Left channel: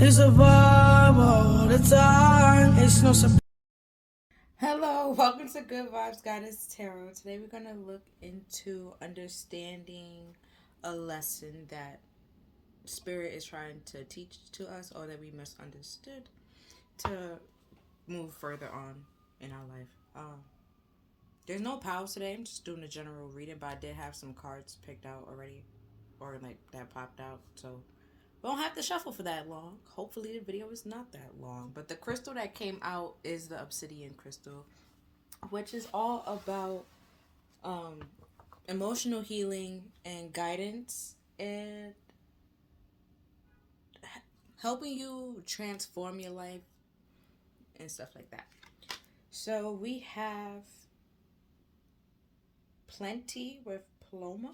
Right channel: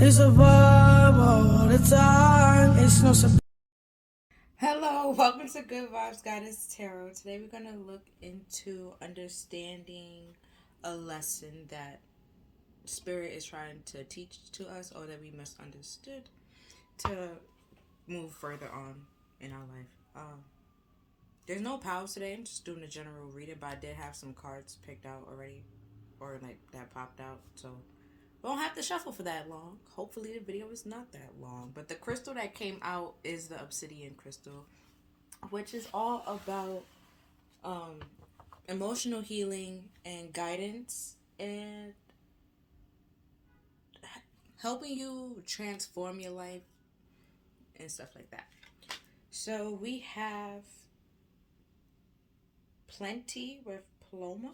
It's a vibe all the time. It's no surprise. Hello, welcome to Good Vibes Goddess Tarot. Today we're going to look into understanding a lesson that Spirit is trying to teach to us or that we misunderstood to move further on in our life. There's no powers today. I'm just doing a general reading, but I did have some cards picked out already or like that popped out. So we don't have to shuffle for that long. Hopefully the video is not that long. But the crystal that came out is the obsidian crystal, which is all about um, emotional healing and guidance and helping you transform your life and stuff like that. So we have plenty with Paloma.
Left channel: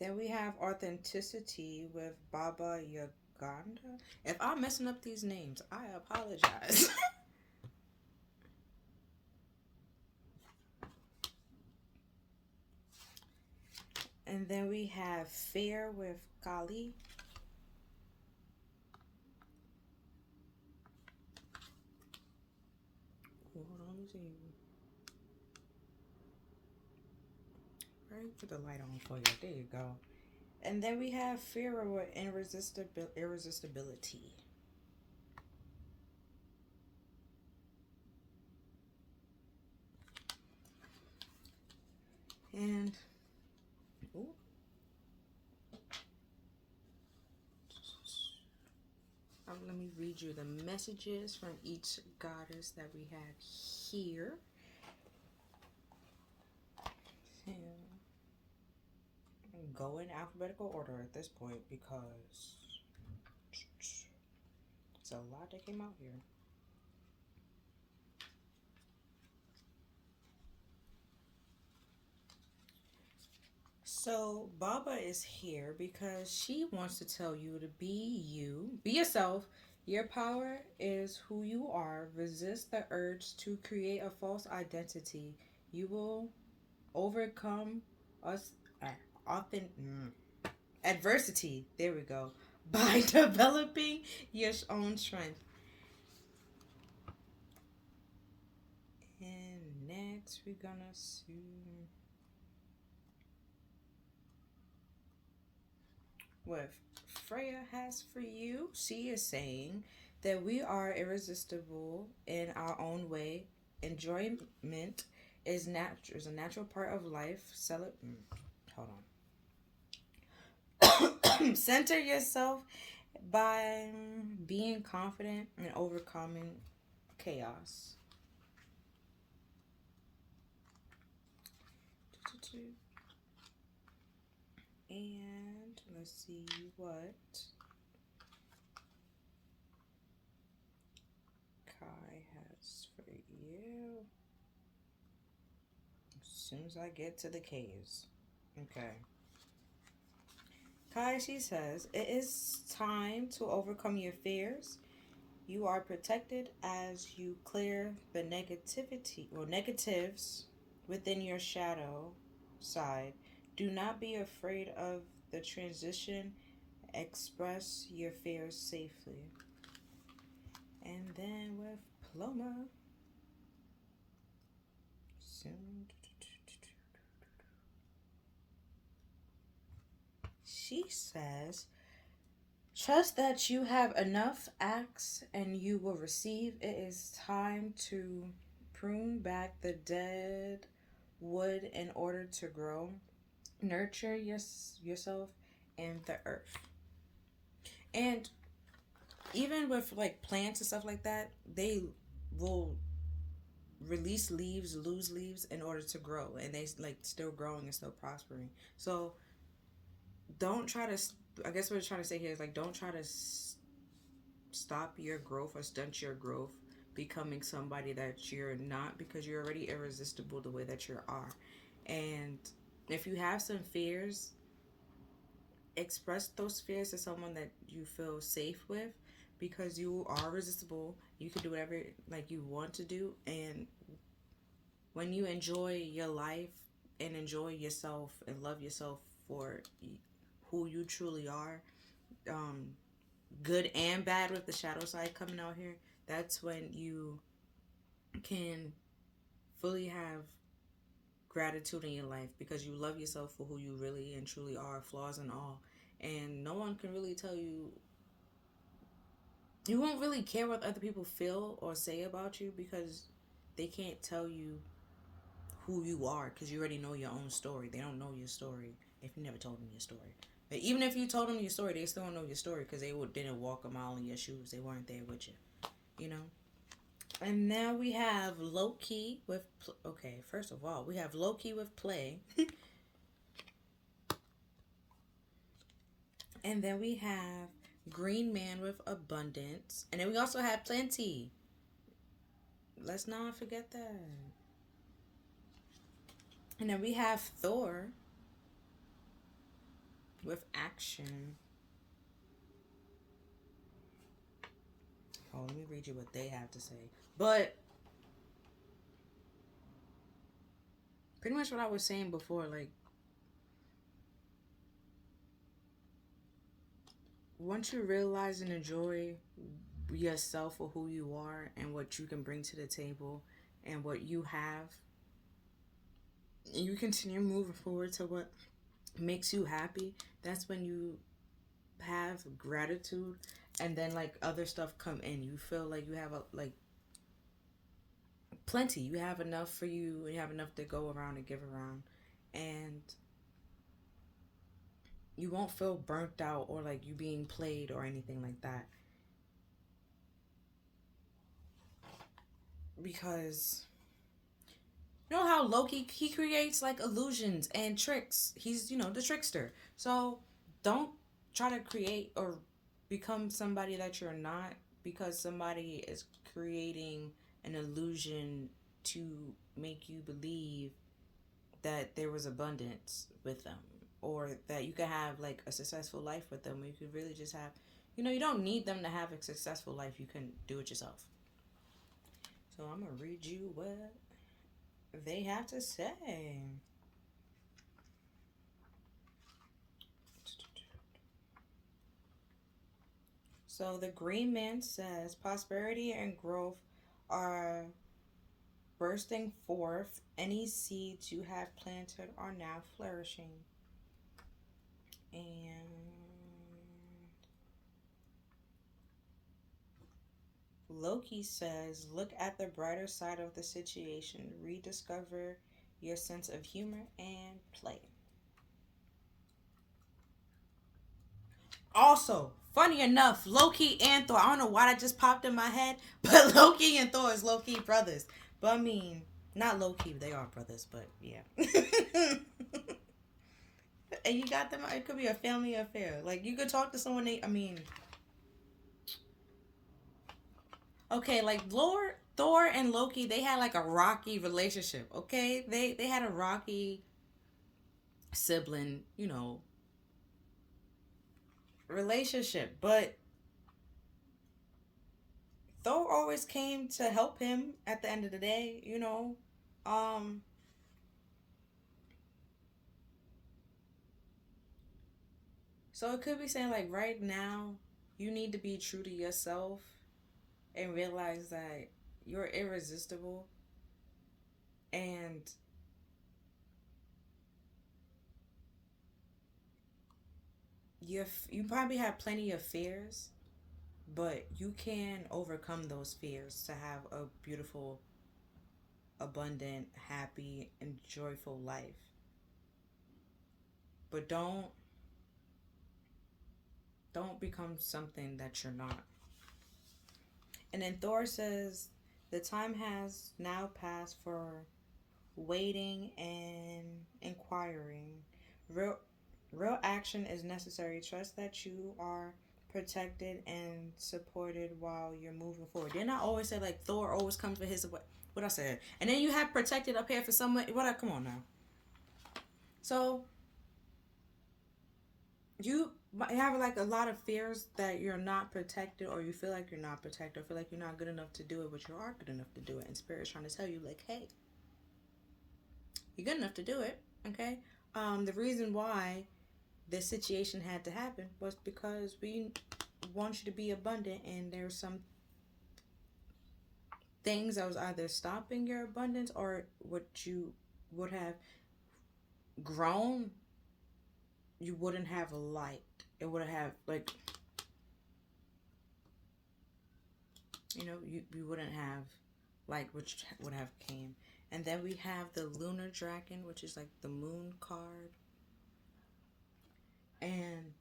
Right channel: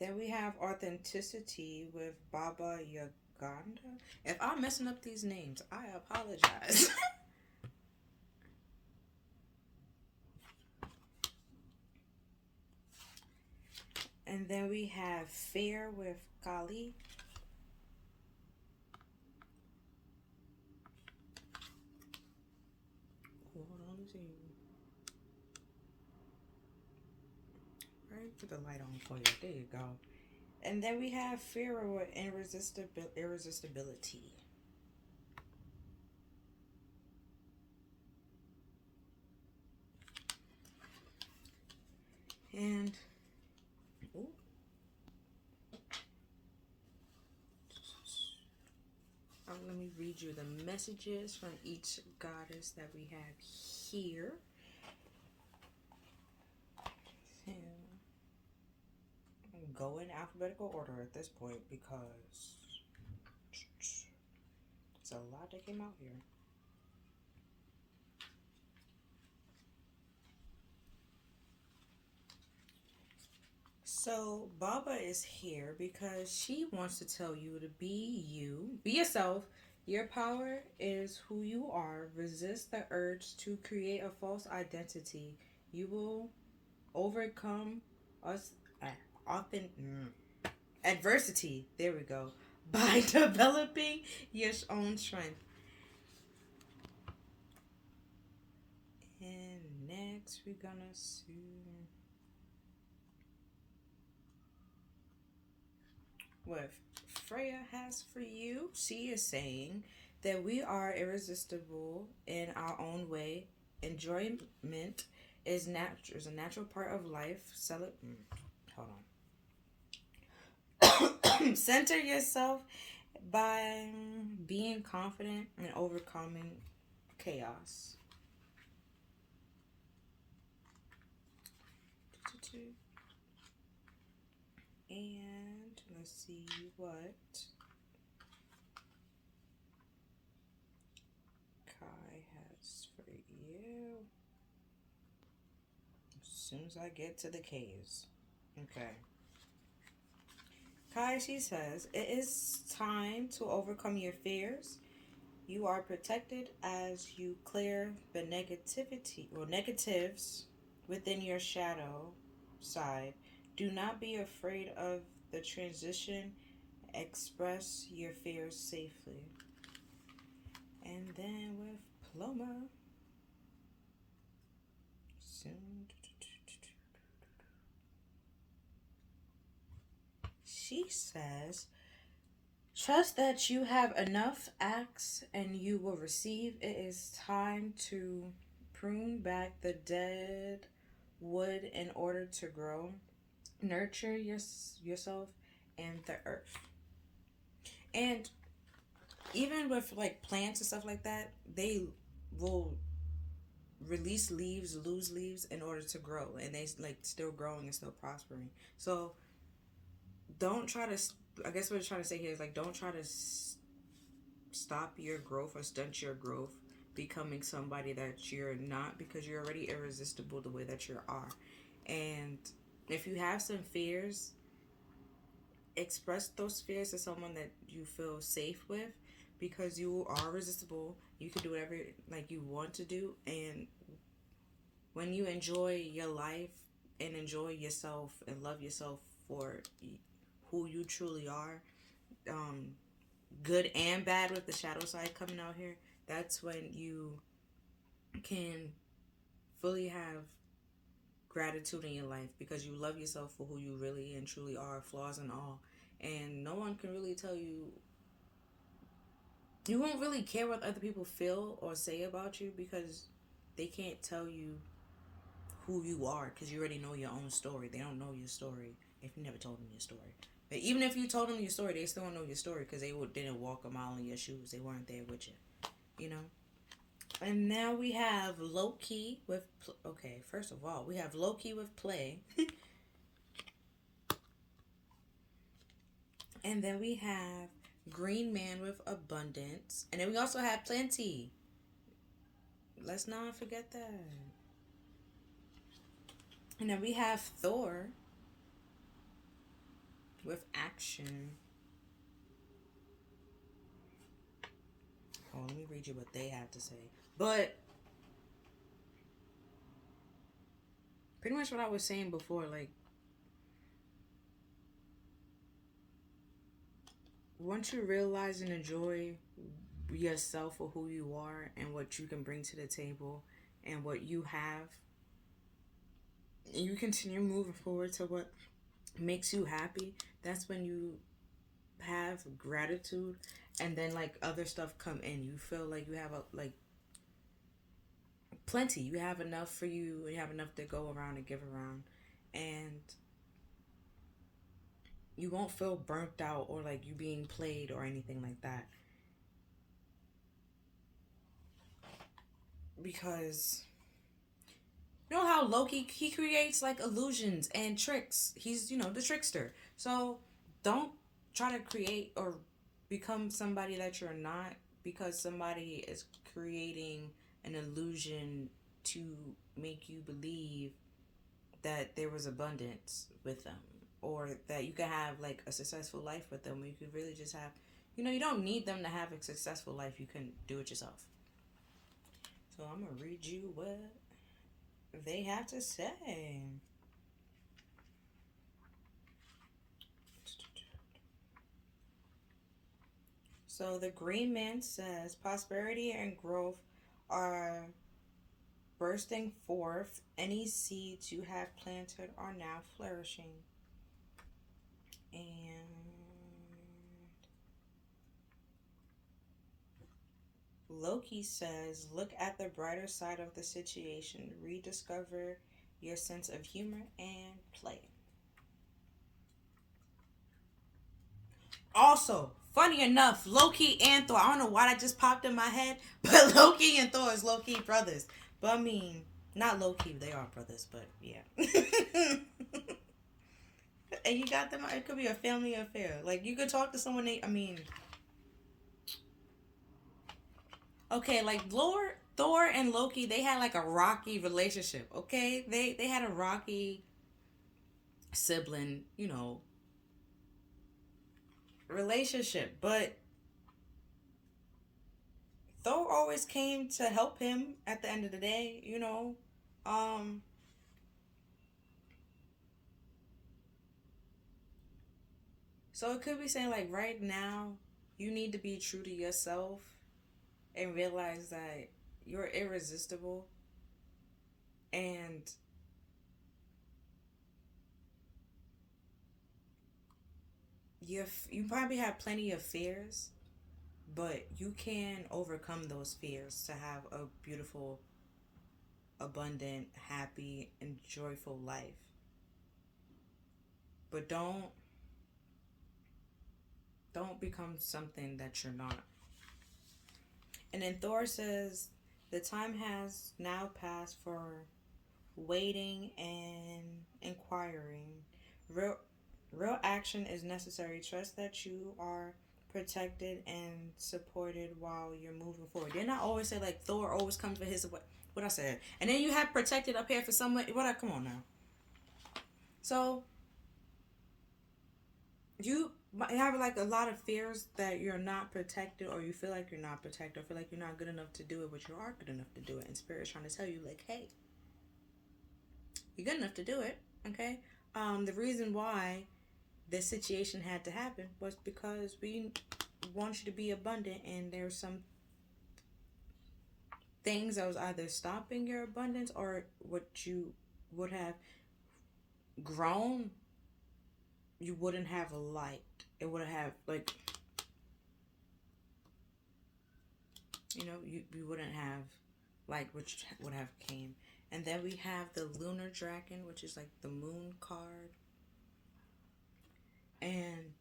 Then we have authenticity with Baba Yaganda. If I'm messing up these names, I apologize. And then we have fear with Kali. Hold on, let me see. Right, put the light on for you. There you go. And then we have fear with irresistibility. And ooh, let me read you the messages from each goddess that we have here. Go in alphabetical order at this point because it's a lot that came out here. So Baba is here because she wants to tell you to be you, be yourself. Your power is who you are. Resist the urge to create a false identity. You will overcome us often adversity. There we go. By developing your own strength. And next we're gonna see what Freya has for you. She is saying that we are irresistible in our own way. Enjoyment is a natural part of life. Hold on. Center yourself by being confident and overcoming chaos. And let's see what Kai has for you. As soon as I get to the caves. Okay. Kai, she says, it is time to overcome your fears. You are protected as you clear the negatives within your shadow side. Do not be afraid of the transition. Express your fears safely. And then with Paloma, she says, trust that you have enough acts and you will receive. It is time to prune back the dead wood in order to grow. Nurture yourself and the earth. And even with like plants and stuff like that, they will release leaves, lose leaves in order to grow, and they like still growing and still prospering. So don't try to. I guess what we're trying to say here is like don't try to stop your growth or stunt your growth becoming somebody that you're not because you're already irresistible the way that you are. And if you have some fears, express those fears to someone that you feel safe with because you are resistible. You can do whatever like you want to do, and when you enjoy your life and enjoy yourself and love yourself for who you truly are, um, good and bad with the shadow side coming out here, that's when you can fully have gratitude in your life because you love yourself for who you really and truly are, flaws and all. And no one can really tell you, you won't really care what other people feel or say about you because they can't tell you who you are because you already know your own story. They don't know your story if you never told them your story. But even if you told them your story, they still don't know your story because they didn't walk a mile in your shoes. They weren't there with you, you know? And now we have low key with, okay, first of all, we have low key with play. And then we have green man with abundance. And then we also have plenty. Let's not forget that. And then we have Thor with action. Oh, let me read you what they have to say. But pretty much what I was saying before, like, once you realize and enjoy yourself for who you are and what you can bring to the table and what you have, and you continue moving forward to what makes you happy, that's when you have gratitude, and then like other stuff come in. You feel like you have like plenty. You have enough for you. You have enough to go around and give around, and you won't feel burnt out or like you being played or anything like that. Because you know how Loki, he creates like illusions and tricks. He's, the trickster. So don't try to create or become somebody that you're not because somebody is creating an illusion to make you believe that there was abundance with them or that you can have like a successful life with them. You could really just have, you don't need them to have a successful life. You can do it yourself. So I'm going to read you what they have to say. So the green man says prosperity and growth are bursting forth. Any seeds you have planted are now flourishing. And Loki says, look at the brighter side of the situation. Rediscover your sense of humor and play. Also, funny enough, Loki and Thor, I don't know why that just popped in my head, but Loki and Thor is low-key brothers. But I mean, not low-key, they are brothers, but yeah. And you got them, it could be a family affair. Like, you could talk to someone, okay, like Thor and Loki, they had like a rocky relationship, okay? They had a rocky sibling, relationship, but Thor always came to help him at the end of the day, Um so it could be saying like right now you need to be true to yourself and realize that you're irresistible and you probably have plenty of fears, but you can overcome those fears to have a beautiful, abundant, happy, and joyful life. But don't become something that you're not. And then Thor says, the time has now passed for waiting and inquiring. Real action is necessary. Trust that you are protected and supported while you're moving forward. Didn't I always say like Thor always comes for his what I said? And then you have protected up here for someone. Come on now. So You have like a lot of fears that you're not protected, or you feel like you're not protected, or feel like you're not good enough to do it, but you are good enough to do it. And Spirit's trying to tell you, like, hey, you're good enough to do it. Okay. The reason why this situation had to happen was because we want you to be abundant, and there's some things that was either stopping your abundance or what you would have grown, you wouldn't have liked. It would have like, you wouldn't have like, which would have came. And then we have the lunar dragon, which is like the moon card. And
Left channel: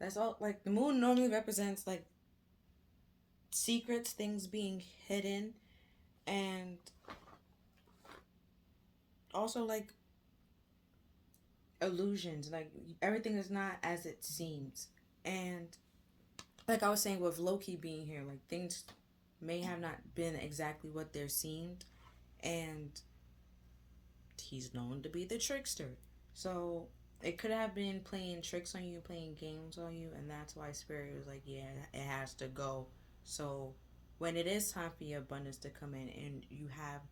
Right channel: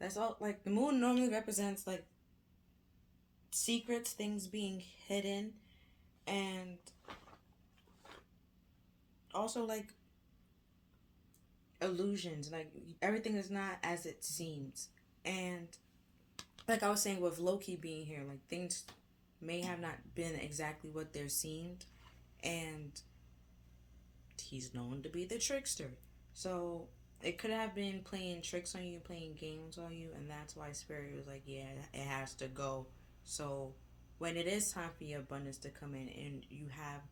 that's all, like the moon normally represents like secrets, things being hidden, and also like illusions, like everything is not as it seems. And like I was saying with Loki being here, like things may have not been exactly what they seemed, and he's known to be the trickster. So it could have been playing tricks on you, playing games on you, and that's why Spirit was like, yeah, it has to go. So when it is time for your abundance to come in and you have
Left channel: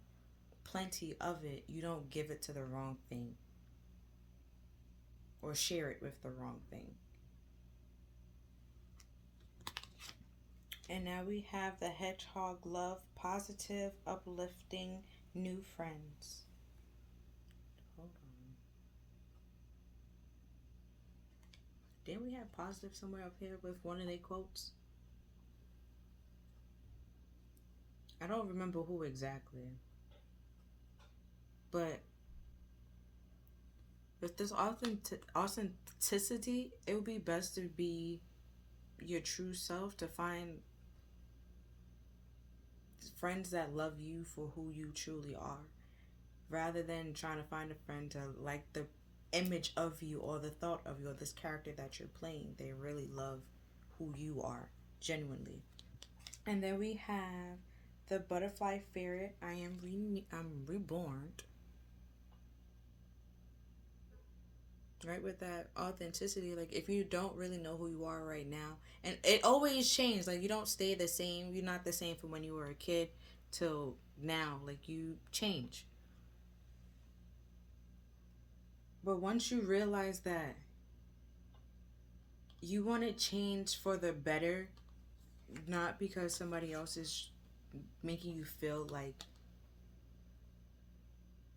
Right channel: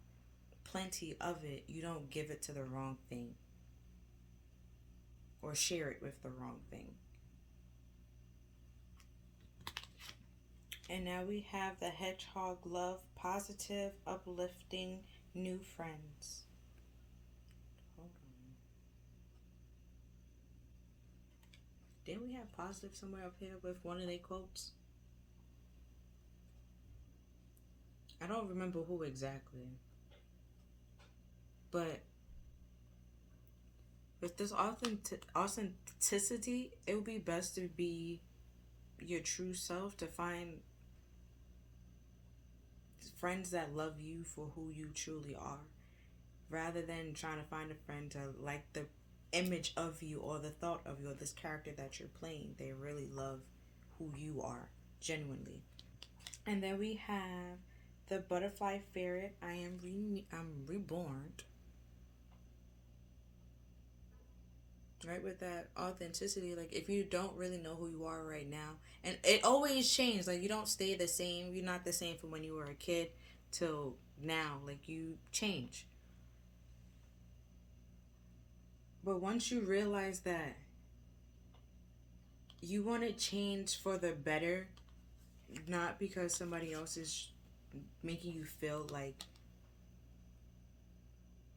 plenty of it, you don't give it to the wrong thing or share it with the wrong thing. And now we have the hedgehog love, positive, uplifting, new friends. Hold on. Didn't we have positive somewhere up here with one of their quotes? I don't remember who exactly. But with this authenticity, it would be best to be your true self, to find friends that love you for who you truly are, rather than trying to find a friend to like the image of you or the thought of you or this character that you're playing. They really love who you are genuinely. And then we have the butterfly ferret. I'm reborn. Right, with that authenticity, like if you don't really know who you are right now, and it always changes, like you don't stay the same, you're not the same from when you were a kid till now, like you change. But once you realize that you want to change for the better, not because somebody else is making you feel like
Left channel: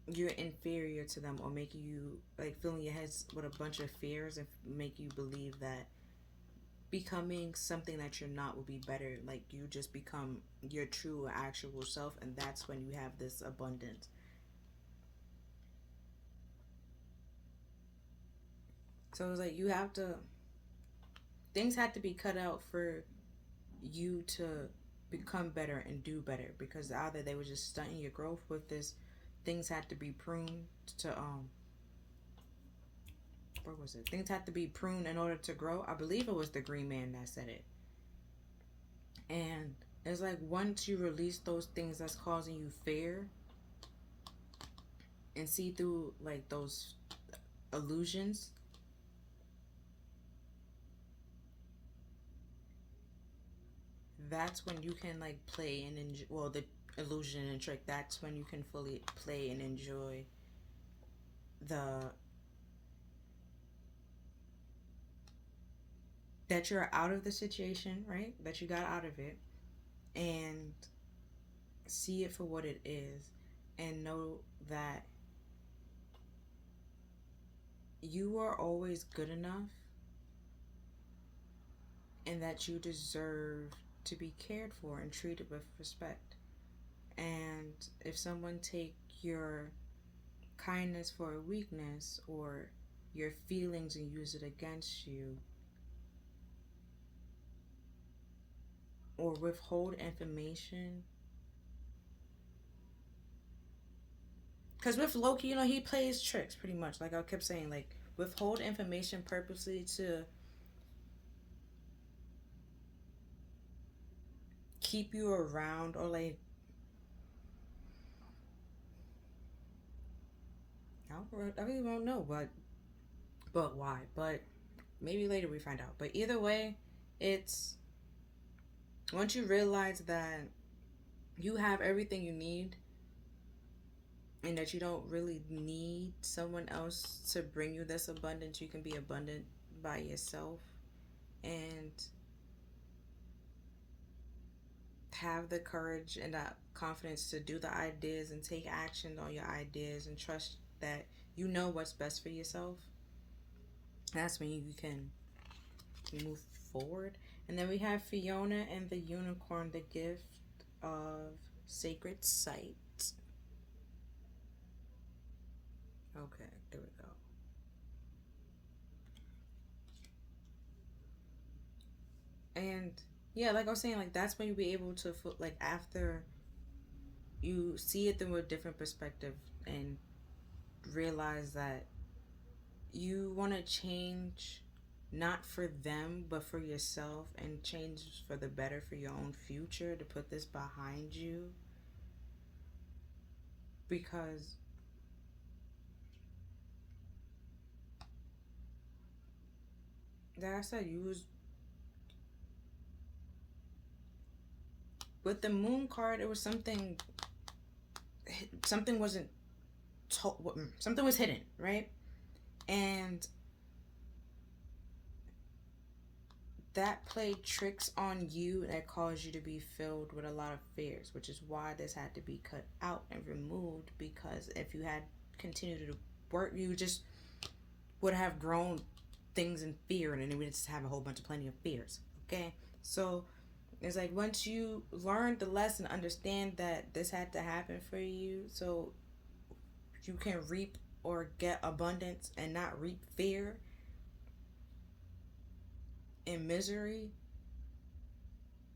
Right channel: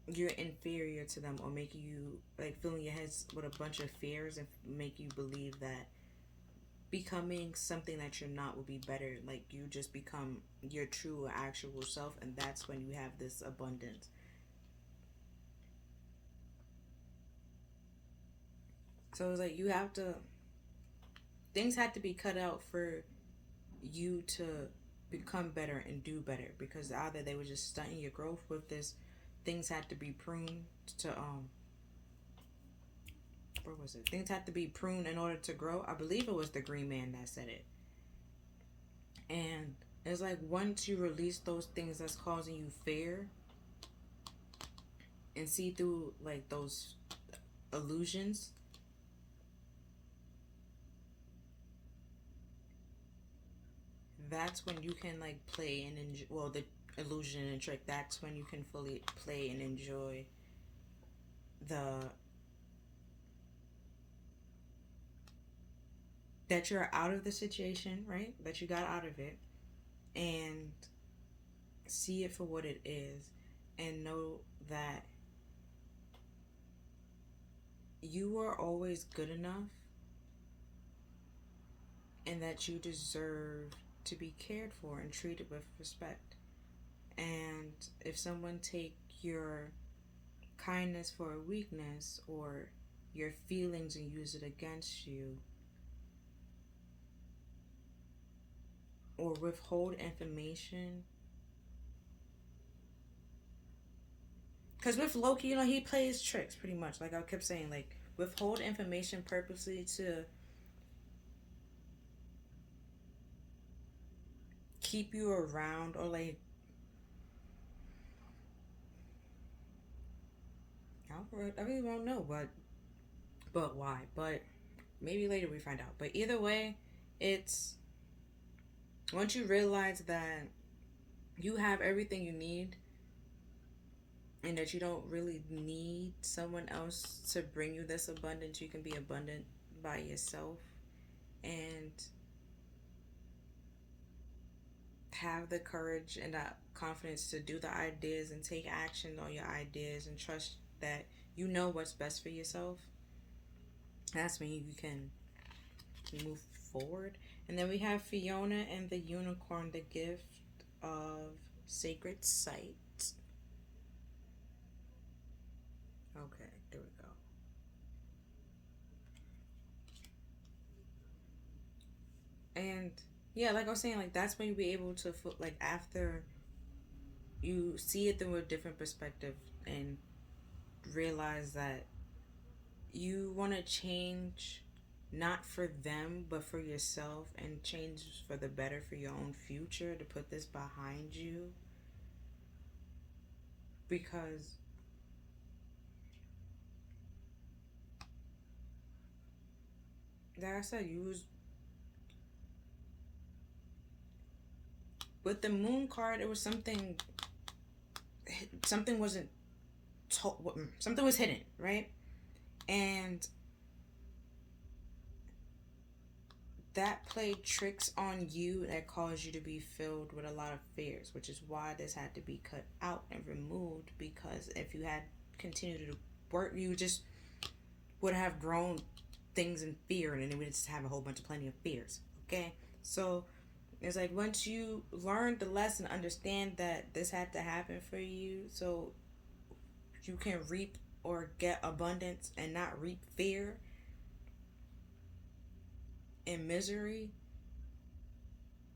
you're inferior to them, or making you like filling your head with a bunch of fears and make you believe that becoming something that you're not will be better. Like you just become your true actual self, and that's when you have this abundance. So it's like you have to, things had to be cut out for you to become better and do better, because either they were just stunting your growth with this, things had to be pruned to what was it, things had to be pruned in order to grow. I believe it was the green man that said it. And it's like once you release those things that's causing you fear and see through like those illusions, that's when you can like play and enjoy, well, the illusion and trick, that's when you can fully play and enjoy the that you're out of the situation, right, that you got out of it, and see it for what it is, and know that you are always good enough, and that you deserve to be cared for and treated with respect. And if someone take your kindness for a weakness, or your feelings and use it against you, or withhold information, because with Loki, he plays tricks pretty much, like I kept saying, like withhold information purposely to keep you around, or like I really don't know, but why, but maybe later we find out. But either way, it's once you realize that you have everything you need and that you don't really need someone else to bring you this abundance, you can be abundant by yourself and have the courage and that confidence to do the ideas and take action on your ideas and trust that you know what's best for yourself. That's when you can move forward. And then we have Fiona and the Unicorn, the gift of sacred sight. Okay, there we go. And yeah, like I was saying, like that's when you be able to like after you see it through a different perspective and realize that you want to change not for them but for yourself and change for the better for your own future, to put this behind you, because like I said, you was with the moon card, it was something wasn't something was hidden, right? And that played tricks on you that caused you to be filled with a lot of fears, which is why this had to be cut out and removed. Because if you had continued to work, you just would have grown things in fear, and then it would just have a whole bunch of plenty of fears. Okay, so it's like once you learn the lesson, understand that this had to happen for you, so you can reap or get abundance and not reap fear and misery.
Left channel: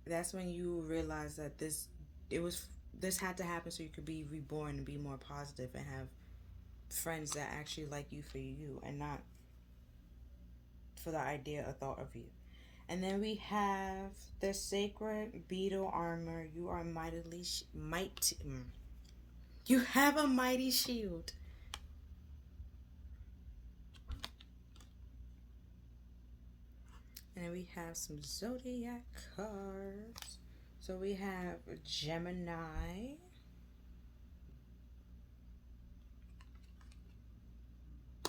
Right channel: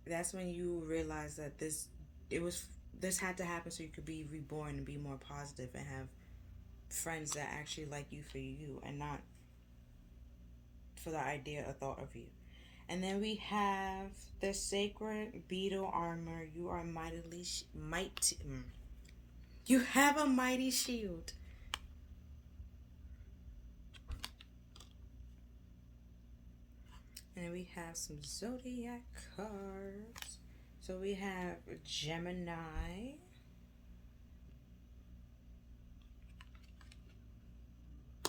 That's when you realize that this had to happen so you could be reborn and be more positive and have friends that actually like you for you and not for the idea or thought of you. And then we have the sacred beetle armor. You are mightily mighty. You have a mighty shield. And we have some zodiac cards. So we have Gemini.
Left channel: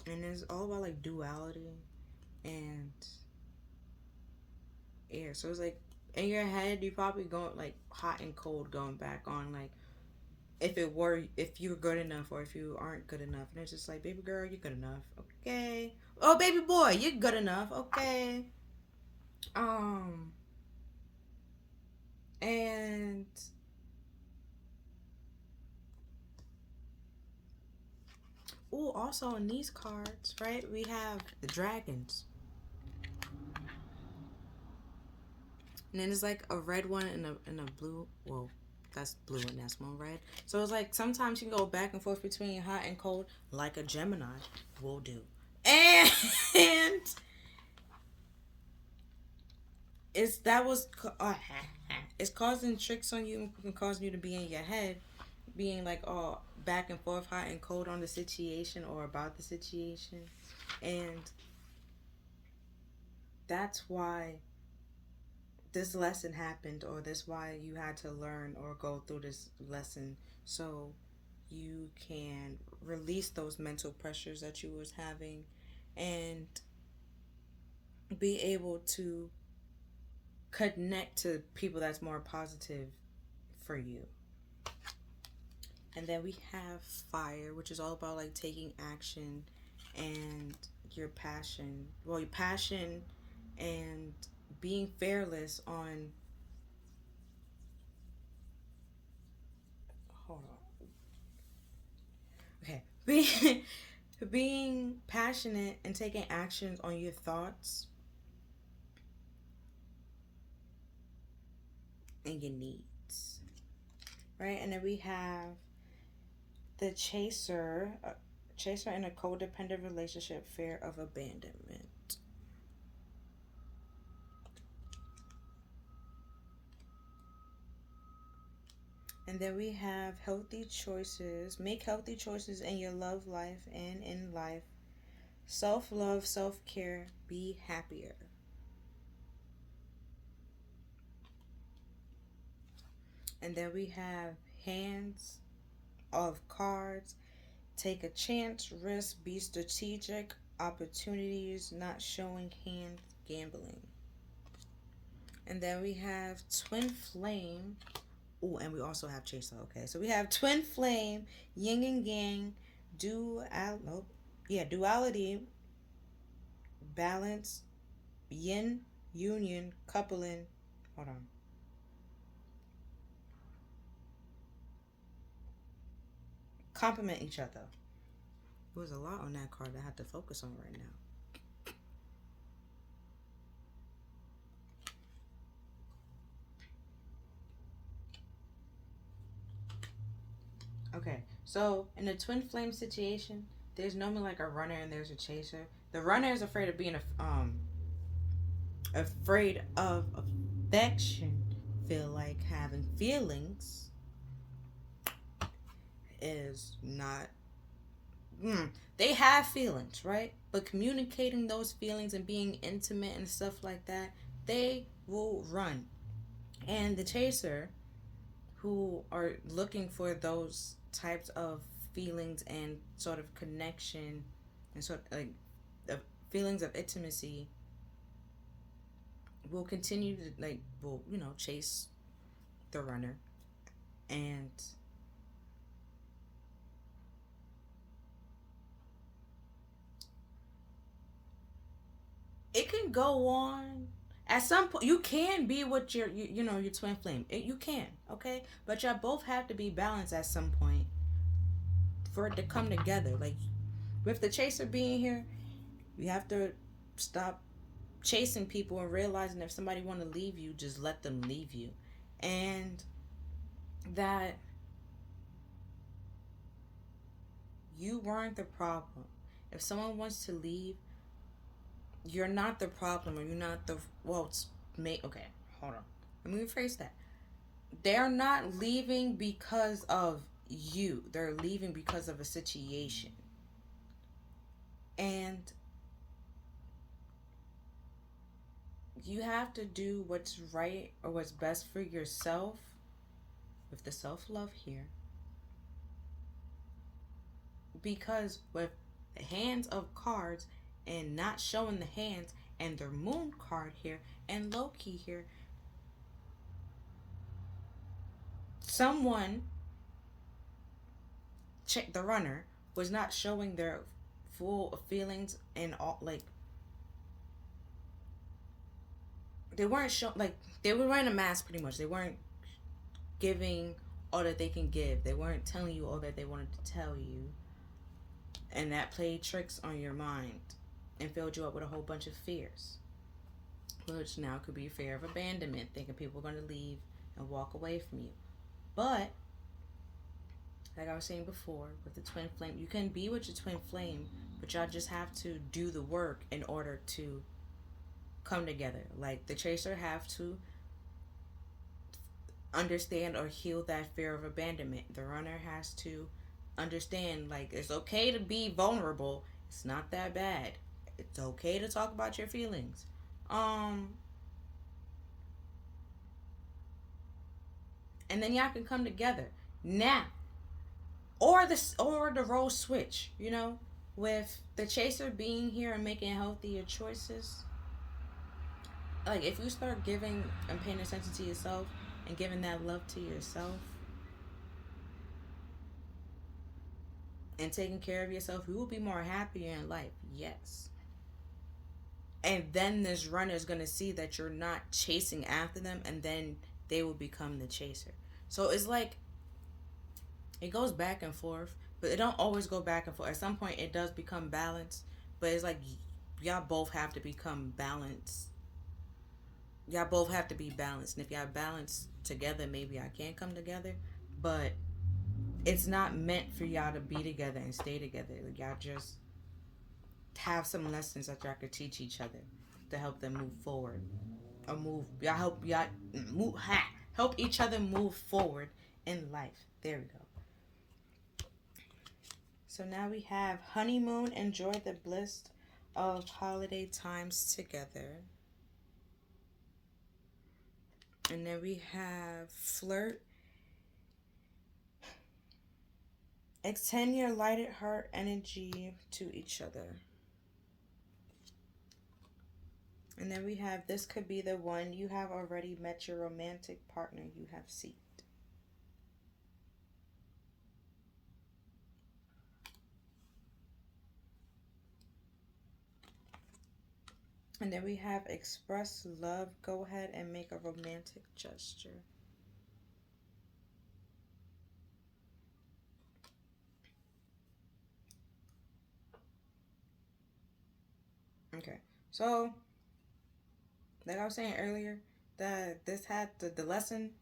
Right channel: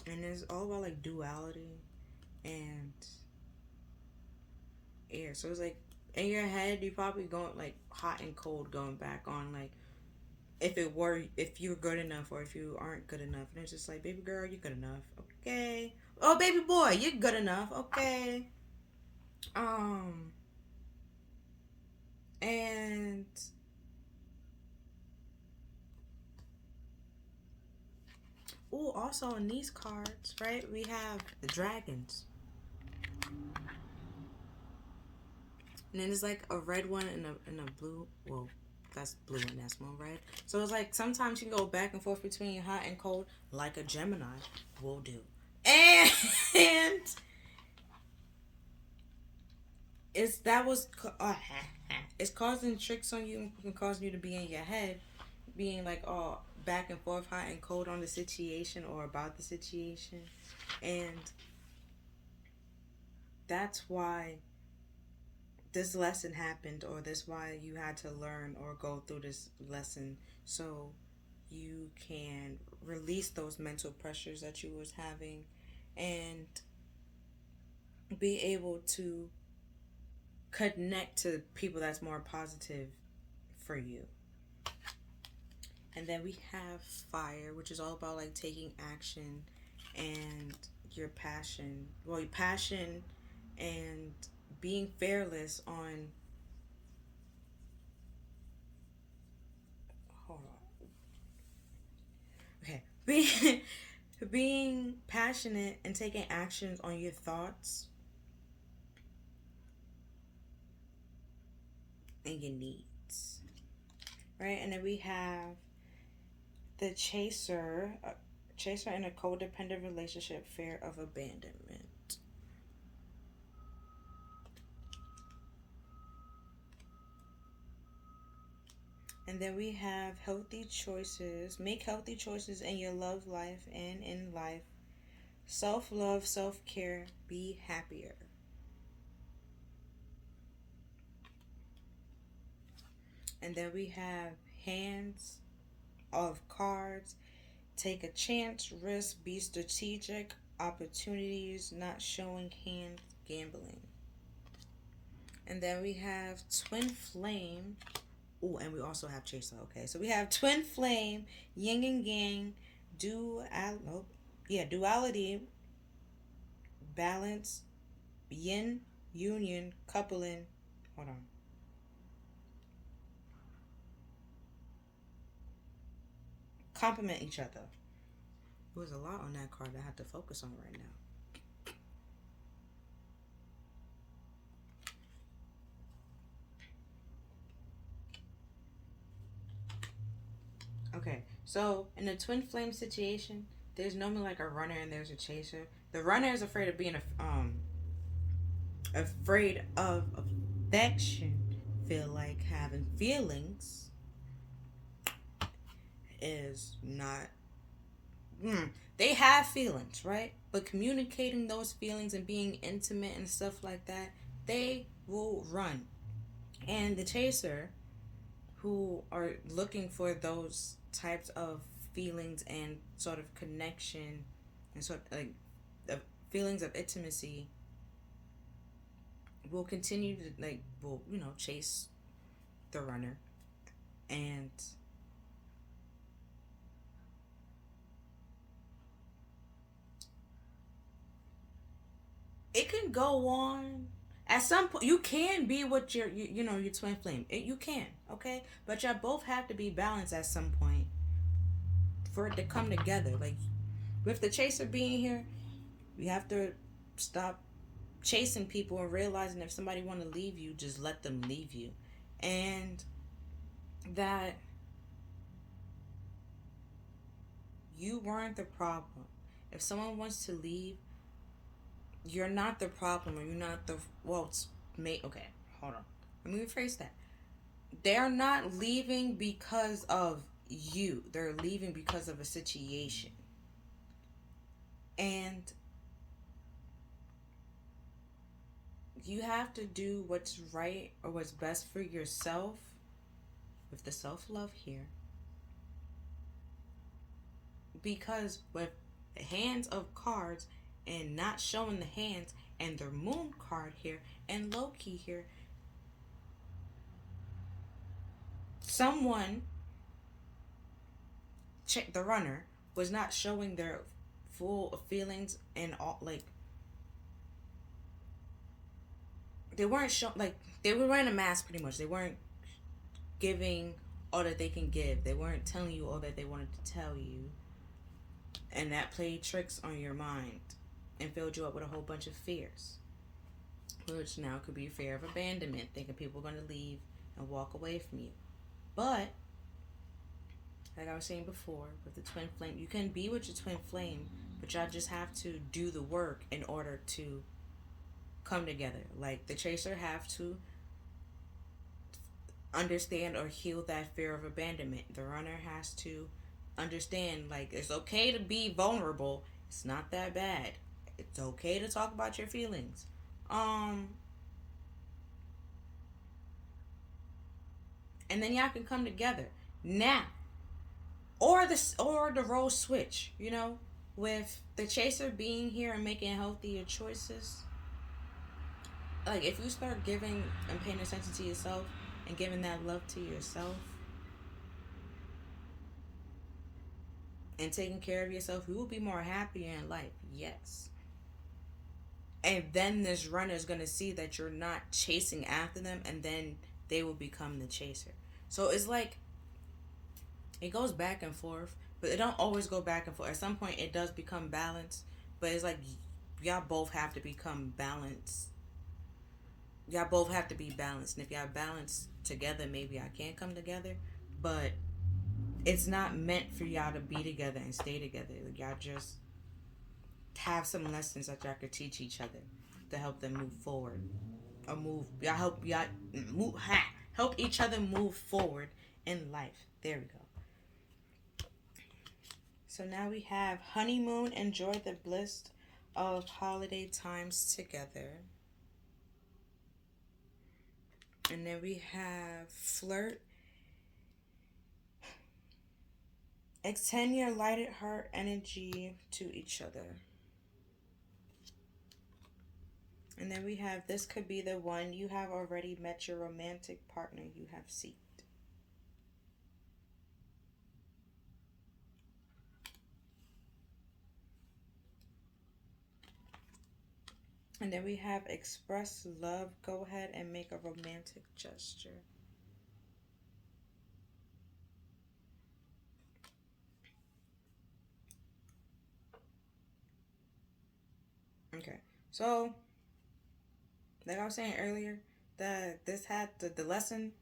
And it's all about like duality and air. So it's like in your head, you probably going like hot and cold, going back on like if you're good enough or if you aren't good enough. And it's just like, baby girl, you're good enough. Okay. Oh, baby boy, you're good enough. Okay. Um, and oh, also in these cards, right, we have the dragons. And then there's like a red one and a blue. Well, that's blue and that's one red. So it's like sometimes you can go back and forth between hot and cold, like a Gemini will do. And it's that was it's causing tricks on you and causing you to be in your head, being like back and forth, hot and cold on the situation or about the situation, and that's why this lesson happened, or that's why you had to learn or go through this lesson, so you can release those mental pressures that you was having and be able to connect to people that's more positive for you. And then we have fire, which is all about like taking action and your passion. Well, your passion and being fearless on. Hold on. Okay. Being passionate and taking actions on your thoughts and your needs. Right? And then we have the chaser in a codependent relationship, fear of abandonment. And then we have healthy choices. Make healthy choices in your love life and in life self-love, self-care, be happier. And then we have hands of cards. Take a chance, risk, be strategic, opportunities, not showing hands, gambling. And then we have twin flame. Oh, and we also have chaser. Okay, so we have twin flame, yin and yang, duality, balance, yin, union, coupling. Hold on. Complement each other. There was a lot on that card I had to focus on right now. Okay, so in a twin flame situation, there's normally like a runner and there's a chaser. The runner is afraid of being afraid of affection, feel like having feelings is not. They have feelings, right? But communicating those feelings and being intimate and stuff like that, they will run. And the chaser, who are looking for those types of feelings and sort of connection and sort of like the feelings of intimacy, will continue to will chase the runner. And it can go on. At some point, you can be with your twin flame. You can, okay, but y'all both have to be balanced at some point for it to come together. Like with the chaser being here, you have to stop chasing people and realizing if somebody want to leave you, just let them leave you, and that you weren't the problem. If someone wants to leave, you're not the problem, or you're not the okay, hold on. Let me rephrase that. They're not leaving because of you. They're leaving because of a situation. And you have to do what's right or what's best for yourself with the self-love here. Because with the hands of cards and not showing the hands and the moon card here and Loki here, someone, the runner, was not showing their full feelings and all, like they weren't showing, like they were wearing a mask pretty much. They weren't giving all that they can give. They weren't telling you all that they wanted to tell you. And that played tricks on your mind and filled you up with a whole bunch of fears. Which now could be fear of abandonment, thinking people are going to leave and walk away from you. But, like I was saying before, with the twin flame, you can be with your twin flame, but y'all just have to do the work in order to come together. Like the chaser have to understand or heal that fear of abandonment. The runner has to understand, like, it's okay to be vulnerable. It's not that bad. It's okay to talk about your feelings. And then y'all can come together now, or the role switch. With the chaser being here and making healthier choices. Like if you start giving and paying attention to yourself and giving that love to yourself and taking care of yourself, you will be more happier in life. Yes. And then this runner is going to see that you're not chasing after them, and then they will become the chaser. So it's like it goes back and forth, but it don't always go back and forth. At some point it does become balanced, but it's like y'all both have to become balanced. Y'all both have to be balanced. And if y'all balance together, maybe I can come together. But it's not meant for y'all to be together and stay together. Like, y'all just have some lessons that y'all could teach each other to help them move forward. Or help each other move forward in life. There we go. So now we have honeymoon, enjoy the bliss of holiday times together. And then we have flirt. Extend your lighted heart energy to each other. And then we have this could be the one you have already met your romantic partner you have seeked. And then we have express love. Go ahead and make a romantic gesture. Okay. So, like I was saying earlier, that this had the lesson.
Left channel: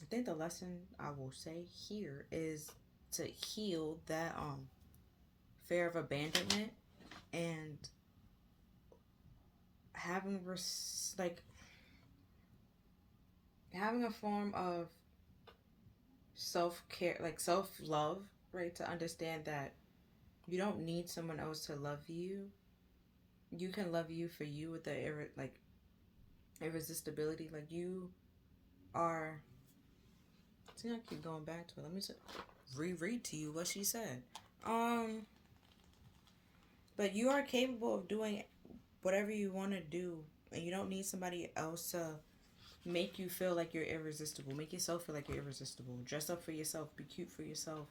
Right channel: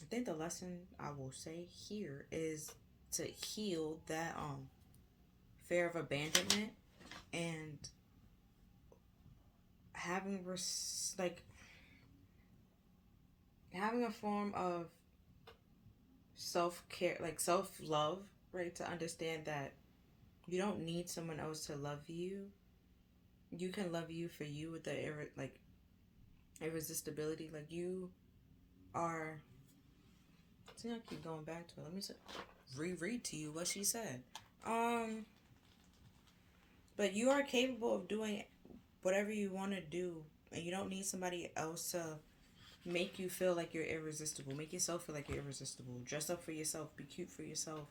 I think the lesson I will say here is to heal that fear of abandonment and having like having a form of self care, like self love, right? To understand that you don't need someone else to love you. You can love you for you with the like irresistibility. Like you are. See, I keep going back to it. Let me reread to you what she said. Um, but you are capable of doing whatever you want to do, and you don't need somebody else to make you feel like you're irresistible. Make yourself feel like you're irresistible. Dress up for yourself. Be cute for yourself.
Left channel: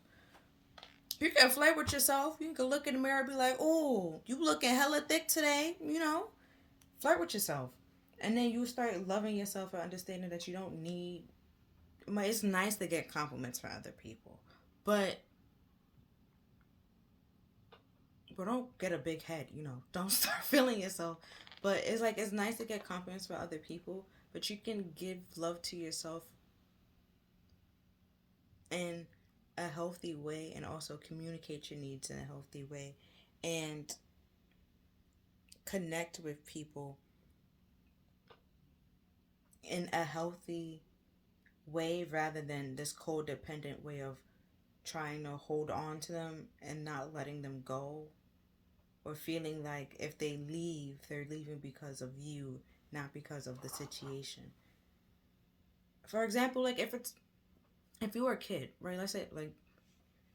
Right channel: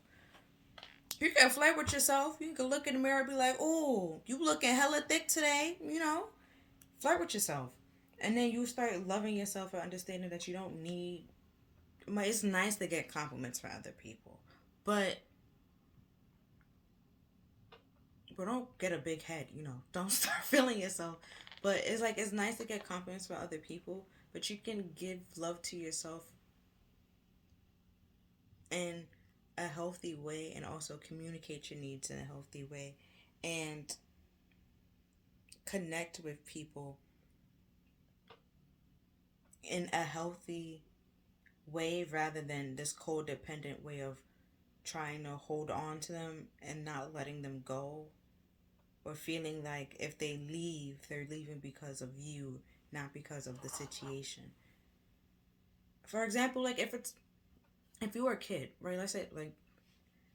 You can flirt with yourself. You can look in the mirror and be like, "Oh, you looking hella thick today." You know, flirt with yourself, and then you start loving yourself and understanding that you don't need. It's nice to get compliments from other people, but don't get a big head. You know, don't start feeling yourself. But it's like it's nice to get compliments from other people, but you can give love to yourself in a healthy way and also communicate your needs in a healthy way and connect with people in a healthy way rather than this codependent way of trying to hold on to them and not letting them go or feeling like if they leave they're leaving because of you, not because of the situation. For example, like if you were a kid, right? Let's say like,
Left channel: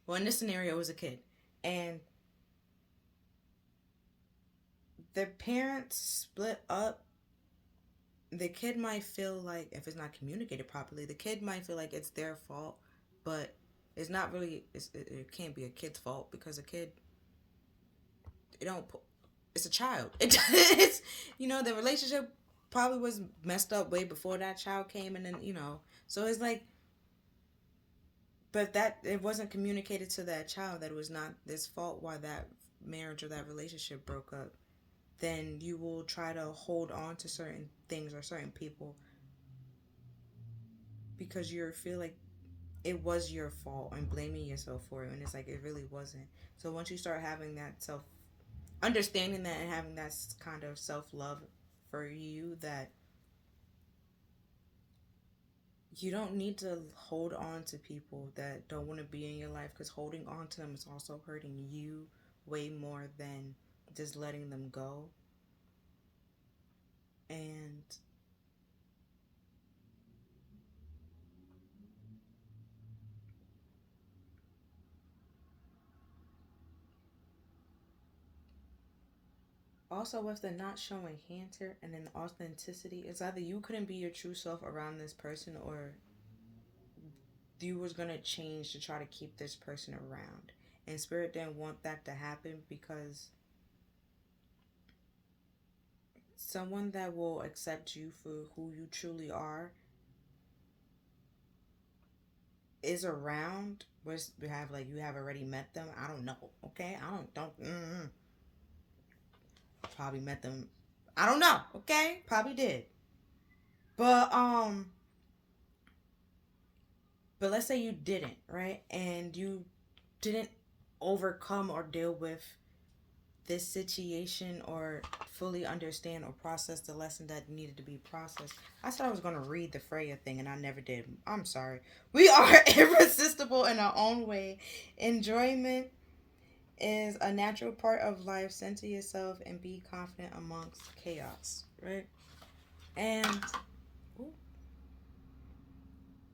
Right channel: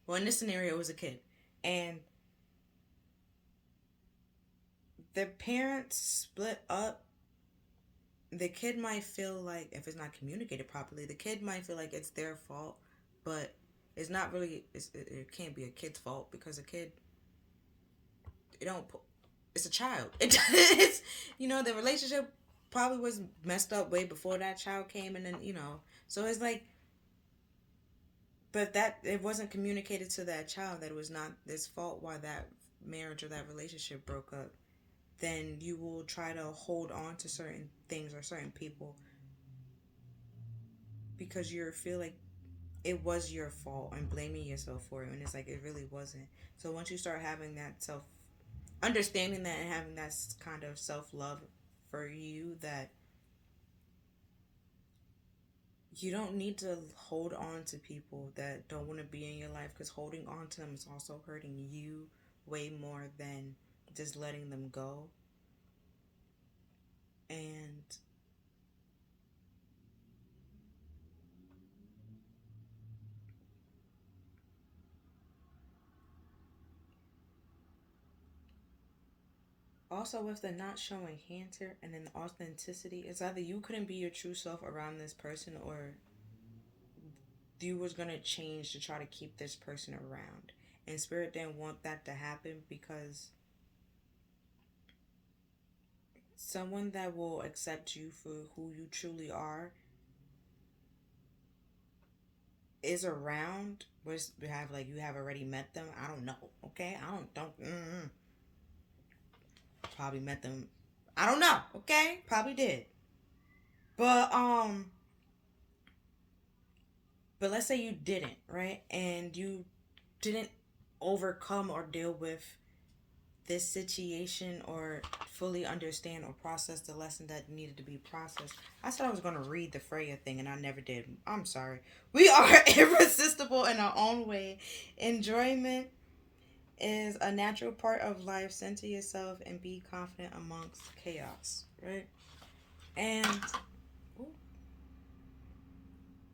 well, in this scenario it was a kid and the parents split up. The kid might feel like if it's not communicated properly, the kid might feel like it's their fault, but it's not really. It can't be a kid's fault because a kid, it don't. It's a child. It's the relationship probably was messed up way before that child came, and then so it's like, but that it wasn't communicated to that child that it was not this fault why that marriage or that relationship broke up. Then you will try to hold on to certain things or certain people because you feel like it was your fault and blaming yourself for it, and it's like it really wasn't. So once you start having that self understanding that and having that kind of self love for you, that you don't need to hold on to people that don't want to be in your life, because holding on to them is also hurting you way more than just letting them go. And also with the not showing hands here and then authenticity, it's either you couldn't be your true self around this person, or you was gonna change to try to keep this person around. And spirit didn't want that to happen, because someone that will accept you for who you truly are is around. Was have like you have already met them? I don't know. Okay, I don't. Probably met them. I don't know. Okay, probably did. But but let's say you didn't, right? And you didn't overcome or deal with this situation or fully understand or process the lesson that needed to be processed. I thought I was going to read the Freya thing and I never did. I'm sorry. We are irresistible in our own way. Enjoyment is a natural part of life. Center yourself and be confident amongst chaos, right? And ooh,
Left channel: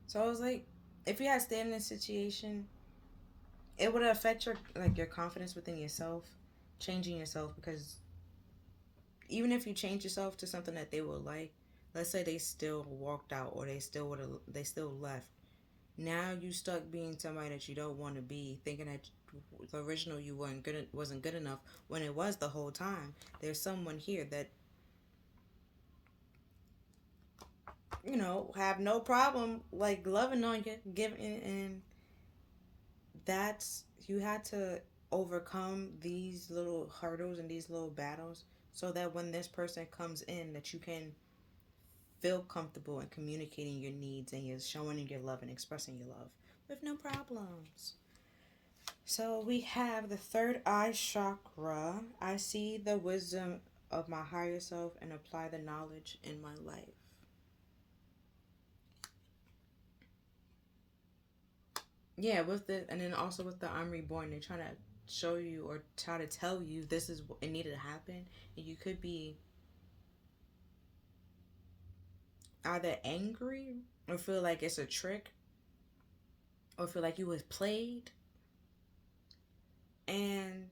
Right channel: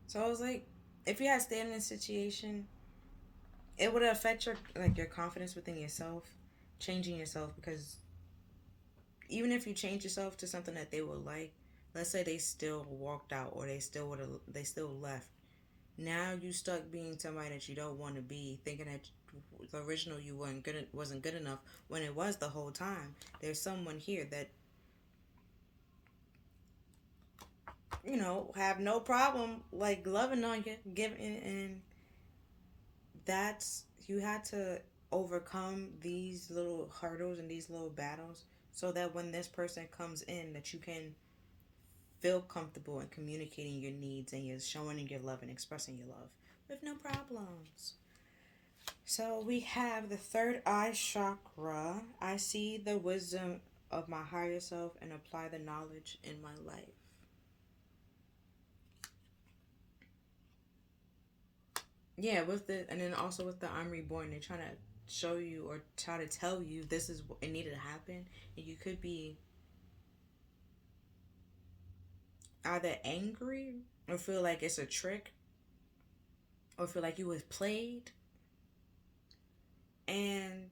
so I was like, if you had stayed in this situation, it would affect your confidence within yourself, changing yourself, because even if you change yourself to something that they would like, let's say they still walked out or they still left. Now you stuck being somebody that you don't want to be, thinking that the original you wasn't good enough when it was the whole time. There's someone here that have no problem like loving on you, giving, and that's you had to overcome these little hurdles and these little battles so that when this person comes in that you can feel comfortable in communicating your needs and you're showing your love and expressing your love with no problems. So we have the third eye chakra. I see the wisdom of my higher self and apply the knowledge in my life. Yeah, and then also with the I'm reborn, they're trying to show you or try to tell you this is what it needed to happen, and you could be either angry or feel like it's a trick or feel like you was played. And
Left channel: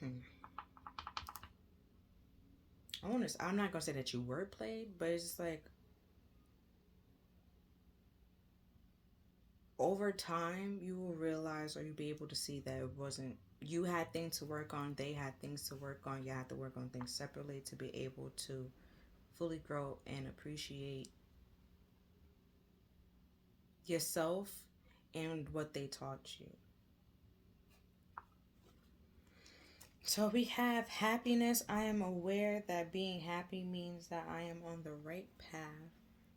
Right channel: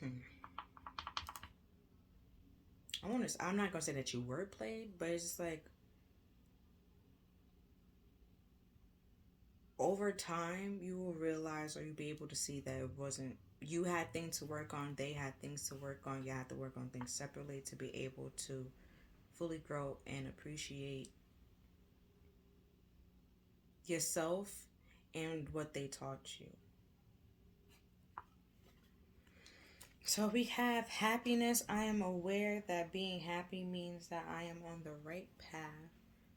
hmm, I'm not gonna say that you were played, but it's just like over time you will realize or you'll be able to see that it wasn't you had things to work on, they had things to work on, you had to work on things separately to be able to fully grow and appreciate yourself and what they taught you. So we have happiness. I am aware that being happy means that I am on the right path.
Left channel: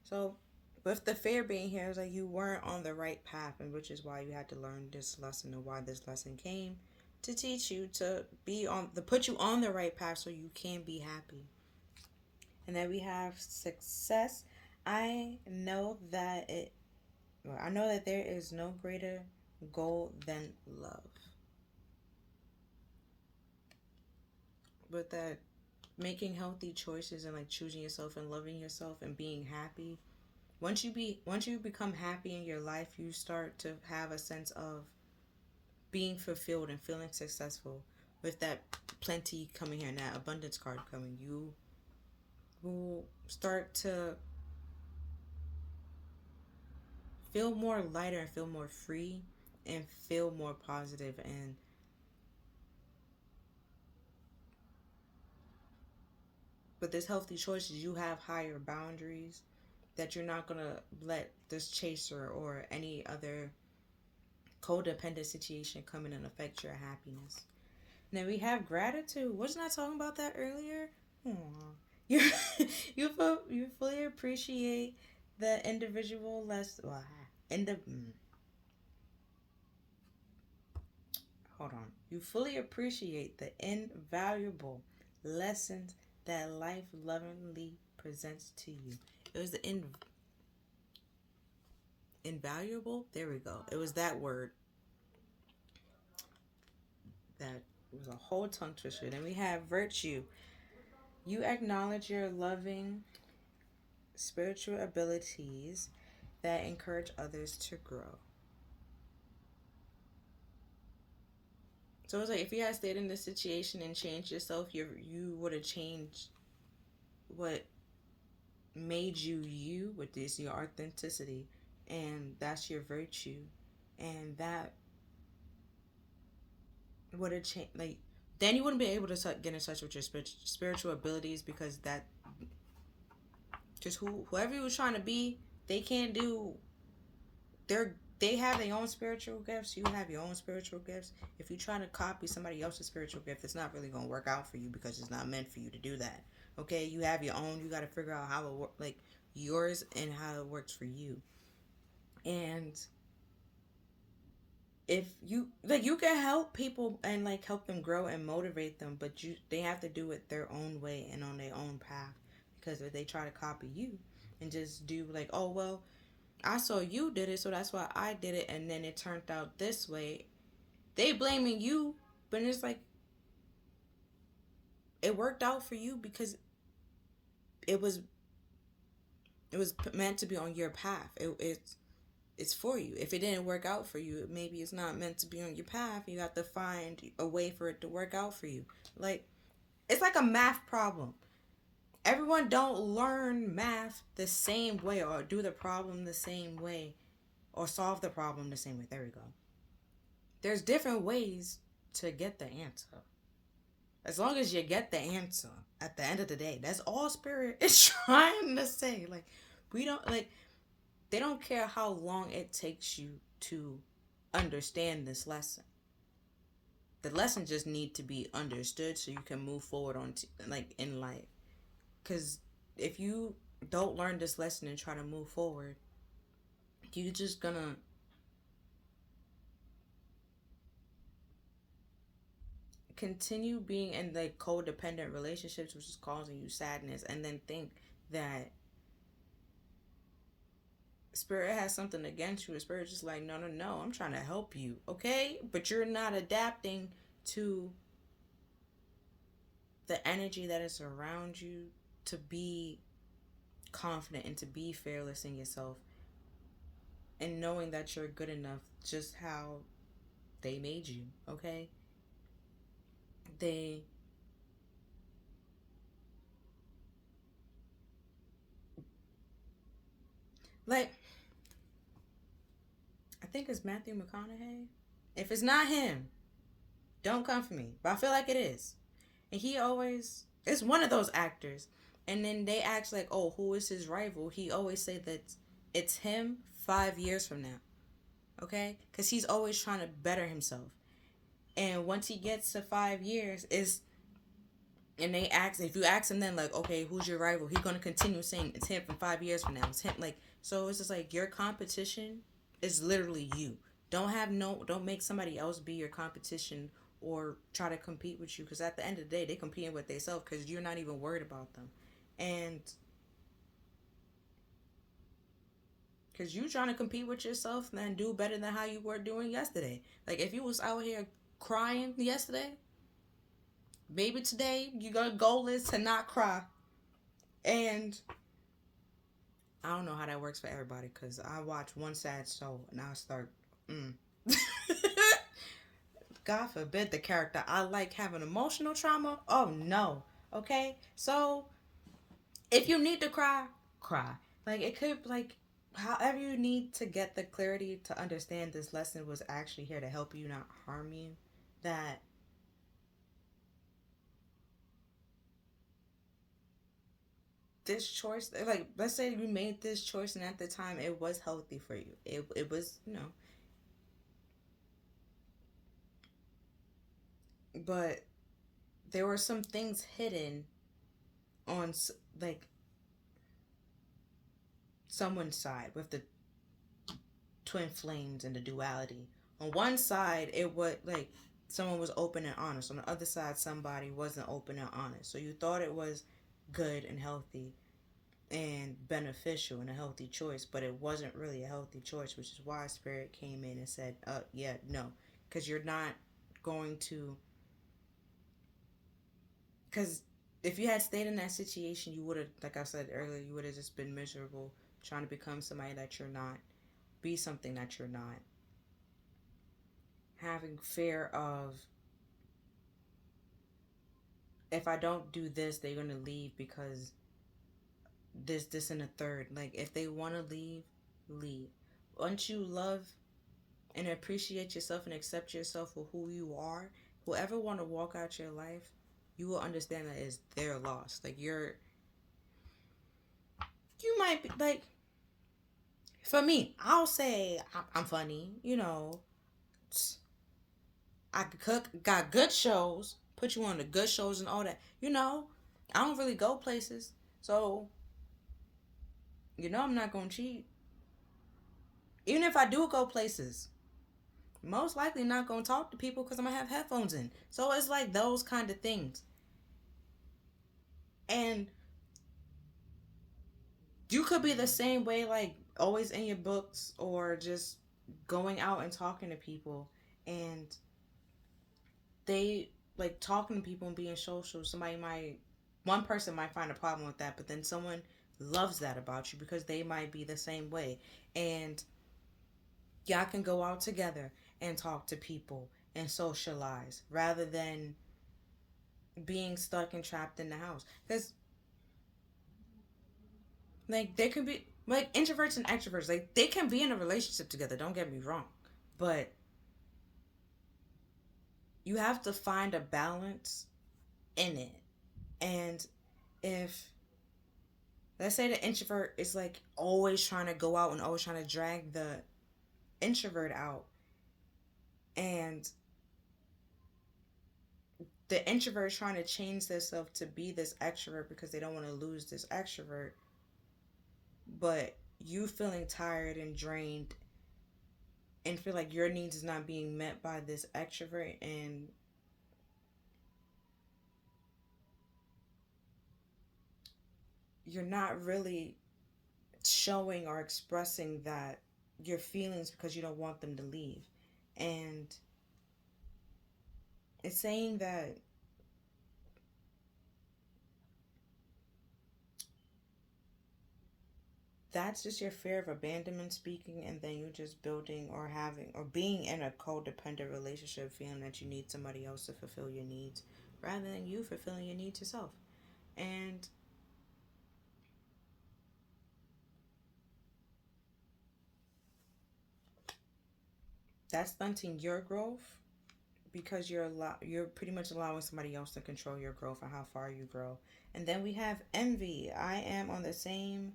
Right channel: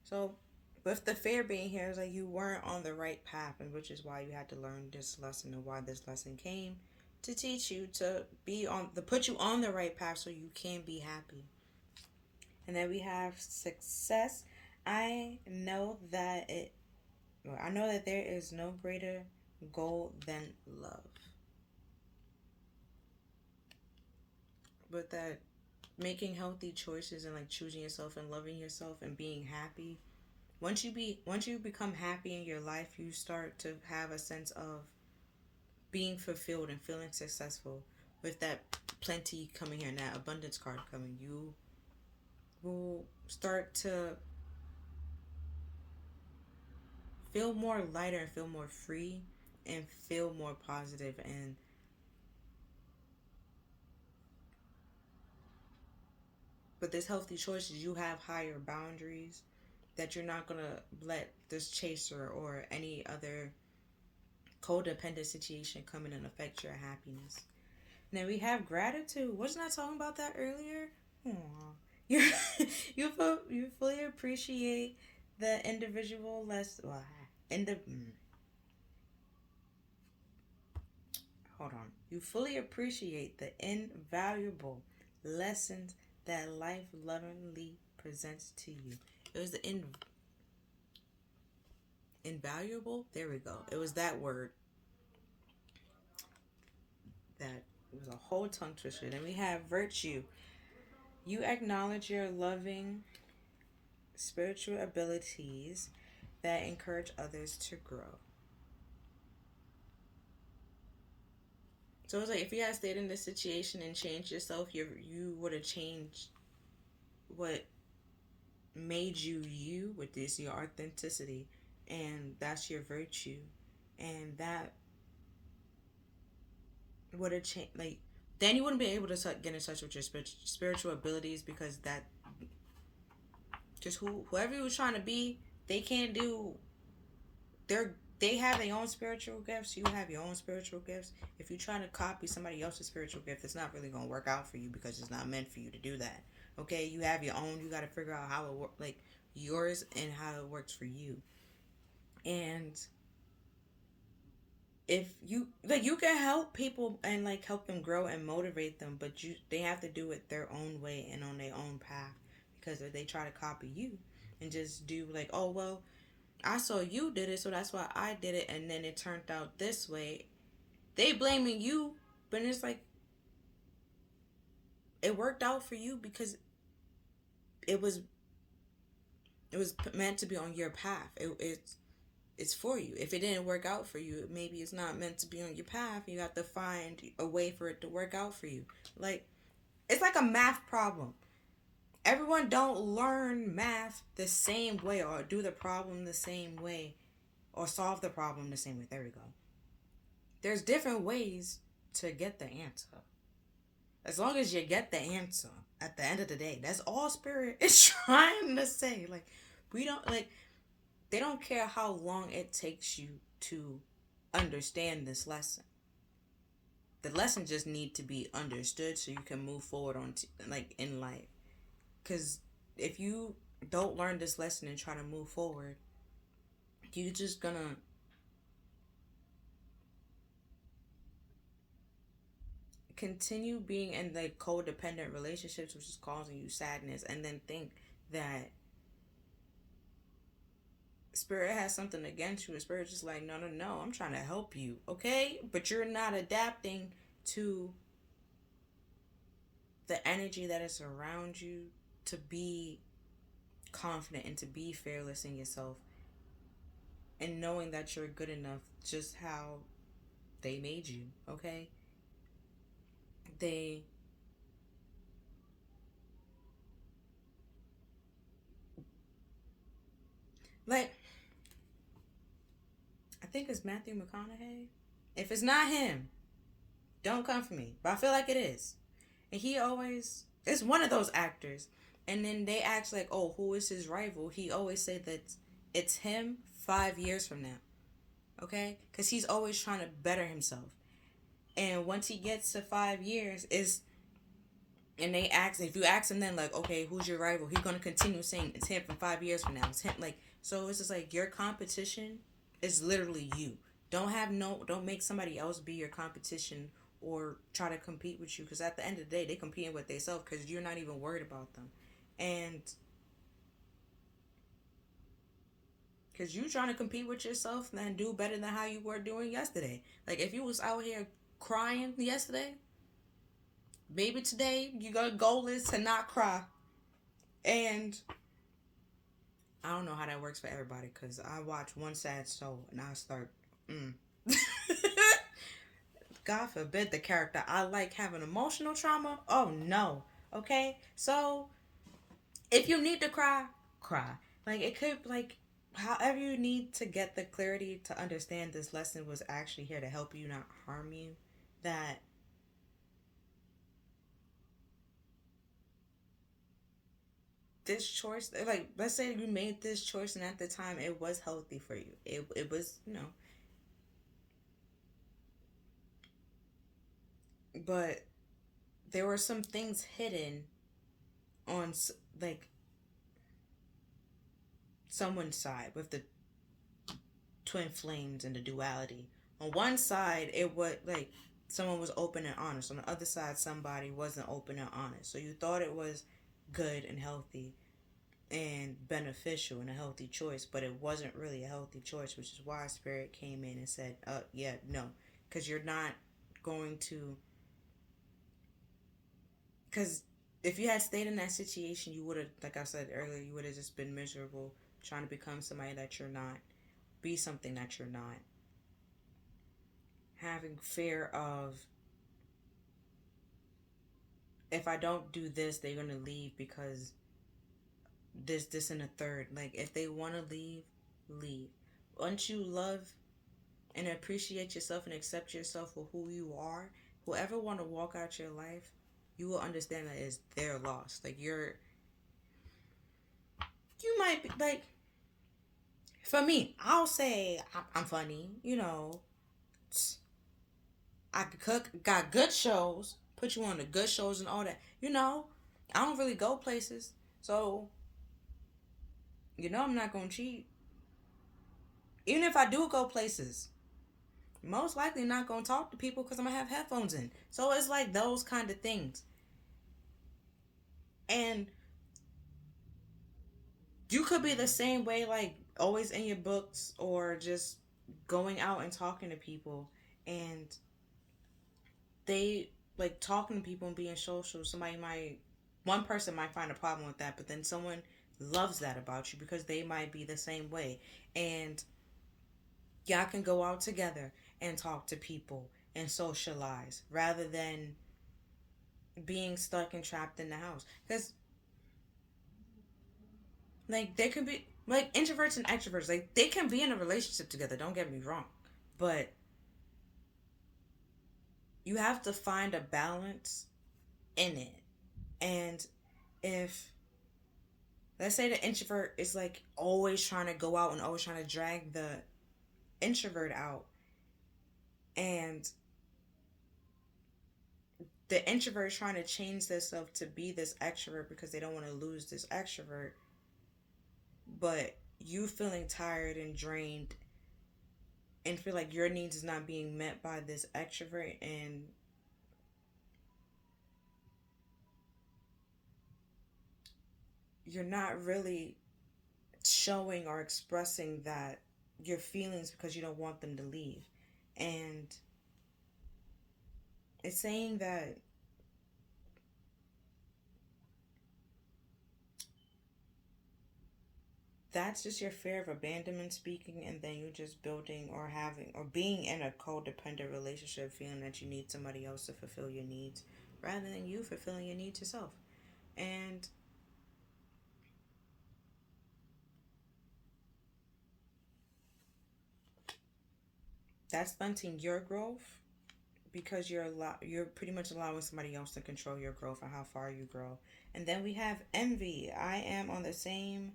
So with the fear being here, it's like you weren't on the right path, and which is why you had to learn this lesson and why this lesson came to teach you to put you on the right path so you can be happy. And then we have success. I know that I know that there is no greater goal than love. But that making healthy choices and like choosing yourself and loving yourself and being happy. Once you become happy in your life, you start to have a sense of being fulfilled and feeling successful. With that plenty coming here now, abundance card coming, you will start to feel more lighter and feel more free and feel more positive. And with this healthy choices, you have higher boundaries that you're not going to let this chaser or any other codependent situation come in and affect your happiness. Now we have gratitude. Wasn't I talking about that earlier? Aww. You you fully appreciate the individual less hold on. You fully appreciate the invaluable lessons that life lovingly presents to you. It was the invaluable. There we go. It was that word that was a whole tongue twister. Then we have virtue. You acknowledge your loving spiritual abilities that encourage others to grow. So it's like if you had stayed in this situation and changed yourself, you would have changed what made you you with this your authenticity, and that's your virtue, and that would have changed. Like then you wouldn't be able to get in touch with your spiritual abilities because that just whoever you was trying to be, they can't do they have their own spiritual gifts. You have your own spiritual gifts. If you're trying to copy somebody else's spiritual gift, it's not really going to work out for you because it's not meant for you to do that. Okay, you have your own. You got to figure out how it work, like yours, and how it works for you. And if you like, you can help people and like help them grow and motivate them, but they have to do it their own way and on their own path because if they try to copy you and just do like, oh well, I saw you did it, so that's why I did it, and then it turned out this way. They blaming you, but it's like it worked out for you because it was meant to be on your path. It's for you. If it didn't work out for you, maybe it's not meant to be on your path. You have to find a way for it to work out for you. Like it's like a math problem. Everyone don't learn math the same way or do the problem the same way or solve the problem the same way. There we go. There's different ways to get the answer. As long as you get the answer at the end of the day, that's all Spirit is trying to say. Like, we don't, like, they don't care how long it takes you to understand this lesson. The lesson just need to be understood so you can move forward like, in life. Because if you don't learn this lesson and try to move forward, you're just gonna continue being in like codependent relationships, which is causing you sadness, and then think that Spirit has something against you. Spirit's just like, no, no, no, I'm trying to help you, okay? But you're not adapting to the energy that is around you to be confident and to be fearless in yourself and knowing that you're good enough just how they made you, okay? They like, I think it's Matthew McConaughey. If it's not him, don't come for me. But I feel like it is. And he always, it's one of those actors. And then they ask like, oh, who is his rival? He always say that it's him 5 years from now. Okay? Because he's always trying to better himself. And once he gets to 5 years, and they ask, if you ask him then like, okay, who's your rival? He's going to continue saying it's him from 5 years from now. It's him. Like, so it's just like your competition is literally you. Don't make somebody else be your competition or try to compete with you, because at the end of the day, they competing with themselves because you're not even worried about them. And because you trying to compete with yourself and do better than how you were doing yesterday. Like if you was out here crying yesterday, maybe today your goal is to not cry. And I don't know how that works for everybody, because I watch one sad show and I start God forbid the character I like having emotional trauma. Oh no. Okay? So if you need to cry, cry. Like it could, like, however you need to get the clarity to understand this lesson was actually here to help you, not harm you. That this choice, like, let's say you made this choice and at the time it was healthy for you. It was, but there were some things hidden on, like, someone's side with the twin flames and the duality. On one side, it was like someone was open and honest. On the other side, somebody wasn't open and honest. So you thought it was good and healthy and beneficial and a healthy choice, but it wasn't really a healthy choice, which is why Spirit came in and said, yeah, no. Because you're not going to... Because if you had stayed in that situation, you would have, like I said earlier, you would have just been miserable trying to become somebody that you're not, be something that you're not, having fear of, if I don't do this, they're going to leave because this, and a third. Like, if they want to leave, leave. Once you love and appreciate yourself and accept yourself for who you are, whoever want to walk out your life, you will understand that it's their loss. Like, you might be, like, for me, I'll say I'm funny, I could cook, got good shows, put you on the good shows and all that. I don't really go places. So, I'm not going to cheat. Even if I do go places, most likely not going to talk to people because I'm going to have headphones in. So it's like those kind of things. And You could be the same way, like always in your books or just going out and talking to people, and they like talking to people and being social. One person might find a problem with that, but then someone loves that about you because they might be the same way, and y'all can go out together and talk to people and socialize rather than being stuck and trapped in the house. Because like there could be like introverts and extroverts, like they can be in a relationship together. Don't get me wrong, but you have to find a balance in it. And if let's say the introvert is like always trying to go out and always trying to drag the introvert out, and the introvert is trying to change themselves to be this extrovert because they don't want to lose this extrovert, but you feeling tired and drained and feel like your needs is not being met by this extrovert, and you're not really showing or expressing that your feelings because you don't want them to leave. And it's saying that that's just your fear of abandonment speaking, and then you're just building or having or being in a codependent relationship feeling that you need somebody else to fulfill your needs rather than you fulfilling your needs yourself. And that's stunting your growth because you're pretty much allowing somebody else to control your growth and how far you grow. And then we have envy. I am the same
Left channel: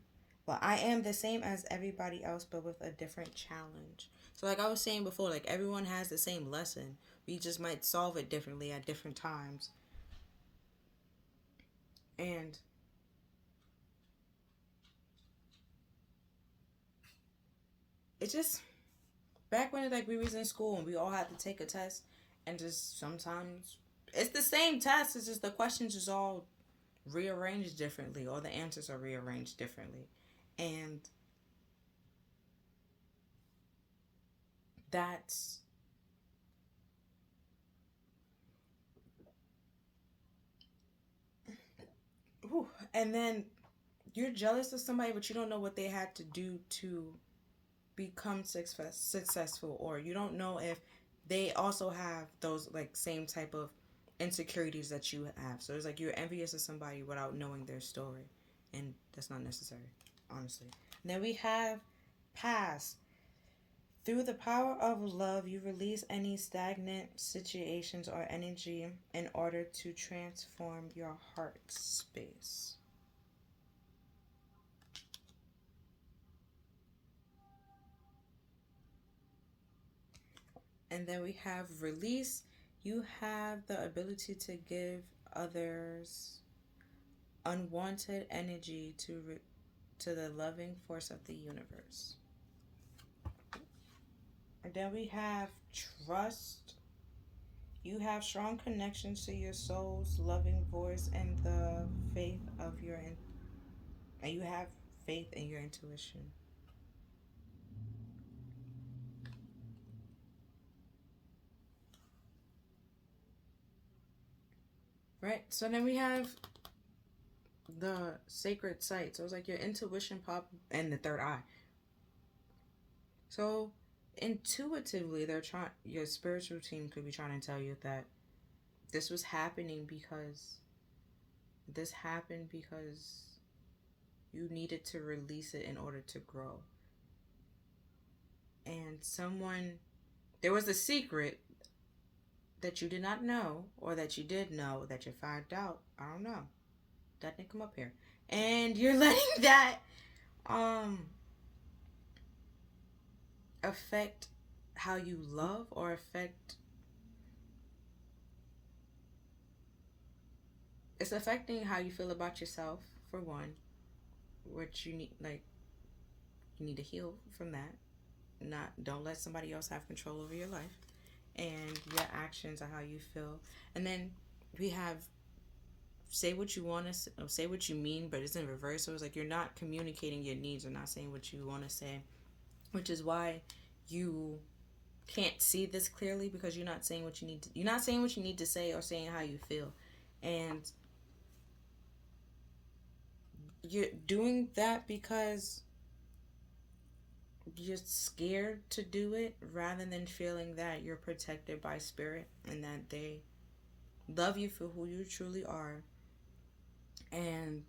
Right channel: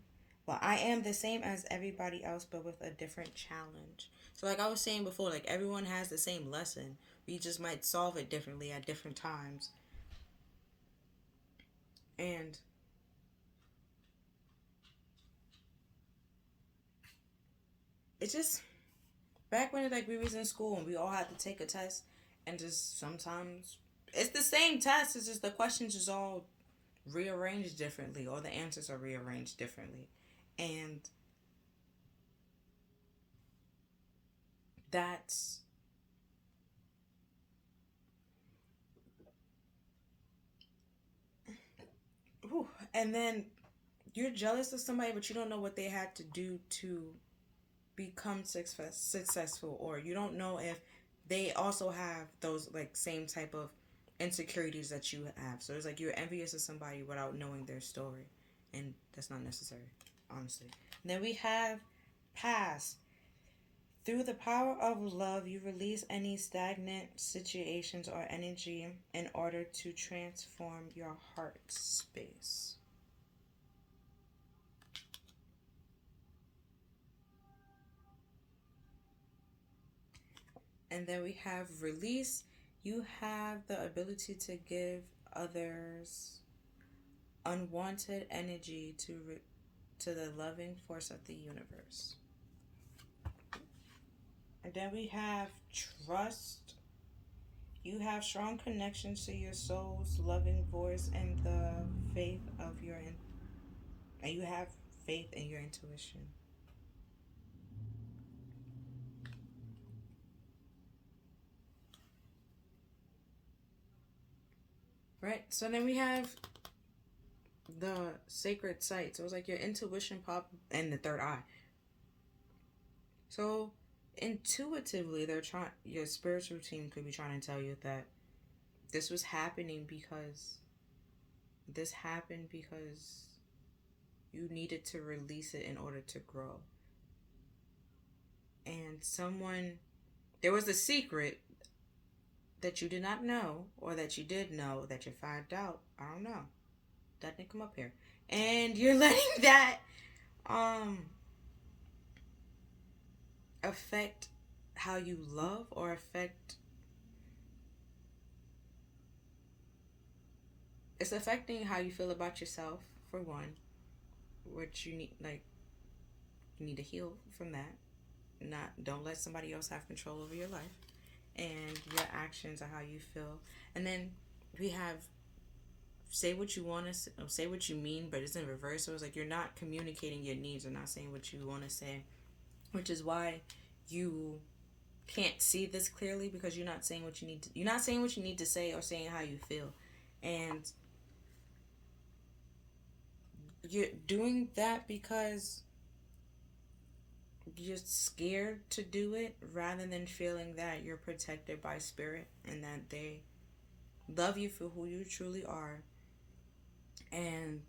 as everybody else but with a different challenge. So like I was saying before, like everyone has the same lesson. We just might solve it differently at different times. And it's just back when like we was in school and we all had to take a test, and just sometimes it's the same test, it's just the questions is all rearranged differently or the answers are rearranged differently. And that's whew. And then you're jealous of somebody but you don't know what they had to do to become successful, or you don't know if they also have those like same type of insecurities that you have. So it's like you're envious of somebody without knowing their story, and that's not necessary, honestly. And then we have past. Through the power of love, you release any stagnant situations or energy in order to transform your heart space. And then we have release. You have the ability to give others unwanted energy to the loving force of the universe. And then we have trust. You have strong connections to your soul's loving voice and the faith of and you have faith in your intuition. Right? So then we have the sacred site. So it's like your intuition pop and the third eye. So intuitively your spiritual team could be trying to tell you that this was happening because this happened because you needed to release it in order to grow. And there was a secret that you did not know, or that you did know that you found out. I don't know. That didn't come up here. And you're letting that um affect how you love, or affect it's affecting how you feel about yourself, for one, which you need to heal from that. Not Don't let somebody else have control over your life, and your actions are how you feel. And then we have say what you want to say what you mean, but it's in reverse. So it's like you're not communicating your needs. You're not saying what you want to say, which is why you can't see this clearly, because you're not saying what you need to. You're not saying what you need to say or saying how you feel, and you're doing that because you're scared to do it, rather than feeling that you're protected by spirit and that they love you for who you truly are, and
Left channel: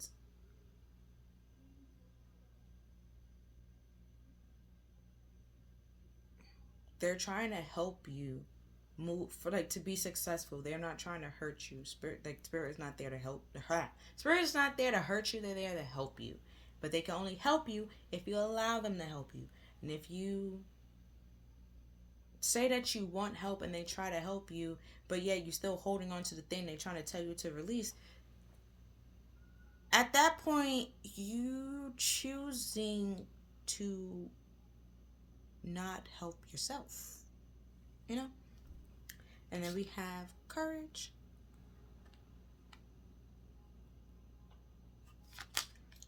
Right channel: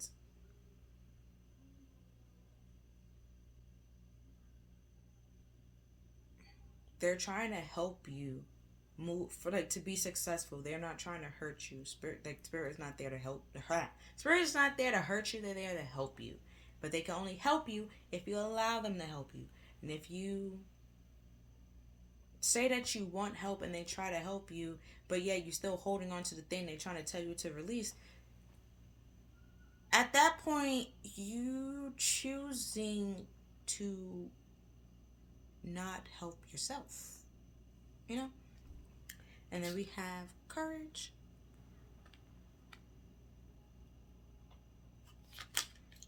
they're trying to help you move for, like, to be successful. They're not trying to hurt you. Spirit is not there to help. Spirit is not there to hurt you. They're there to help you, but they can only help you if you allow them to help you. And if you say that you want help and they try to help you, but yet you're still holding on to the thing they're trying to tell you to release, at that point you choosing to not help yourself, you know. And then we have courage.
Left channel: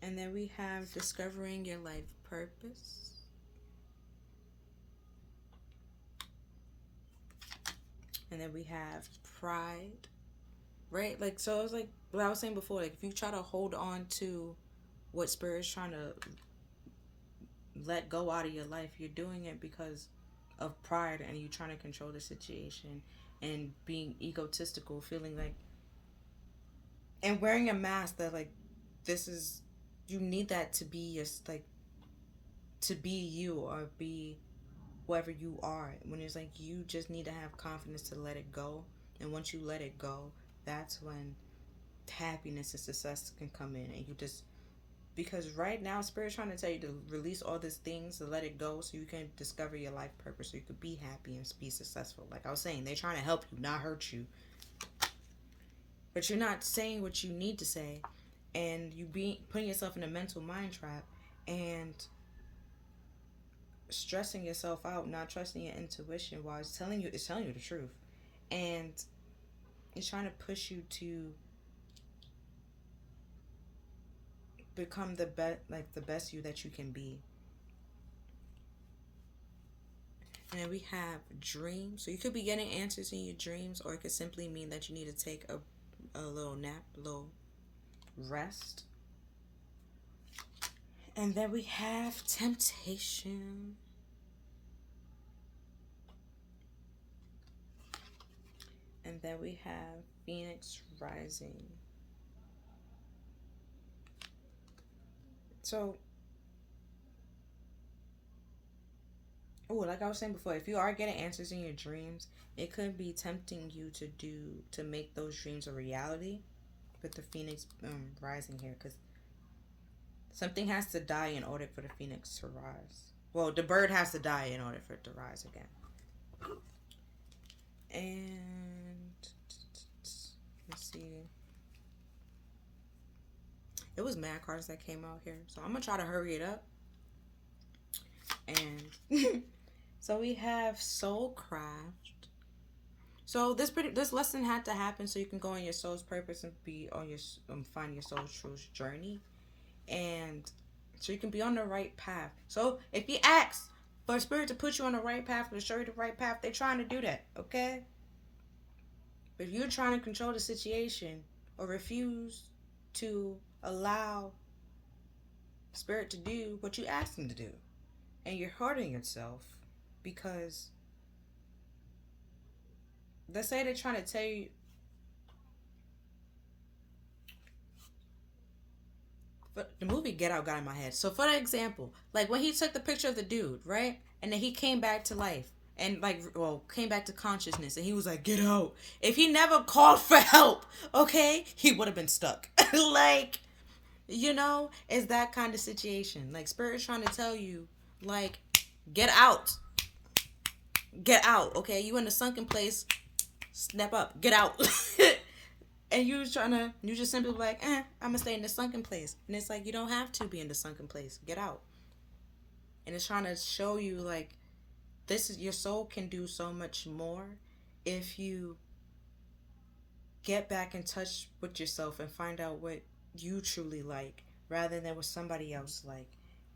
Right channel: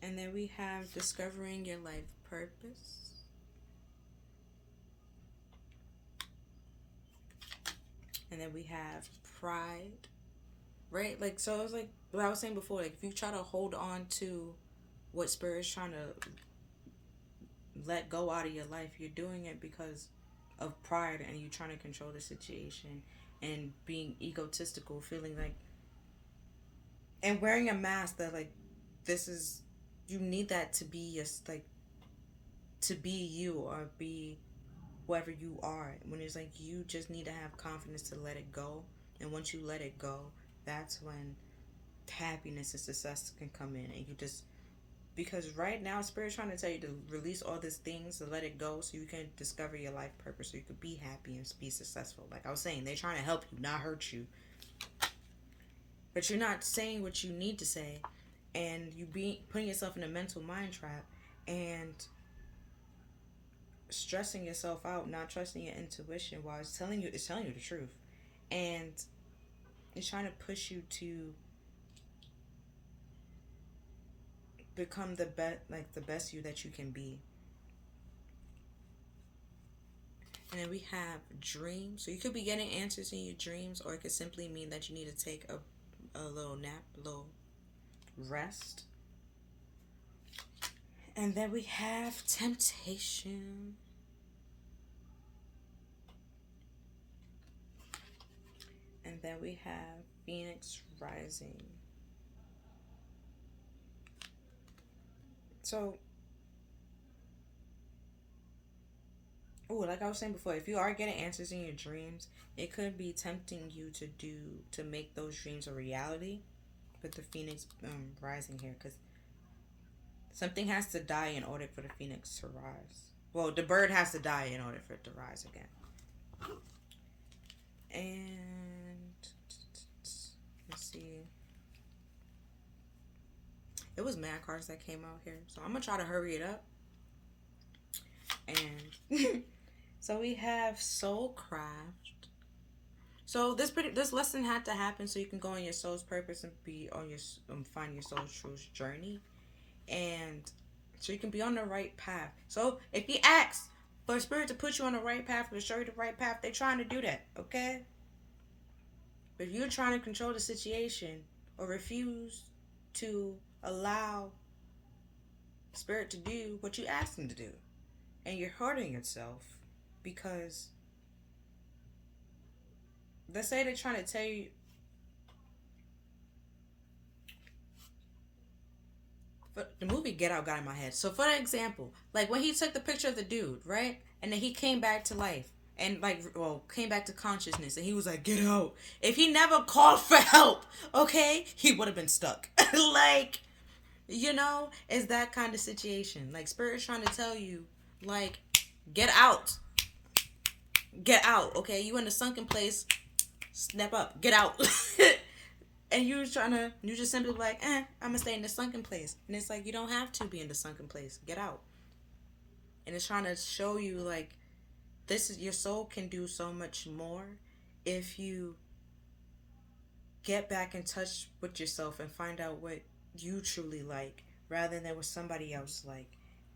And then we have discovering your life purpose. And then we have pride. Right? Like, so it's like what I was saying before, like if you try to hold on to what Spirit's trying to let go out of your life, you're doing it because of pride, and you're trying to control the situation and being egotistical, feeling like, and wearing a mask that, like, this is, you need that to be your, like, to be you or be whoever you are, when it's like you just need to have confidence to let it go. And once you let it go, that's when happiness and success can come in. And you just, because right now Spirit's trying to tell you to release all these things, to let it go, so you can discover your life purpose, so you could be happy and be successful. Like I was saying, they're trying to help you, not hurt you. But you're not saying what you need to say, and you be putting yourself in a mental mind trap and stressing yourself out, not trusting your intuition, while it's telling you the truth. And it's trying to push you to become the best you that you can be. And then we have dreams. So you could be getting answers in your dreams, or it could simply mean that you need to take a little nap, a little rest. And then we have temptation. And then we have Phoenix rising. So, like I was saying before, if you are getting answers in your dreams, it could be tempting you to make those dreams a reality, with the Phoenix rising here, because something has to die in order for the Phoenix to rise. Well, the bird has to die in order for it to rise again. And let's see. It was mad cards that came out here, so I'm gonna try to hurry it up. And so we have Soulcraft. So this lesson had to happen so you can go on your soul's purpose and be on your find your soul's truth journey, and so you can be on the right path. So if you ask for Spirit to put you on the right path, to show you the right path, they're trying to do that, okay? But if you're trying to control the situation or refuse to allow Spirit to do what you asked him to do, and you're hurting yourself, because let's say they're trying to tell you, the movie Get Out got in my head. So for example, like when he took the picture of the dude, right? And then he came back to life and came back to consciousness, and he was like, get out. If he never called for help, okay, he would have been stuck. Like, it's that kind of situation. Like Spirit's trying to tell you, like, get out. Get out, okay? You in the sunken place, snap up, get out. And you just simply like, I'm gonna stay in the sunken place. And it's like, you don't have to be in the sunken place. Get out. And it's trying to show you, like, your soul can do so much more if you get back in touch with yourself and find out what you truly like rather than what somebody else like.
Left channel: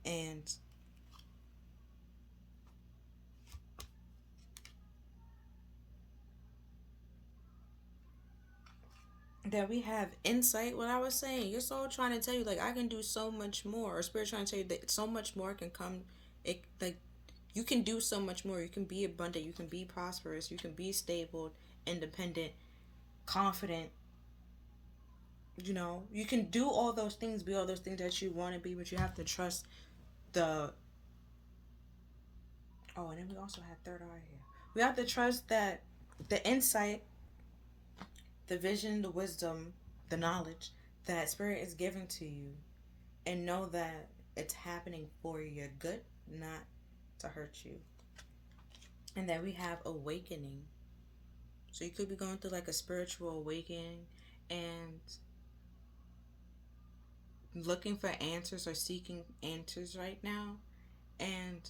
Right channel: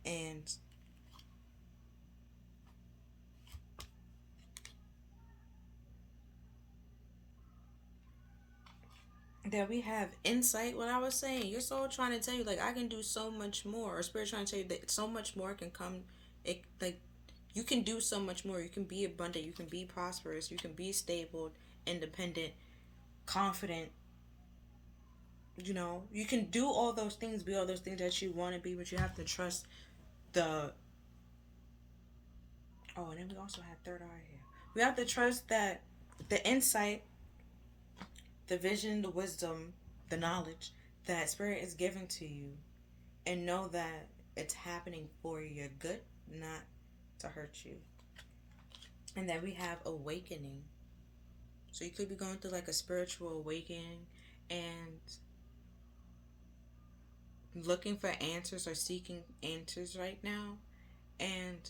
And that we have insight. What I was saying, your soul trying to tell you, like, I can do so much more, or spirit trying to tell you that so much more can come. It like you can do so much more. You can be abundant. You can be prosperous. You can be stable, independent, confident. You know, you can do all those things, be all those things that you want to be, but you have to trust the. Oh, and then we also had third eye here. We have to trust that the insight, the vision, the wisdom, the knowledge that spirit is giving to you, and know that it's happening for your good, not to hurt you. And then we have awakening. So you could be going through like a spiritual awakening and looking for answers or seeking answers right now. And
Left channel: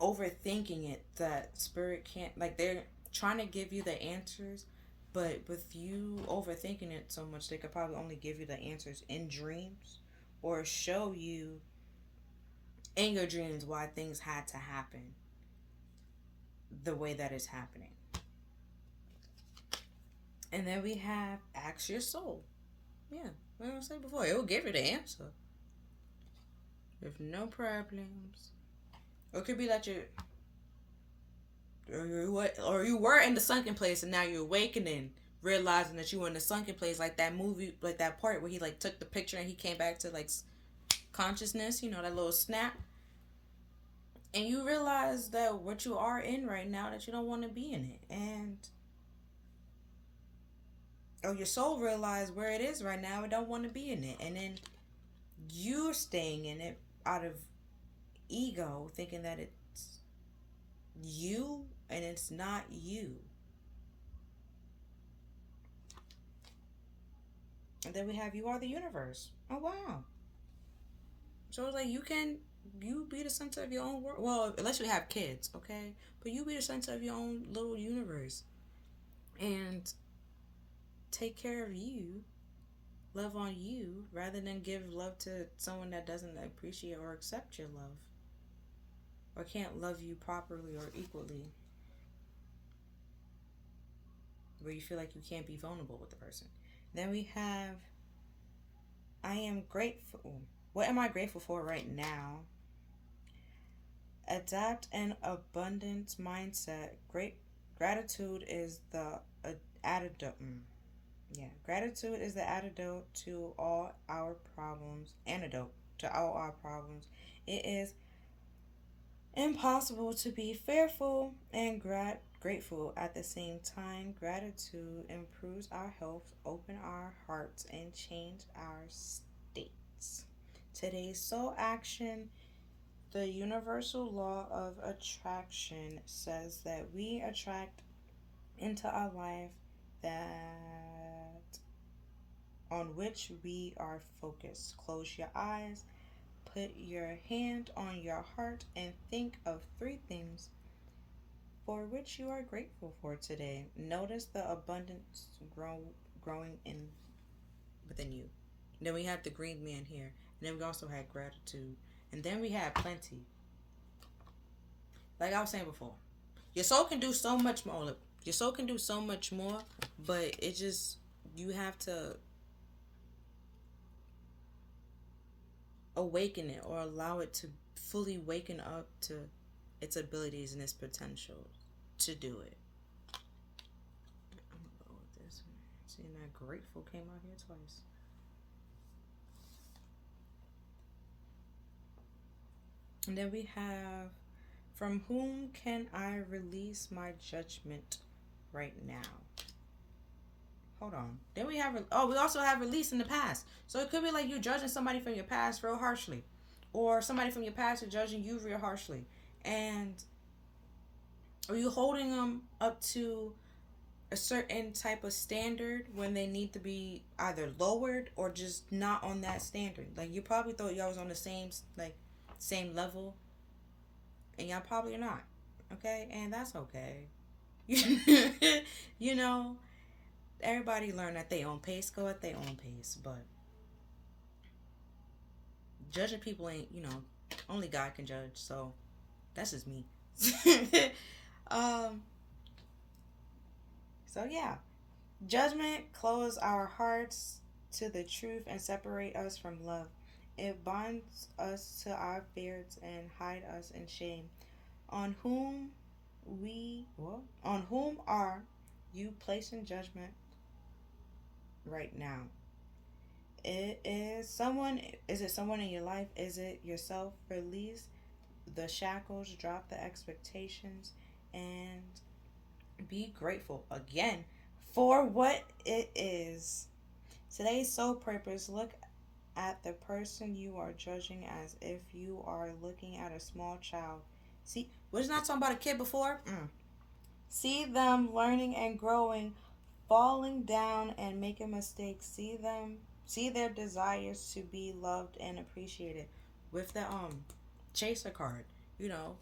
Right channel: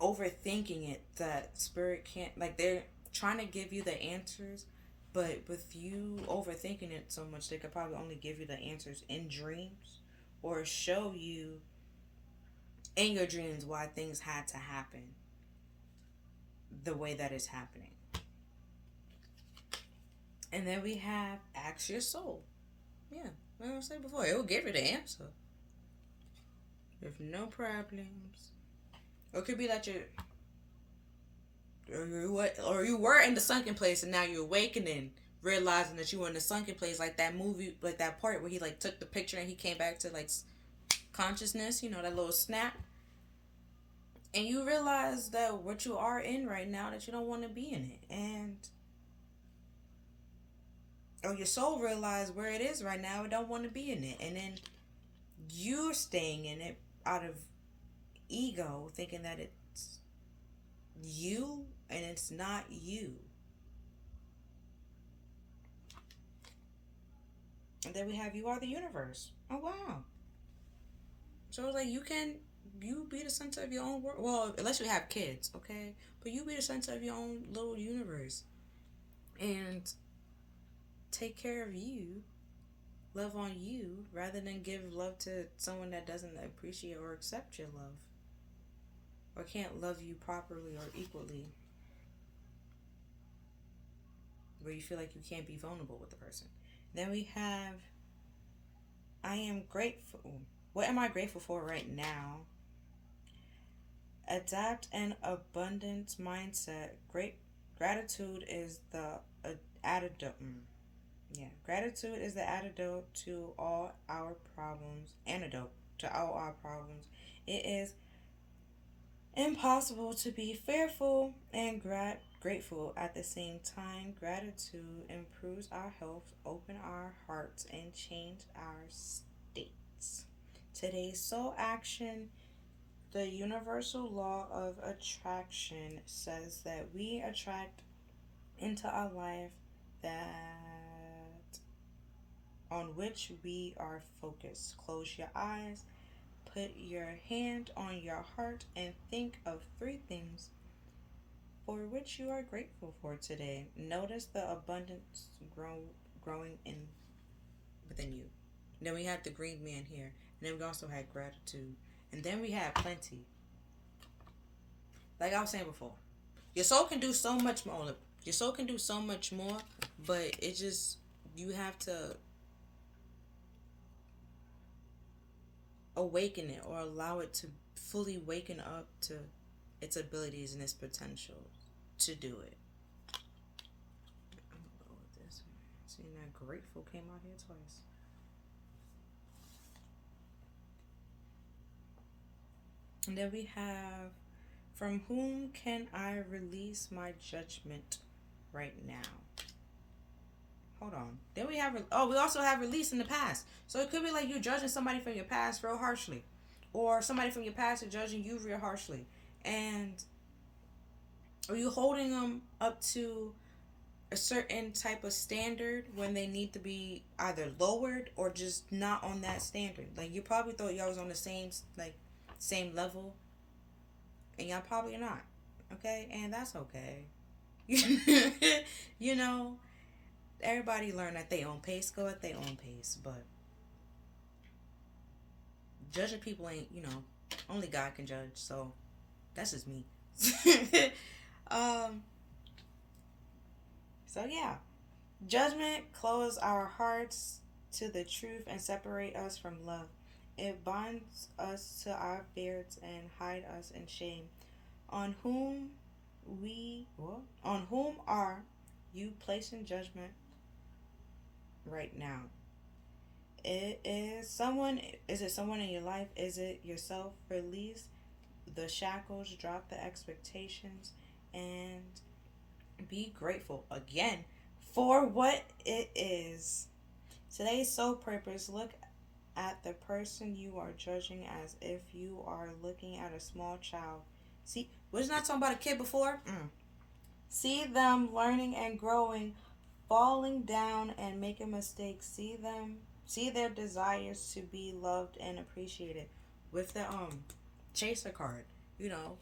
overthinking it, that spirit can't, like, they're trying to give you the answers, but with you overthinking it so much, they could probably only give you the answers in dreams or show you in your dreams why things had to happen the way that it's happening. And then we have ask your soul. Yeah, like I said before, it will give you the answer with no problems. Or it could be that or you were in the sunken place and now you're awakening, realizing that you were in the sunken place, like that movie, like that part where he like took the picture and he came back to like consciousness, you know, that little snap. And you realize that what you are in right now, that you don't want to be in it. And or your soul realized where it is right now, it don't want to be in it. And then you're staying in it out of ego, thinking that it's you and it's not you. And then we have you are the universe. Oh wow. So it's like you be the center of your own world. Well, unless you have kids, okay? But you be the center of your own little universe. And take care of you, love on you, rather than give love to someone that doesn't appreciate or accept your love. Or can't love you properly or equally. Where you feel like you can't be vulnerable with the person. Then we have I am grateful. What am I grateful for right now? Adapt an abundance mindset. Gratitude is the antidote. Gratitude is the antidote to all our problems. Antidote to all our problems. It is impossible to be fearful and grateful at the same time. Gratitude improves our health, open our hearts, and change our states. Today's soul action. The universal law of attraction says that we attract into our life that on which we are focused. Close your eyes, put your hand on your heart, and think of 3 things for which you are grateful for today. Notice the abundance growing within you. And then we have the green man here. And then we also had gratitude. And then we had plenty. Like I was saying before, your soul can do so much more. Your soul can do so much more, but it just, you have to awaken it or allow it to fully waken up to its abilities and its potential to do it. I'm gonna go with this one. Seeing that grateful came out here twice. And then we have, from whom can I release my judgment right now? Hold on. Then we have, we also have release in the past. So it could be like you judging somebody from your past real harshly. Or somebody from your past is judging you real harshly. And are you holding them up to a certain type of standard when they need to be either lowered or just not on that standard? Like, you probably thought y'all was on the same level, and y'all probably not. Okay? And that's okay. You know, everybody learn at their own pace, go at their own pace. But judging people ain't, only God can judge. So that's just me. um, so yeah. Judgment close our hearts to the truth and separate us from love. It binds us to our fears and hide us in shame. On whom on whom are you placing judgment right now? It is someone. Is it someone in your life? Is it yourself? Release the shackles, drop the expectations, and be grateful again for what it is. Today's soul purpose: look at the person you are judging as if you are looking at a small child. See, wasn't I talking about a kid before? See them learning and growing, falling down and making mistakes. See their desires to be loved and appreciated. With the chaser card,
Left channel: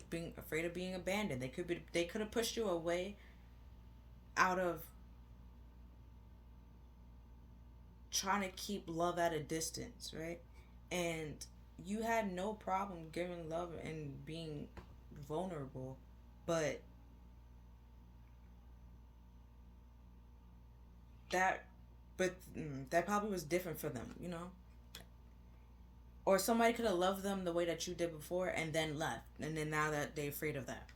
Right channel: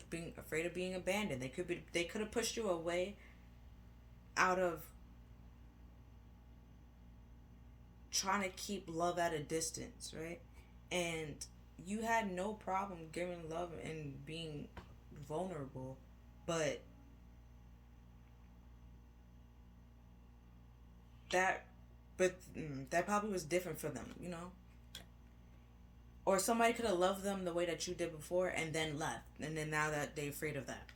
being afraid of being abandoned. They could have pushed you away out of trying to keep love at a distance, right? And you had no problem giving love and being vulnerable, but that that probably was different for them. Or somebody could have loved them the way that you did before and then left, and then now that they're afraid of that.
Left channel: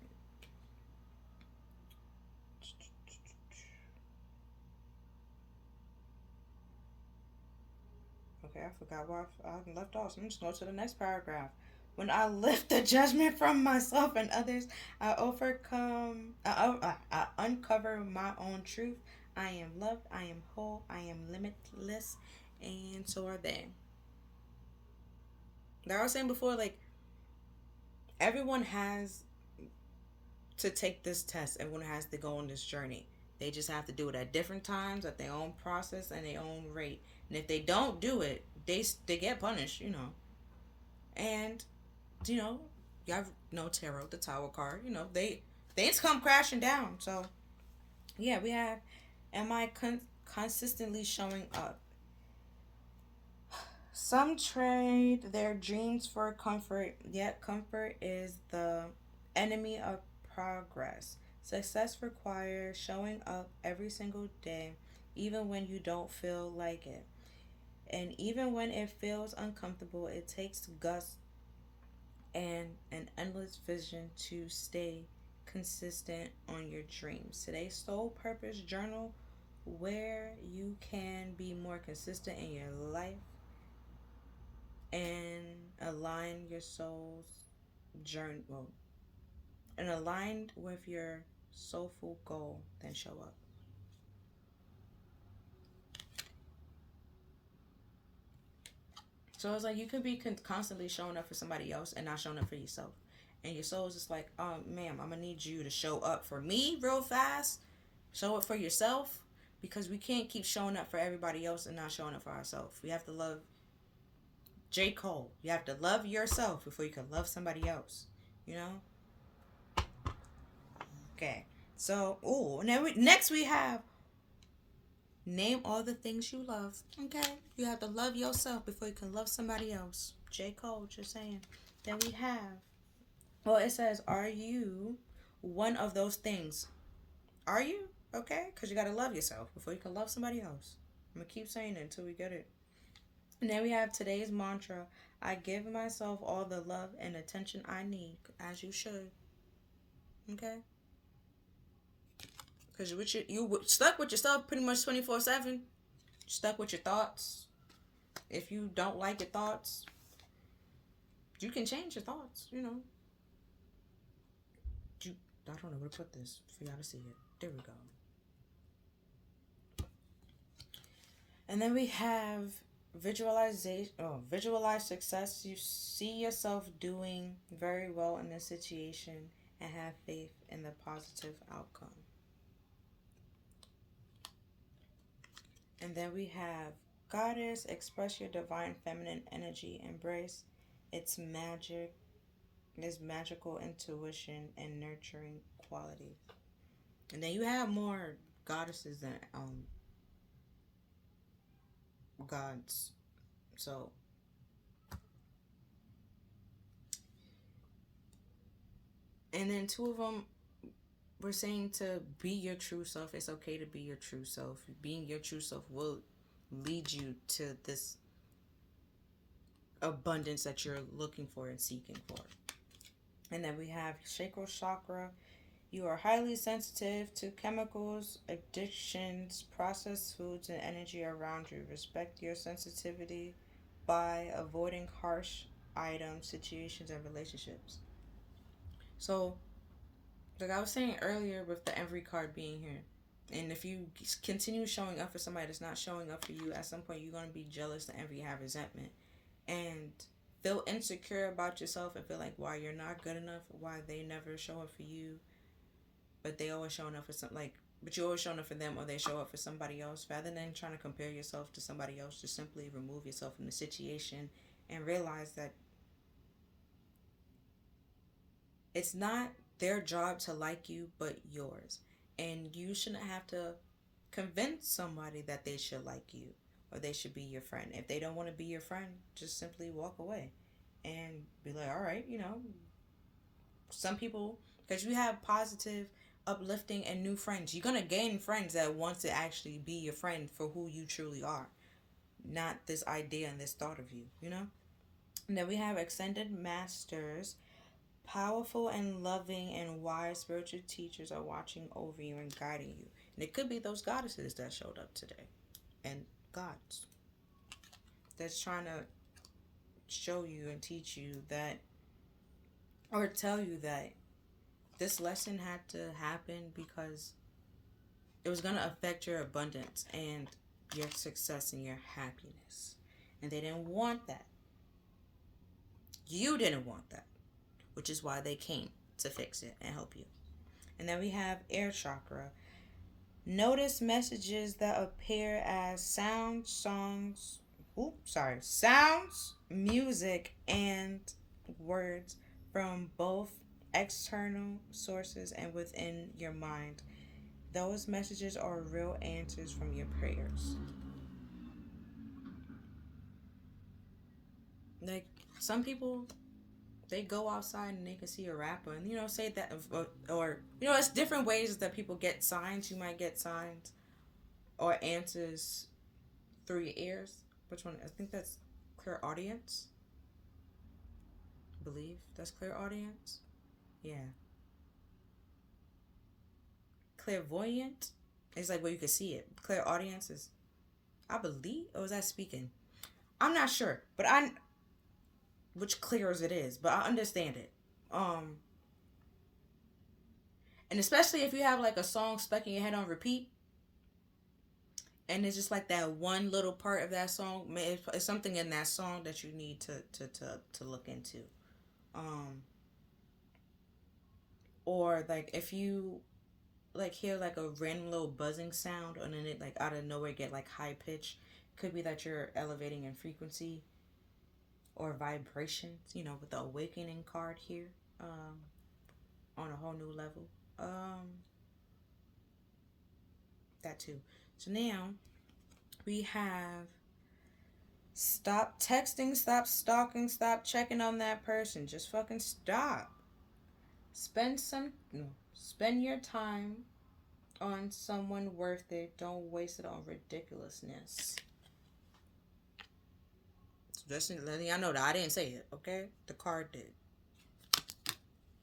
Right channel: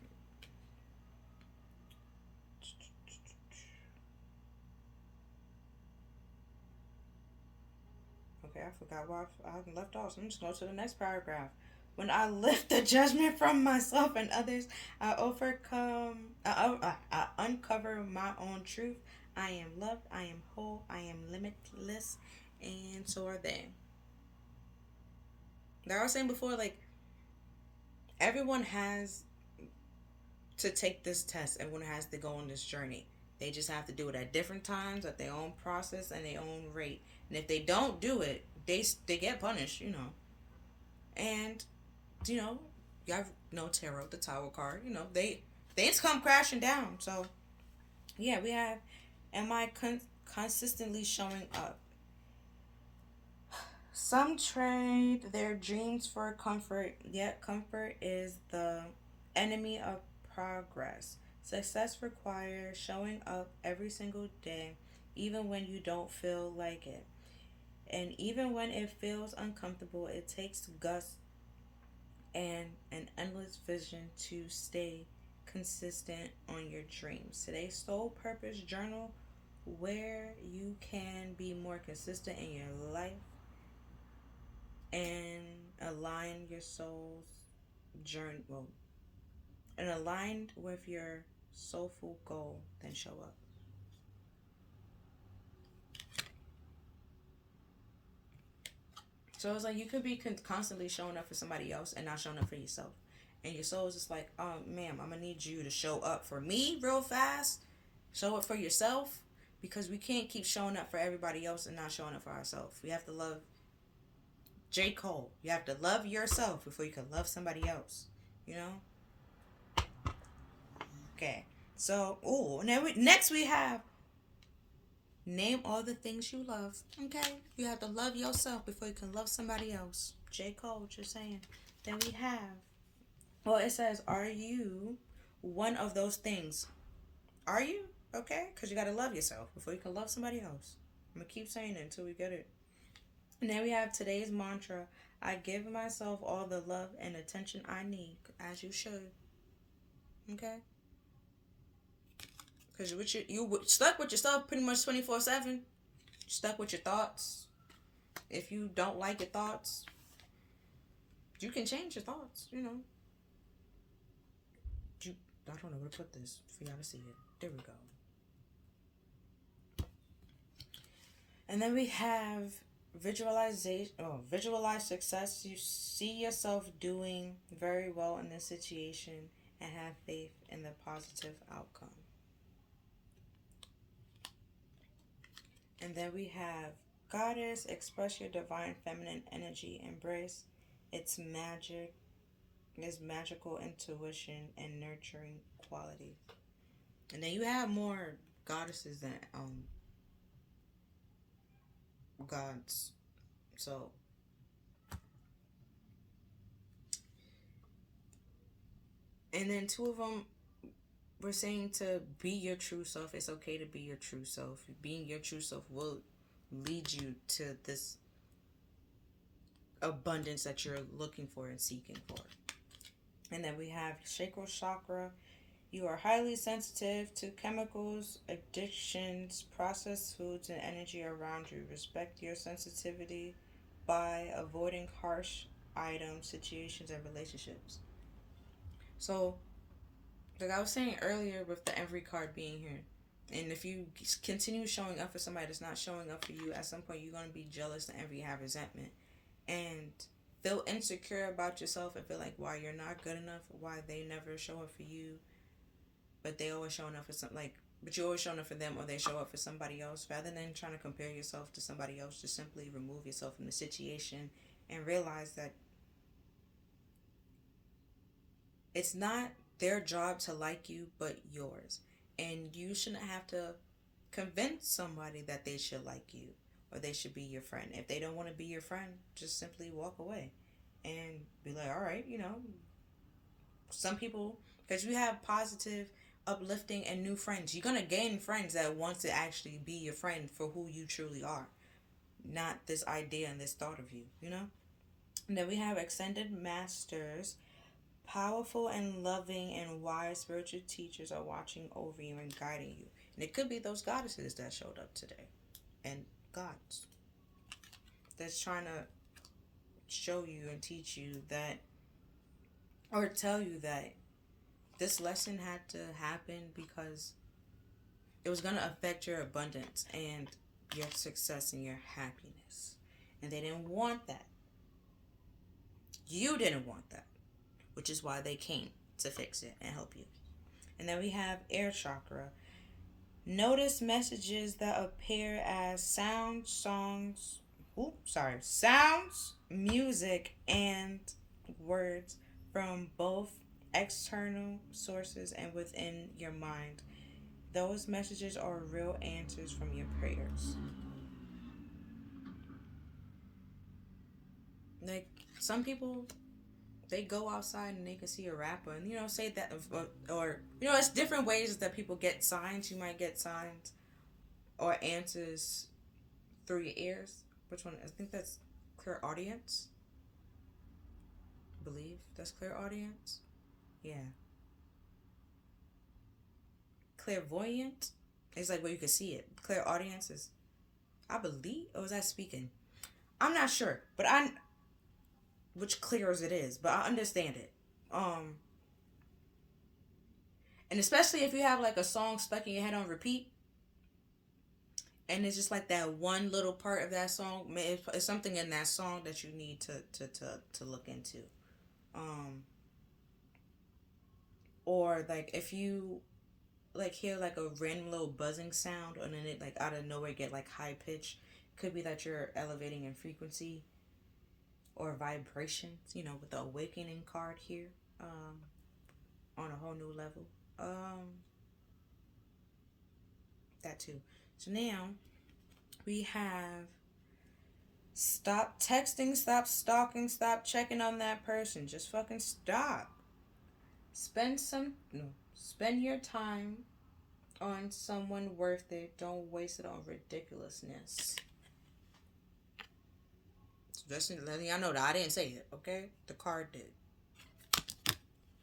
Okay, I forgot where I left off. So I'm just going to the next paragraph. When I lift the judgment from myself and others, I I uncover my own truth. I am loved, I am whole, I am limitless, and so are they. Like I was saying before, like, everyone has to take this test, everyone has to go on this journey. They just have to do it at different times, at their own process, and their own rate. And if they don't do it, they get punished. And you have no tarot, the tower card. Things come crashing down. So yeah, we have. Am I consistently showing up? Some trade their dreams for comfort, yet comfort is the enemy of progress. Success requires showing up every single day, even when you don't feel like it. And even when it feels uncomfortable, it takes guts and an endless vision to stay consistent on your dreams. Today's soul purpose journal, where you can be more consistent in your life and align your soul's journey, well, and aligned with your soulful goal, then show up. So it's like you could be constantly showing up for somebody else and not showing up for yourself. And your soul is just like, oh, ma'am, I'm going to need you to show up for me real fast. Show up for yourself. Because we can't keep showing up for everybody else and not showing up for ourselves. We have to love J. Cole. You have to love yourself before you can love somebody else. You know? Okay. So, now next we have name all the things you love. Okay? You have to love yourself before you can love somebody else. J. Cole, just saying. Then we have, well, it says, are you one of those things? Are you? Okay? Because you got to love yourself before you can love somebody else. I'm going to keep saying it until we get it. And then we have today's mantra. I give myself all the love and attention I need, as you should. Okay? Because you stuck with yourself pretty much 24/7. Stuck with your thoughts. If you don't like your thoughts, you can change your thoughts. I don't know where to put this for y'all to see it. There we go. And then we have visualization. Oh, visualize success. You see yourself doing very well in this situation and have faith in the positive outcome. And then we have Goddess, express your divine feminine energy, embrace its magic, There's magical intuition and nurturing qualities. And then you have more goddesses than gods. So and then two of them were saying to be your true self. It's okay to be your true self. Being your true self will lead you to this abundance that you're looking for and seeking for. And then we have sacral chakra. You are highly sensitive to chemicals, addictions, processed foods, and energy around you. Respect your sensitivity by avoiding harsh items, situations, and relationships. So, like I was saying earlier with the envy card being here, and if you continue showing up for somebody that's not showing up for you, at some point you're going to be jealous and envy, have resentment, and feel insecure about yourself and feel like why you're not good enough, why they never show up for you, but they always showing up for something like, but you're always showing up for them, or they show up for somebody else. Rather than trying to compare yourself to somebody else, just simply remove yourself from the situation and realize that it's not their job to like you, but yours. And you shouldn't have to convince somebody that they should like you or they should be your friend. If they don't want to be your friend, just simply walk away and be like, all right, some people, because you have positive, uplifting, and new friends. You're going to gain friends that want to actually be your friend for who you truly are, not this idea and this thought of you. And then we have extended masters. Powerful and loving and wise spiritual teachers are watching over you and guiding you. And it could be those goddesses that showed up today. And gods. That's trying to show you and teach you that, or tell you that this lesson had to happen because it was going to affect your abundance and your success and your happiness. And they didn't want that. You didn't want that. Which is why they came to fix it and help you. And then we have air chakra. Notice messages that appear as sounds, music, and words from both external sources and within your mind. Those messages are real answers from your prayers. Like, some people, they go outside and they can see a rapper and say that, or it's different ways that people get signs. You might get signs or answers through your ears. Which one? I think that's clairaudience. I believe that's clairaudience. Yeah. Clairvoyant is like where you can see it. Clairaudience is, I believe, or was that speaking? I'm not sure, but which clears it is, but I understand it. And especially if you have like a song stuck in your head on repeat, and it's just like that one little part of that song, it's something in that song that you need to look into. Or like if you like hear like a random little buzzing sound and then it like out of nowhere get like high pitch, could be that you're elevating in frequency or vibrations, with the awakening card here, on a whole new level. That too. So now we have stop texting, stop stalking, stop checking on that person. Just fucking stop. Spend your time on someone worth it. Don't waste it on ridiculousness. Just letting y'all know that I didn't say it, okay? The card did.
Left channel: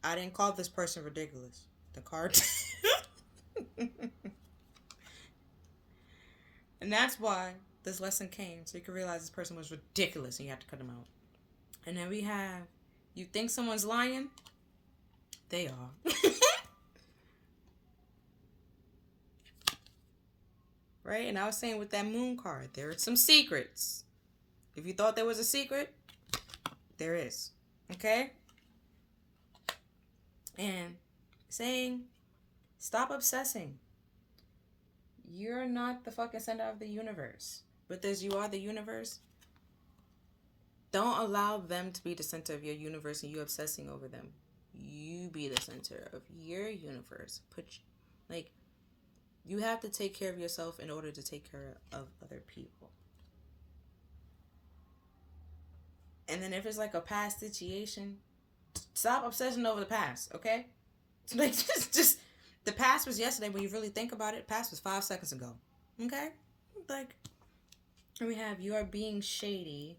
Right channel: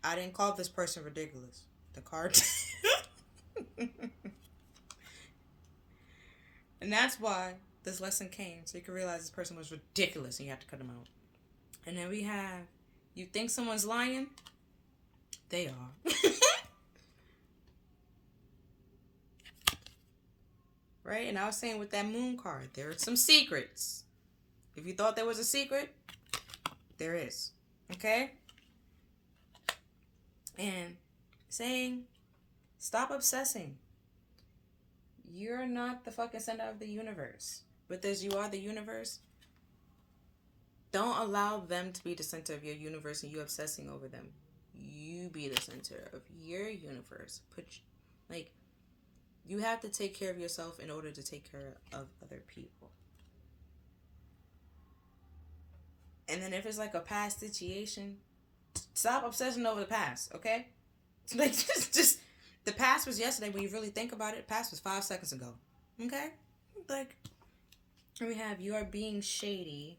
I didn't call this person ridiculous. The card did. And that's why this lesson came, so you can realize this person was ridiculous and you have to cut them out. And then we have, you think someone's lying? They are. Right? And I was saying with that moon card, there are some secrets. If you thought there was a secret, there is. Okay? And saying, stop obsessing. You're not the fucking center of the universe. But as you are the universe, Don't allow them to be the center of your universe and you obsessing over them. You be the center of your universe. Like, you have to take care of yourself in order to take care of other people. And then if it's like a past situation, stop obsessing over the past, okay? Like, just the past was yesterday, but you really think about it, the past was 5 seconds ago, okay? Like, we have you are being shady.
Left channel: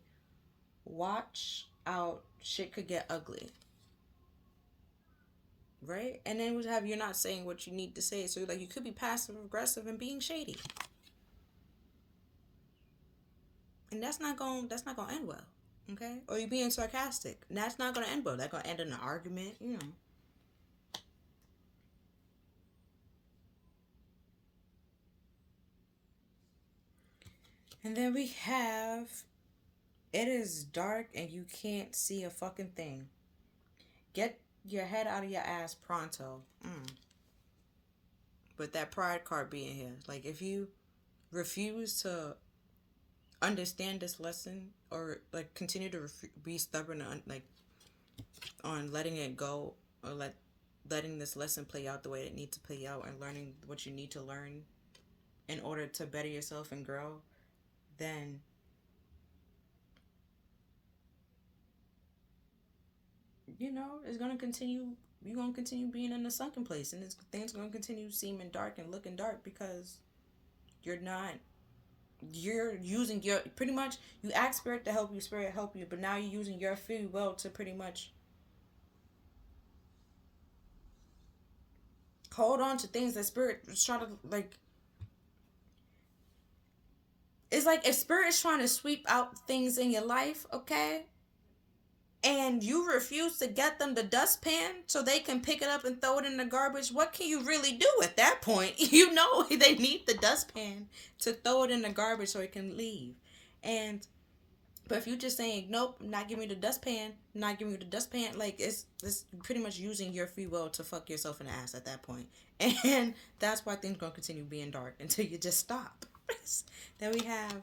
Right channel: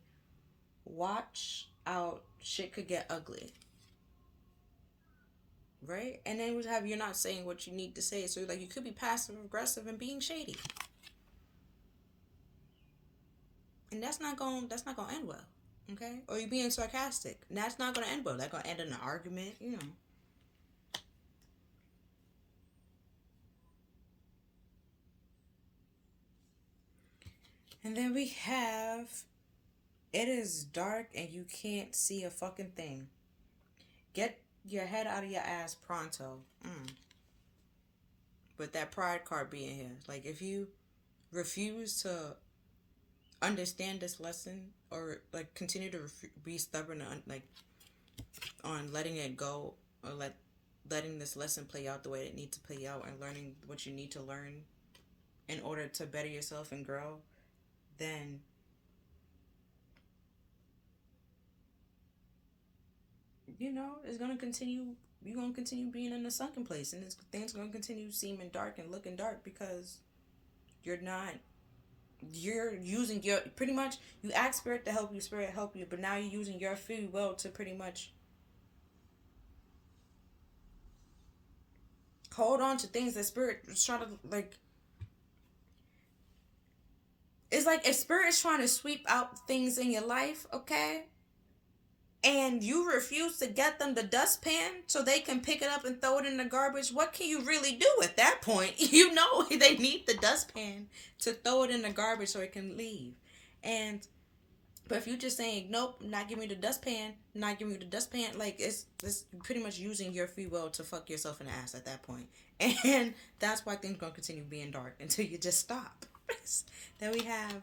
Watch out, shit could get ugly. Right? And then we have you're not saying what you need to say. So like you could be passive aggressive and being shady. And that's not gonna end well. Okay? Or you being sarcastic. And that's not gonna end well. That's gonna end in an argument, you know. And then we have it is dark and you can't see a fucking thing. Get your head out of your ass pronto. But that pride card being here. Like if you refuse to understand this lesson or like continue to be stubborn on like on letting it go or letting this lesson play out the way it needs to play out and learning what you need to learn in order to better yourself and grow, then it's going to continue. You're going to continue being in the sunken place, and things going to continue seeming dark and looking dark because you're not. You're using your pretty much. You ask spirit to help you, spirit help you, but now you're using your free will to pretty much hold on to things that spirit is trying to like. It's like if spirit is trying to sweep out things in your life, okay, and you refuse to get them the dustpan so they can pick it up and throw it in the garbage, what can you really do at that point? You know they need the dustpan to throw it in the garbage so it can leave. And but if you're just saying nope, not giving you the dustpan, not giving you the dustpan, like it's pretty much using your free will to fuck yourself in the ass at that point. And that's why things gonna continue being dark until you just stop. Then we have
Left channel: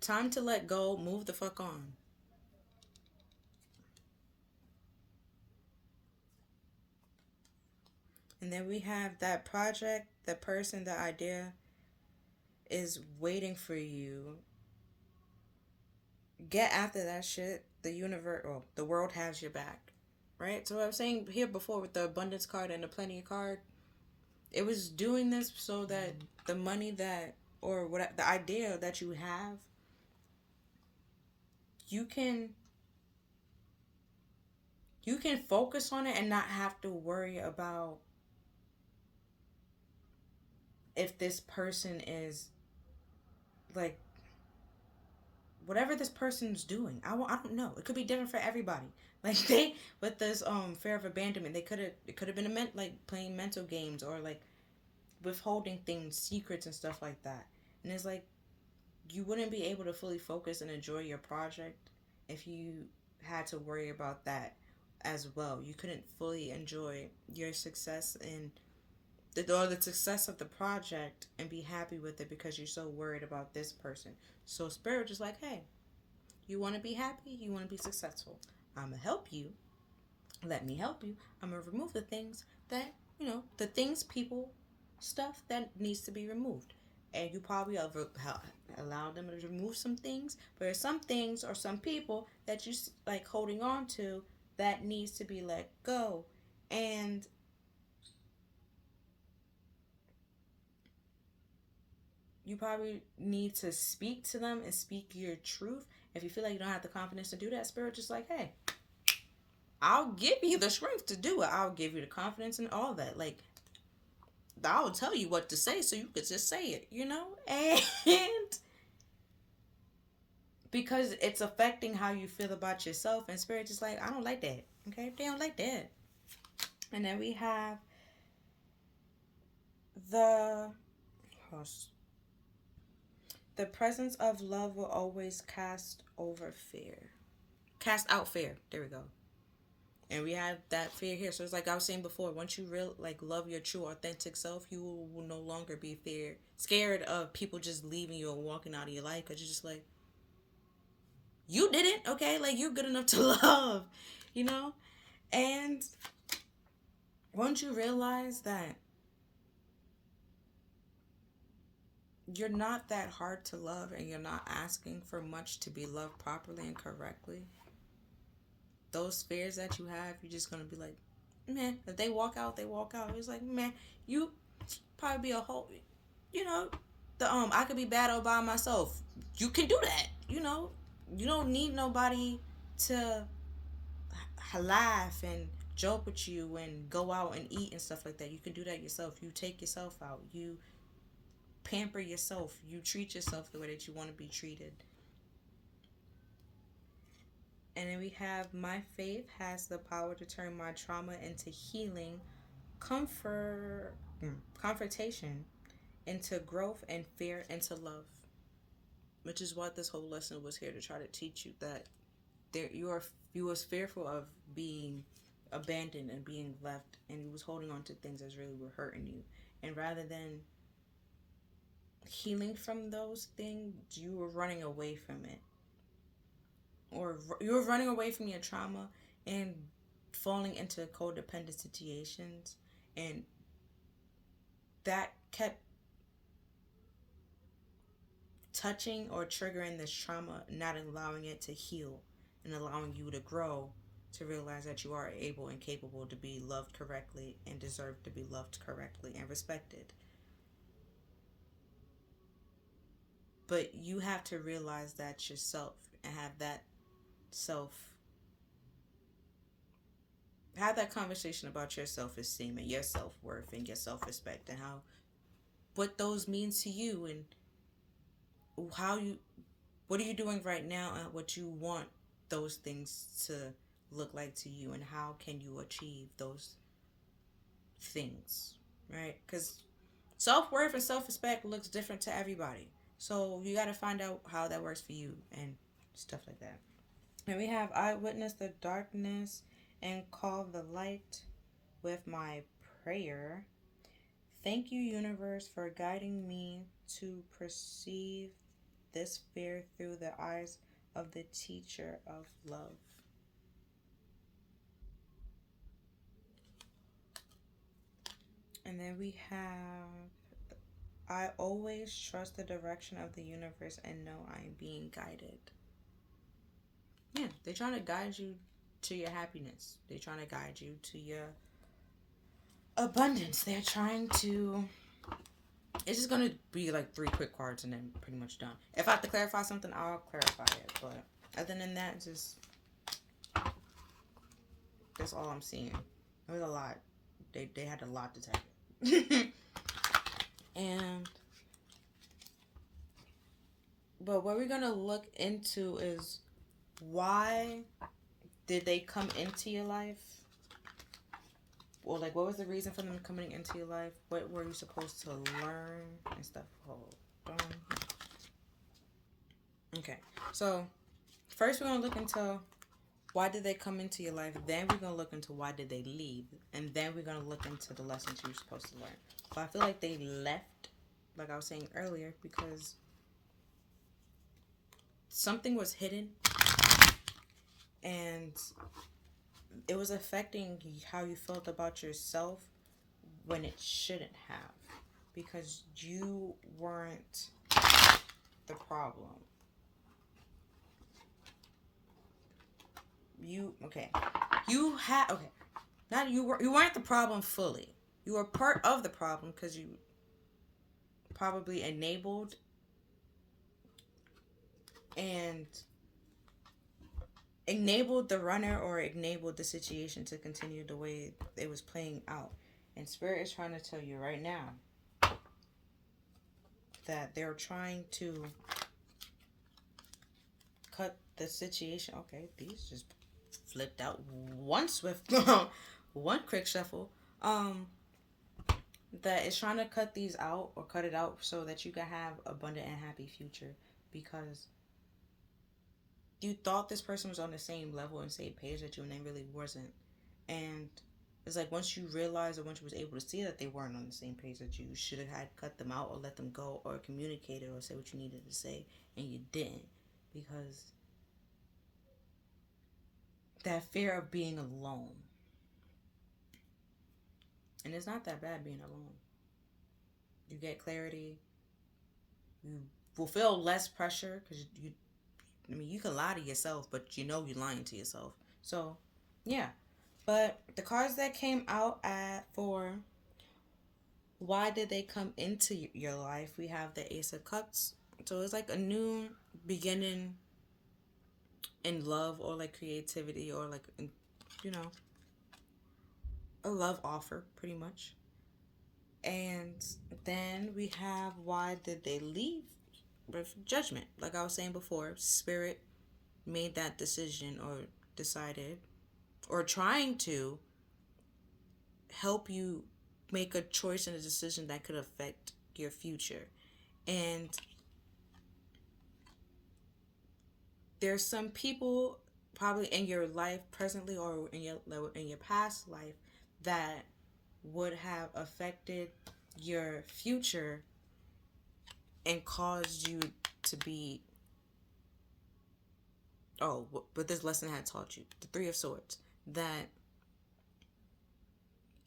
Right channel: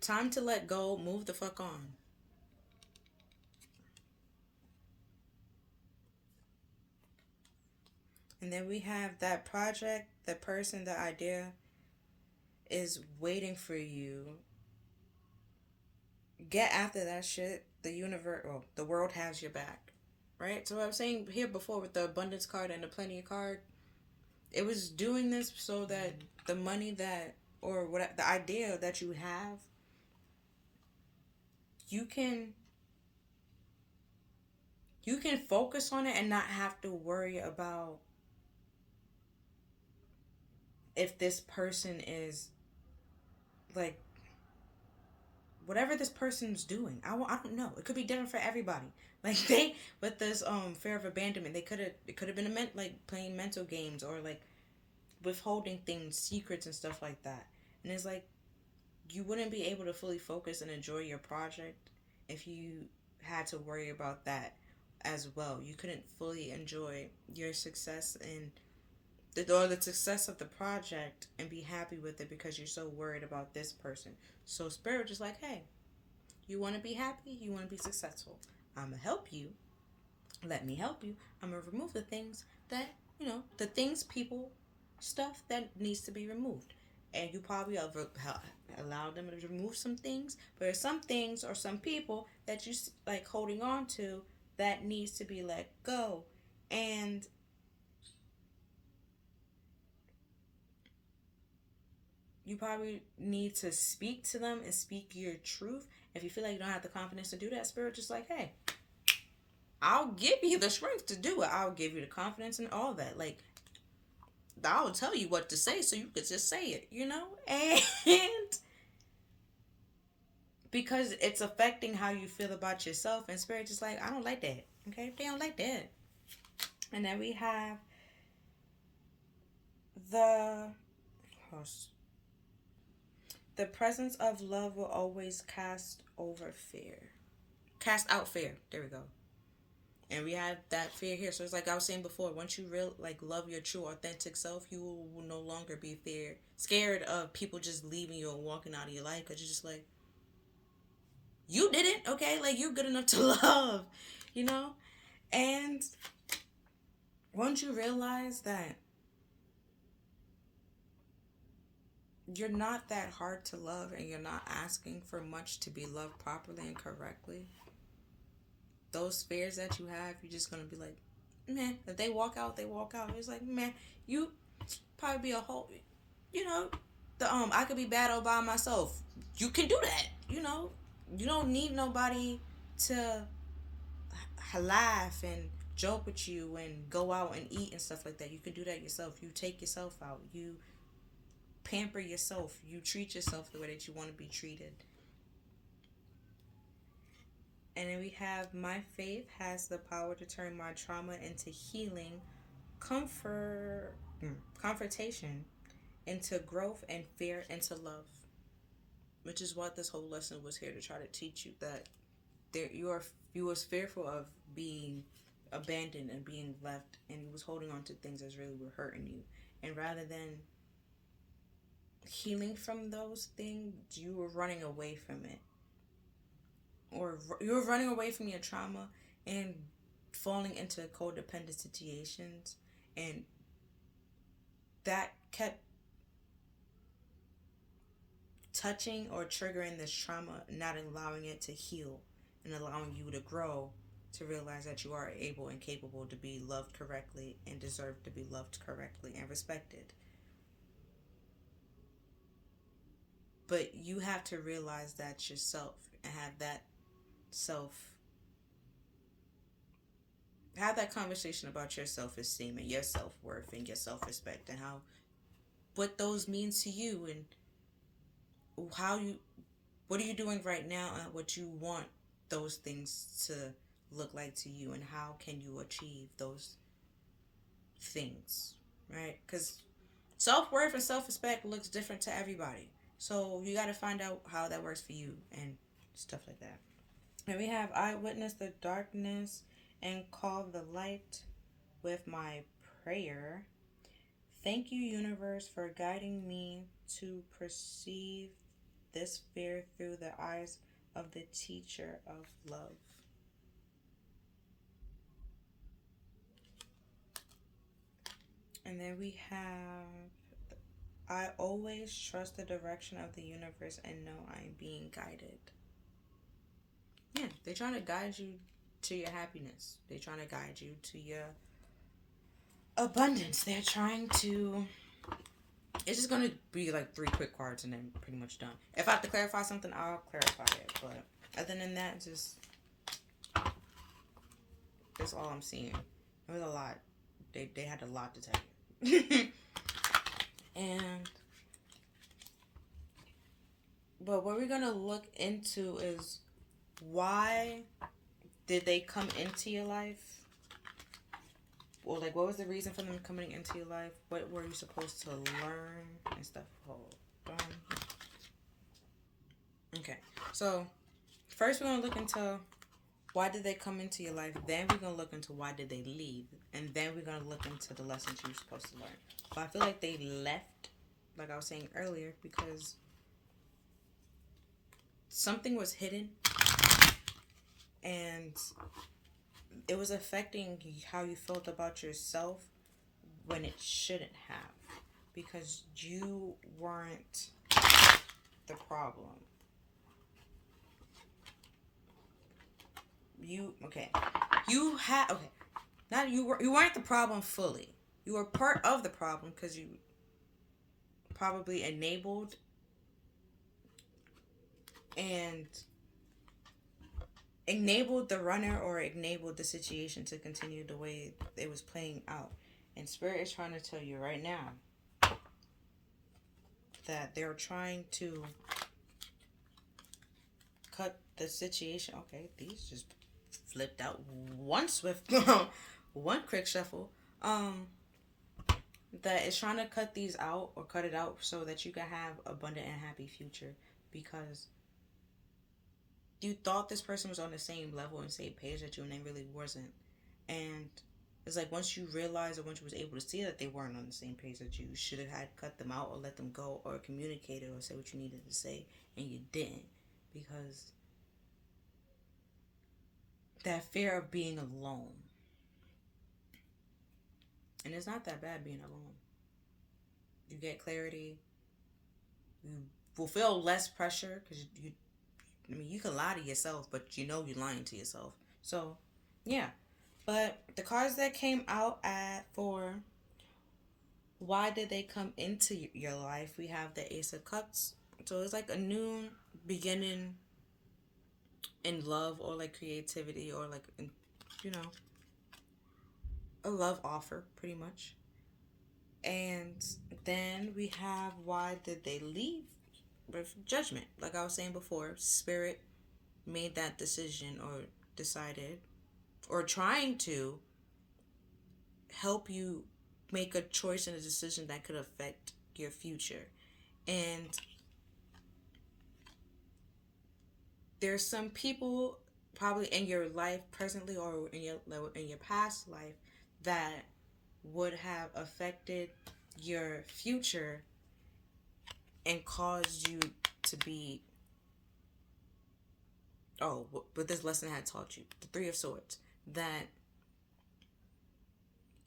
time to let go, move the fuck on. And then we have that project, the person, the idea is waiting for you. Get after that shit. The universe, or the world has your back. Right? So what I was saying here before with the abundance card and the plenty card, it was doing this so that the money that, or what the idea that you have, you can focus on it and not have to worry about if this person is like whatever this person's doing. I don't know. It could be different for everybody. Like they with this fear of abandonment, it could have been like playing mental games or like withholding things, secrets and stuff like that. And it's like you wouldn't be able to fully focus and enjoy your project if you had to worry about that as well. You couldn't fully enjoy your success and the success of the project and be happy with it because you're so worried about this person. So spirit is like, hey, you want to be happy, you want to be successful, I'm gonna help you, let me help you. I'm gonna remove the things that the things, people, stuff that needs to be removed. And you probably allow them to remove some things, but there's some things or some people that you like holding on to that needs to be let go. And you probably need to speak to them and speak your truth. If you feel like you don't have the confidence to do that, spirit just like, hey, I'll give you the strength to do it. I'll give you the confidence and all that. Like, I'll tell you what to say so you could just say it, And because it's affecting how you feel about yourself, and spirit just like, I don't like that. Okay? They don't like that. And then we have the presence of love will always cast out fear. There we go. And we have that fear here. So it's like I was saying before, once you love your true authentic self, you will no longer be scared of people just leaving you and walking out of your life, because you're just like, You didn't, okay? Like, you're good enough to love, you know? And once you realize that you're not that hard to love and you're not asking for much to be loved properly and correctly, those fears that you have, you're just gonna be like, man, if they walk out, they walk out. It's like, man, you probably be a whole, you know, I could be bad all by myself. You can do that, you know. You don't need nobody to laugh and joke with you and go out and eat and stuff like that. You can do that yourself. You take yourself out. You pamper yourself. You treat yourself the way that you want to be treated. And then we have my faith has the power to turn my trauma into healing, comfort, confrontation into growth, and fear into love. Which is what this whole lesson was here to try to teach you, that you was fearful of being abandoned and being left, and you was holding on to things that really were hurting you. And rather than healing from those things, you were running away from it, or you were running away from your trauma and falling into codependent situations, and that kept touching or triggering this trauma, not allowing it to heal and allowing you to grow, to realize that you are able and capable to be loved correctly and deserve to be loved correctly and respected. But you have to realize that yourself and self have that conversation about your self-esteem and your self-worth and your self-respect, and how what those mean to you, and how you what are you doing right now, and what you want those things to look like to you, and how can you achieve those things, right? Because self-worth and self-respect looks different to everybody, so you got to find out how that works for you and stuff like that. And we have, I witness the darkness and call the light with my prayer. Thank you, universe, for guiding me to perceive this fear through the eyes of the teacher of love. And then we have, I always trust the direction of the universe and know I am being guided. Yeah, they're trying to guide you to your happiness. They're trying to guide you to your abundance. They're trying to. It's just gonna be like 3 quick cards and then pretty much done. If I have to clarify something, I'll clarify it. But other than that, just that's all I'm seeing. It was a lot. They had a lot to tell you. And but what we're gonna look into is, why did they come into your life? Well, like, what was the reason for them coming into your life? What were you supposed to learn and stuff? Hold on. Okay, so first we're gonna look into why did they come into your life. Then we're gonna look into why did they leave, and then we're gonna look into the lessons you're supposed to learn. But I feel like they left, like I was saying earlier, because something was hidden, and it was affecting how you felt about yourself when it shouldn't have, because you weren't the problem. You had, okay, not you weren't the problem fully. You were part of the problem because you probably and enabled the runner, or enabled the situation to continue the way it was playing out. And Spirit is trying to tell you right now that they're trying to cut the situation. Okay, these just flipped out one swift, one quick shuffle. That is trying to cut these out, or cut it out, so that you can have abundant and happy future, because you thought this person was on the same level and same page that you, and they really wasn't. And it's like, once you realize, or once you was able to see that they weren't on the same page that you should have had cut them out, or let them go, or communicated, or say what you needed to say, and you didn't, because that fear of being alone. And it's not that bad being alone. You get clarity. You will feel less pressure because I mean, you can lie to yourself, but you know you're lying to yourself. So, yeah. But the cards that came out at for why did they come into your life? We have the Ace of Cups. So it's like a new beginning in love or like creativity or like, you know, a love offer pretty much. And then we have why did they leave? With judgment. Like I was saying before, spirit made that decision or decided or trying to help you make a choice and a decision that could affect your future. And there's some people probably in your life presently or in your past life that would have affected your future and caused you to be what this lesson had taught you, the Three of Swords, that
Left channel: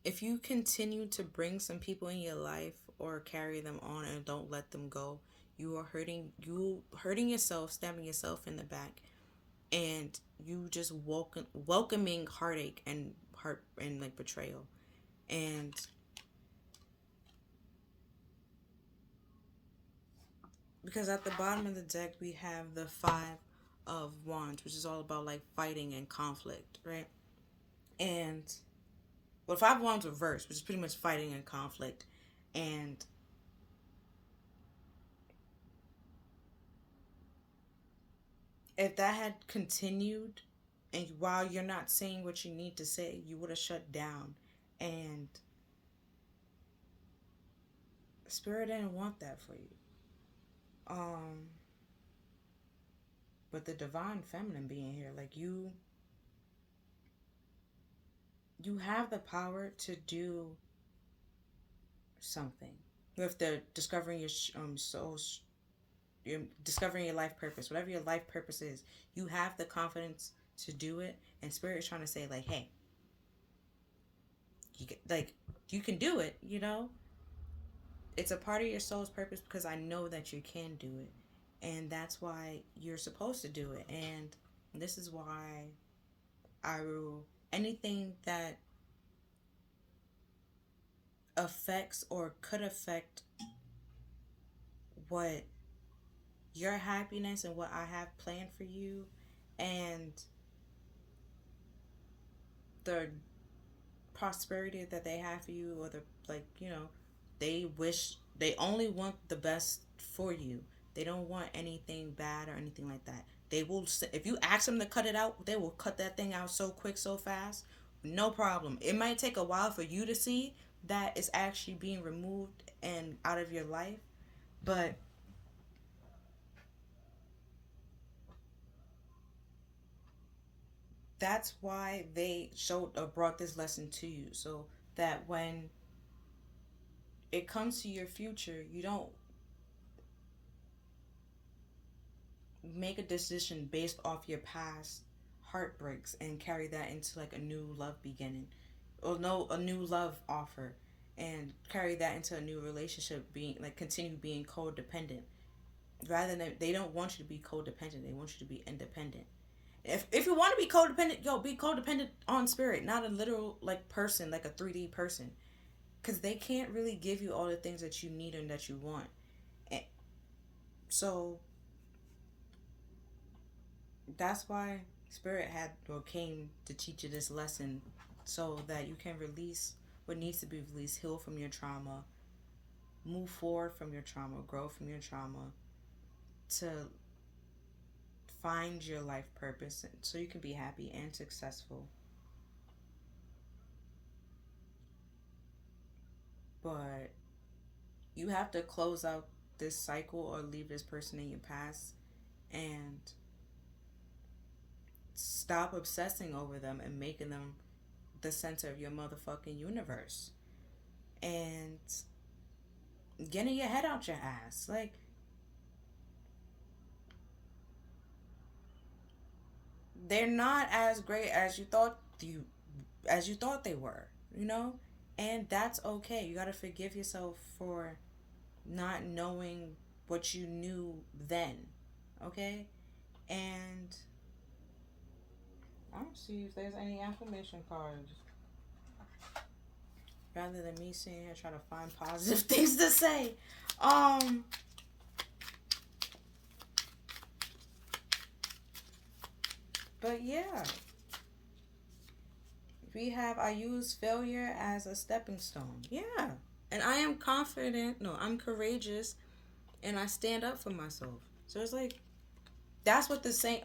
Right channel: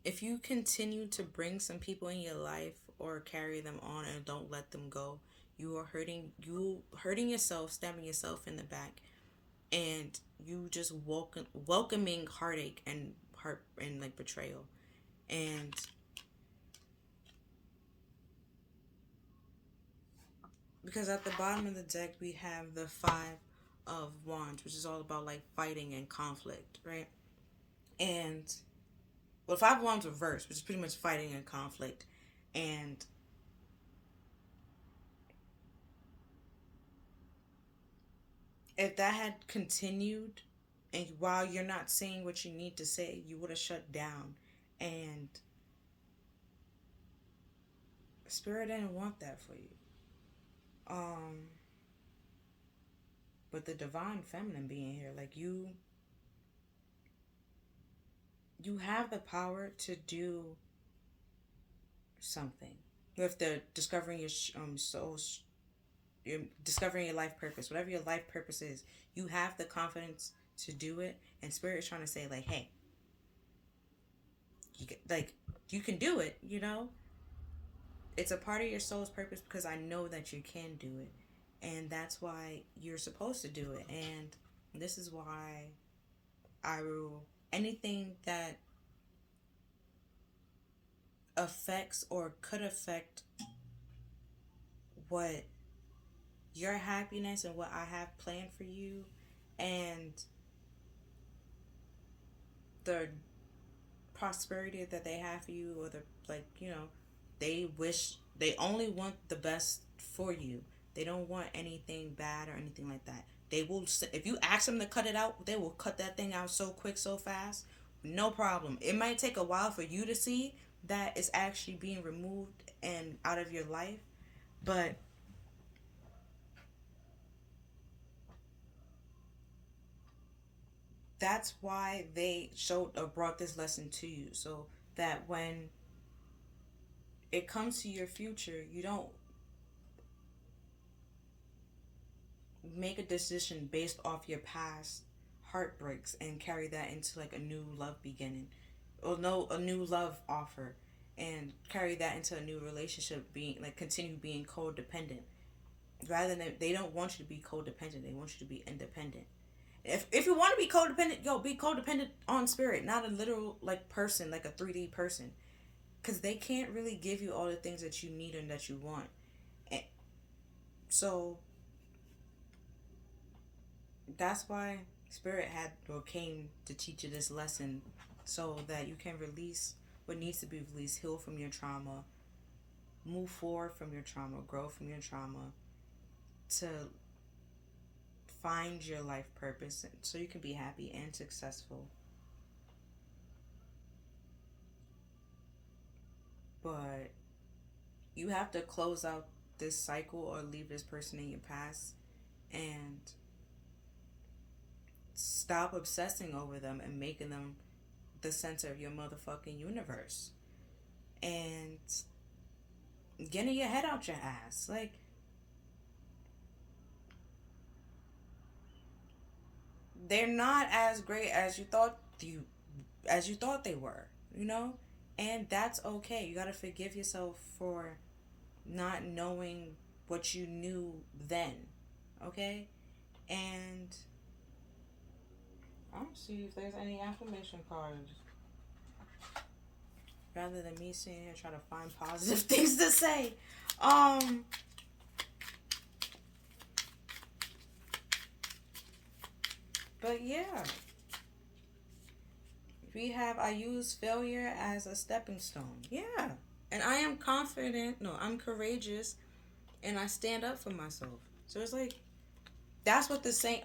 if you continue to bring some people in your life or carry them on and don't let them go, you are hurting yourself, stabbing yourself in the back, and you just welcoming heartache and heart and like betrayal. And because at the bottom of the deck we have the Five of Wands, which is all about like fighting and conflict, right? And well, Five of Wands reversed, which is pretty much fighting and conflict. And if that had continued, and while you're not saying what you need to say, you would have shut down. And Spirit didn't want that for you. But the divine feminine being here, like you have the power to do something. With the discovering your soul's, you're discovering your life purpose, whatever your life purpose is, you have the confidence to do it. And Spirit is trying to say, like, hey, you can do it. You know, it's a part of your soul's purpose because I know that you can do it, and that's why you're supposed to do it. And this is why I rule anything that affects or could affect what your happiness and what I have planned for you, and the prosperity that they have for you, or the, like, you know, they only want the best for you. They don't want anything bad or anything like that. They will, if you ask them to cut it out, they will cut that thing out so quick, so fast, no problem. It might take a while for you to see that it's actually being removed and out of your life, but that's why they showed or brought this lesson to you, so that when it comes to your future, you don't make a decision based off your past heartbreaks and carry that into like a new love beginning, or no, a new love offer, and carry that into a new relationship, being like continue being codependent. Rather than, they don't want you to be codependent, they want you to be independent. If you want to be codependent, yo, be codependent on Spirit, not a literal like person, like a 3D person, because they can't really give you all the things that you need and that you want. And so that's why Spirit had or came to teach you this lesson, so that you can release what needs to be released, heal from your trauma, move forward from your trauma, grow from your trauma, to find your life purpose, so you can be happy and successful. But you have to close out this cycle or leave this person in your past and stop obsessing over them and making them the center of your motherfucking universe, and getting your head out your ass. Like, they're not as great as you thought they were, you know? And that's okay. You got to forgive yourself for not knowing what you knew then, okay? And I'll see if there's any affirmation cards. Rather than me sitting here trying to find positive things to say. But yeah. I use failure as a stepping stone. Yeah. And I am confident. No, I'm courageous and I stand up for myself. So it's like that's what the say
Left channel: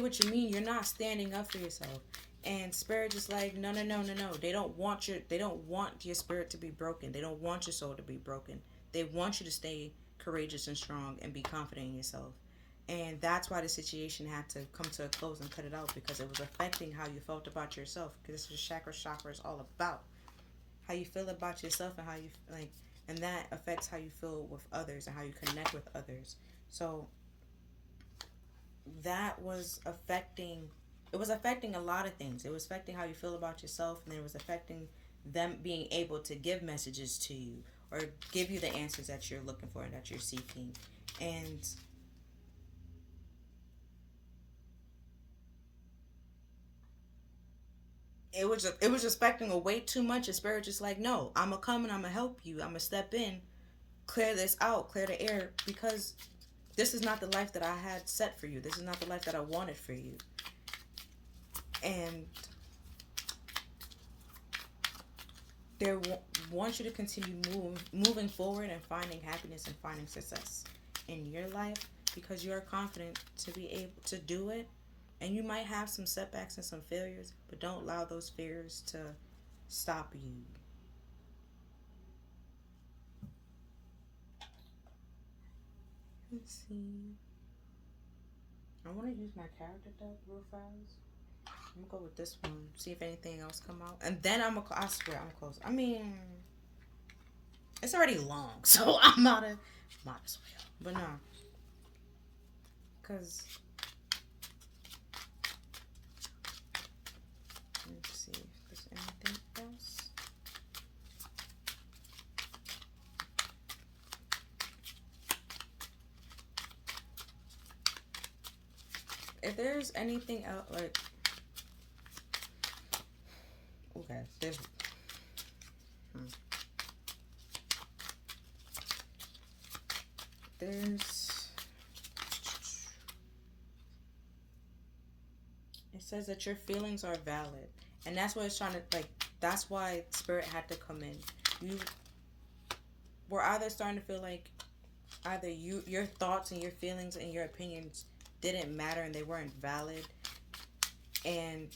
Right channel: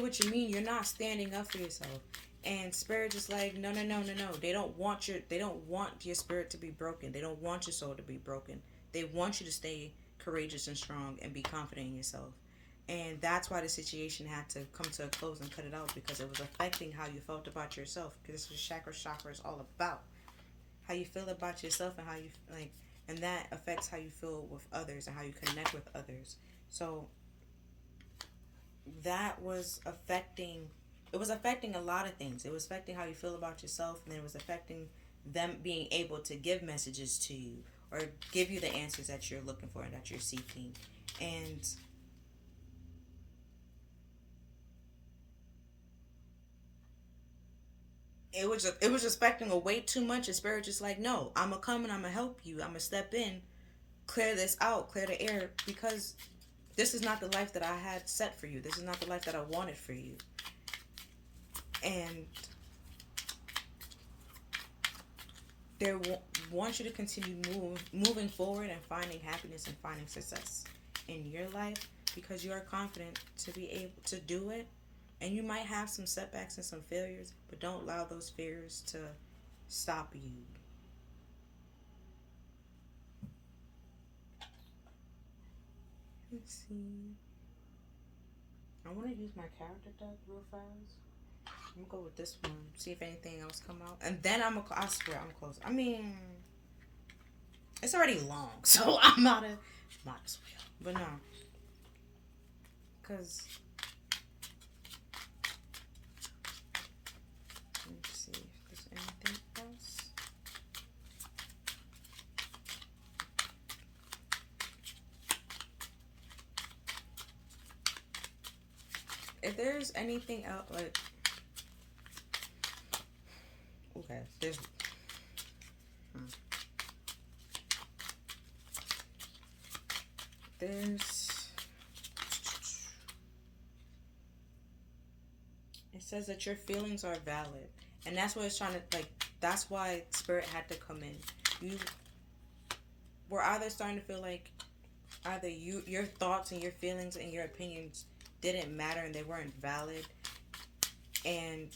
what you mean. You're not standing up for yourself. And spirit is like, no, no, no, no, no. They don't want your spirit to be broken. They don't want your soul to be broken. They want you to stay courageous and strong and be confident in yourself. And that's why the situation had to come to a close and cut it out, because it was affecting how you felt about yourself. Because this is chakra is all about how you feel about yourself and how you like, and that affects how you feel with others and how you connect with others. So that was affecting. It was affecting a lot of things. It was affecting how you feel about yourself, and it was affecting them being able to give messages to you or give you the answers that you're looking for and that you're seeking. And it was expecting a way too much. And spirit just like, no, I'm gonna come and I'm gonna help you. I'm gonna step in, clear this out, clear the air, because this is not the life that I had set for you. This is not the life that I wanted for you. And they want you to continue moving forward and finding happiness and finding success in your life, because you're confident to be able to do it. And you might have some setbacks and some failures, but don't allow those fears to stop you. Let's see. I want to use my character deck real fast. I'm gonna go with this one. See if anything else come out, and then I swear I'm close. I mean, it's already long, so I'm out of might but no, because let's see if there's anything else. If there's anything else, like, okay, there's it says that your feelings are valid, and that's what it's trying to like. That's why spirit had to come in. You were either starting to feel like either your thoughts and your feelings and your opinions didn't matter and they weren't valid, and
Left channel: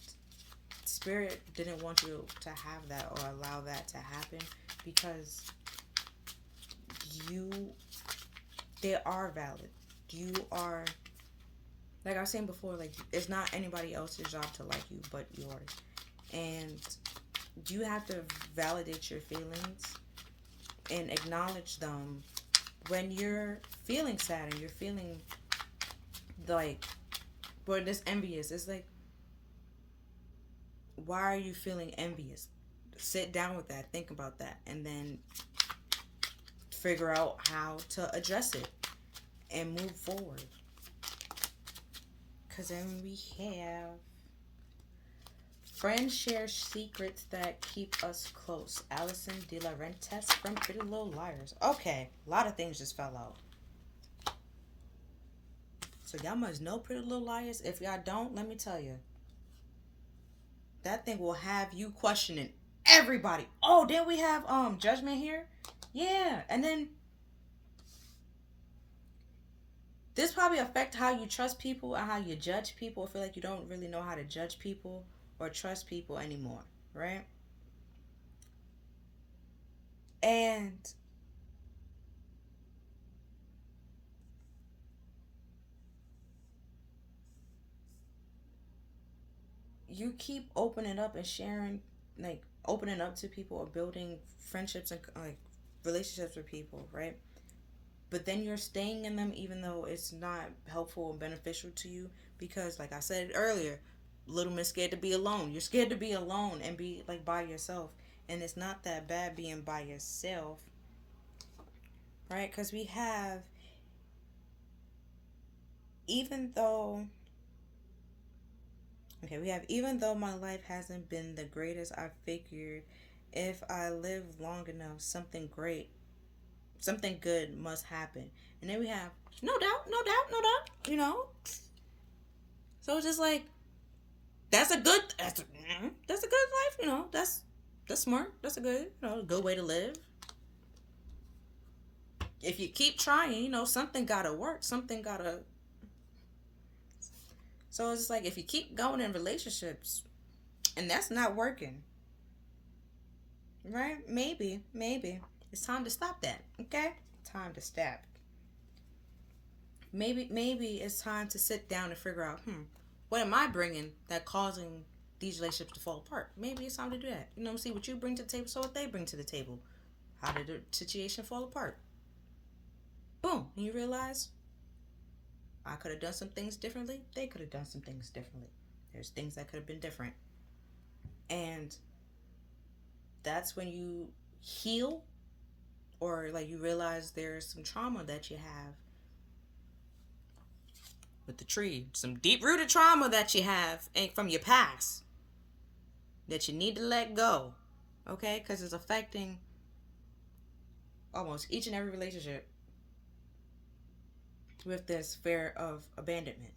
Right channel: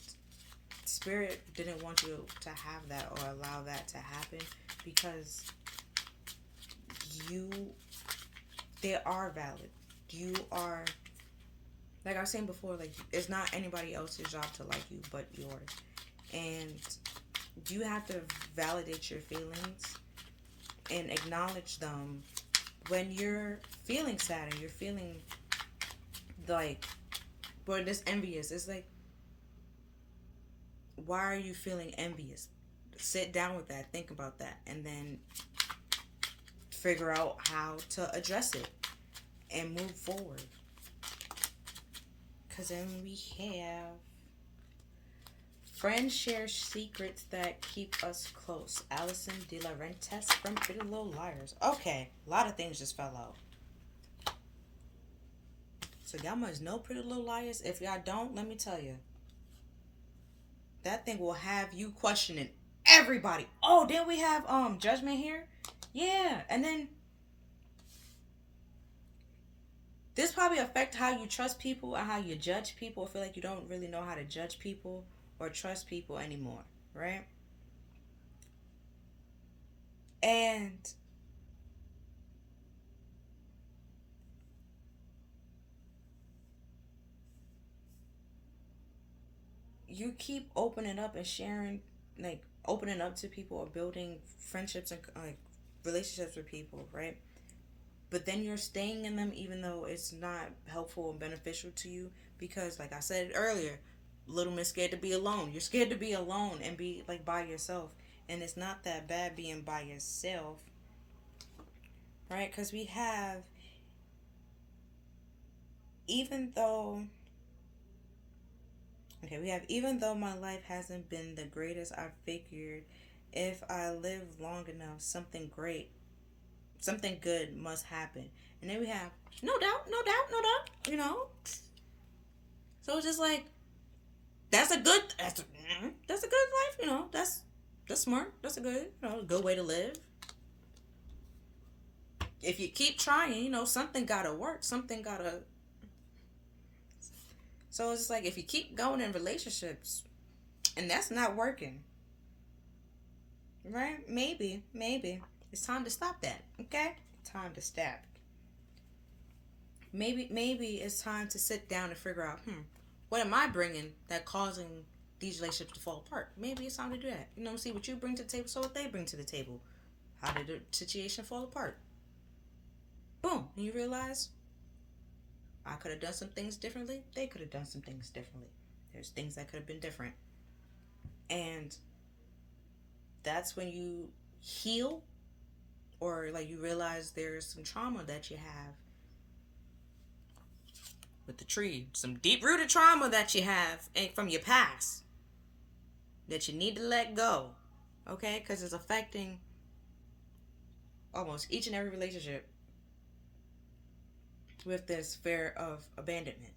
spirit didn't want you to have that or allow that to happen, because they are valid. You are, like I was saying before, like, it's not anybody else's job to like you but yours. And you have to validate your feelings and acknowledge them when you're feeling sad and you're feeling like, well, this envious. It's like, why are you feeling envious? Sit down with that, think about that, and then figure out how to address it and move forward. Because then we have friends share secrets that keep us close. Allison De La Rentes from Pretty Little Liars. Okay, a lot of things just fell out. So y'all must know Pretty Little Liars. If y'all don't, let me tell you, that thing will have you questioning everybody. Oh, then we have Judgment here. Yeah, and then this probably affect how you trust people and how you judge people. I feel like you don't really know how to judge people or trust people anymore, right? And you keep opening up and sharing, like opening up to people or building friendships and like relationships with people, right? But then you're staying in them even though it's not helpful and beneficial to you, Because, like I said earlier, little miss scared to be alone. You're scared to be alone and be like by yourself. And it's not that bad being by yourself, right? Because we have, even though, okay, we have, even though my life hasn't been the greatest, I figured if I live long enough, something good must happen. And then we have, no doubt, no doubt, no doubt, you know? So it's just like, that's a good life, you know. That's smart. That's a good, good way to live. If you keep trying, something gotta work. Something gotta. So it's just like if you keep going in relationships, and that's not working, right? Maybe it's time to stop that. Okay, time to stop. Maybe it's time to sit down and figure out, what am I bringing that causing these relationships to fall apart? Maybe it's time to do that. See what you bring to the table, so what they bring to the table. How did the situation fall apart? Boom, and you realize I could have done some things differently. They could have done some things differently. There's things that could have been different. And that's when you heal, or like you realize there's some trauma that you have with the tree. Some deep rooted trauma that you have from your past that you need to let go. Okay? Because it's affecting almost each and every relationship with this fear of abandonment.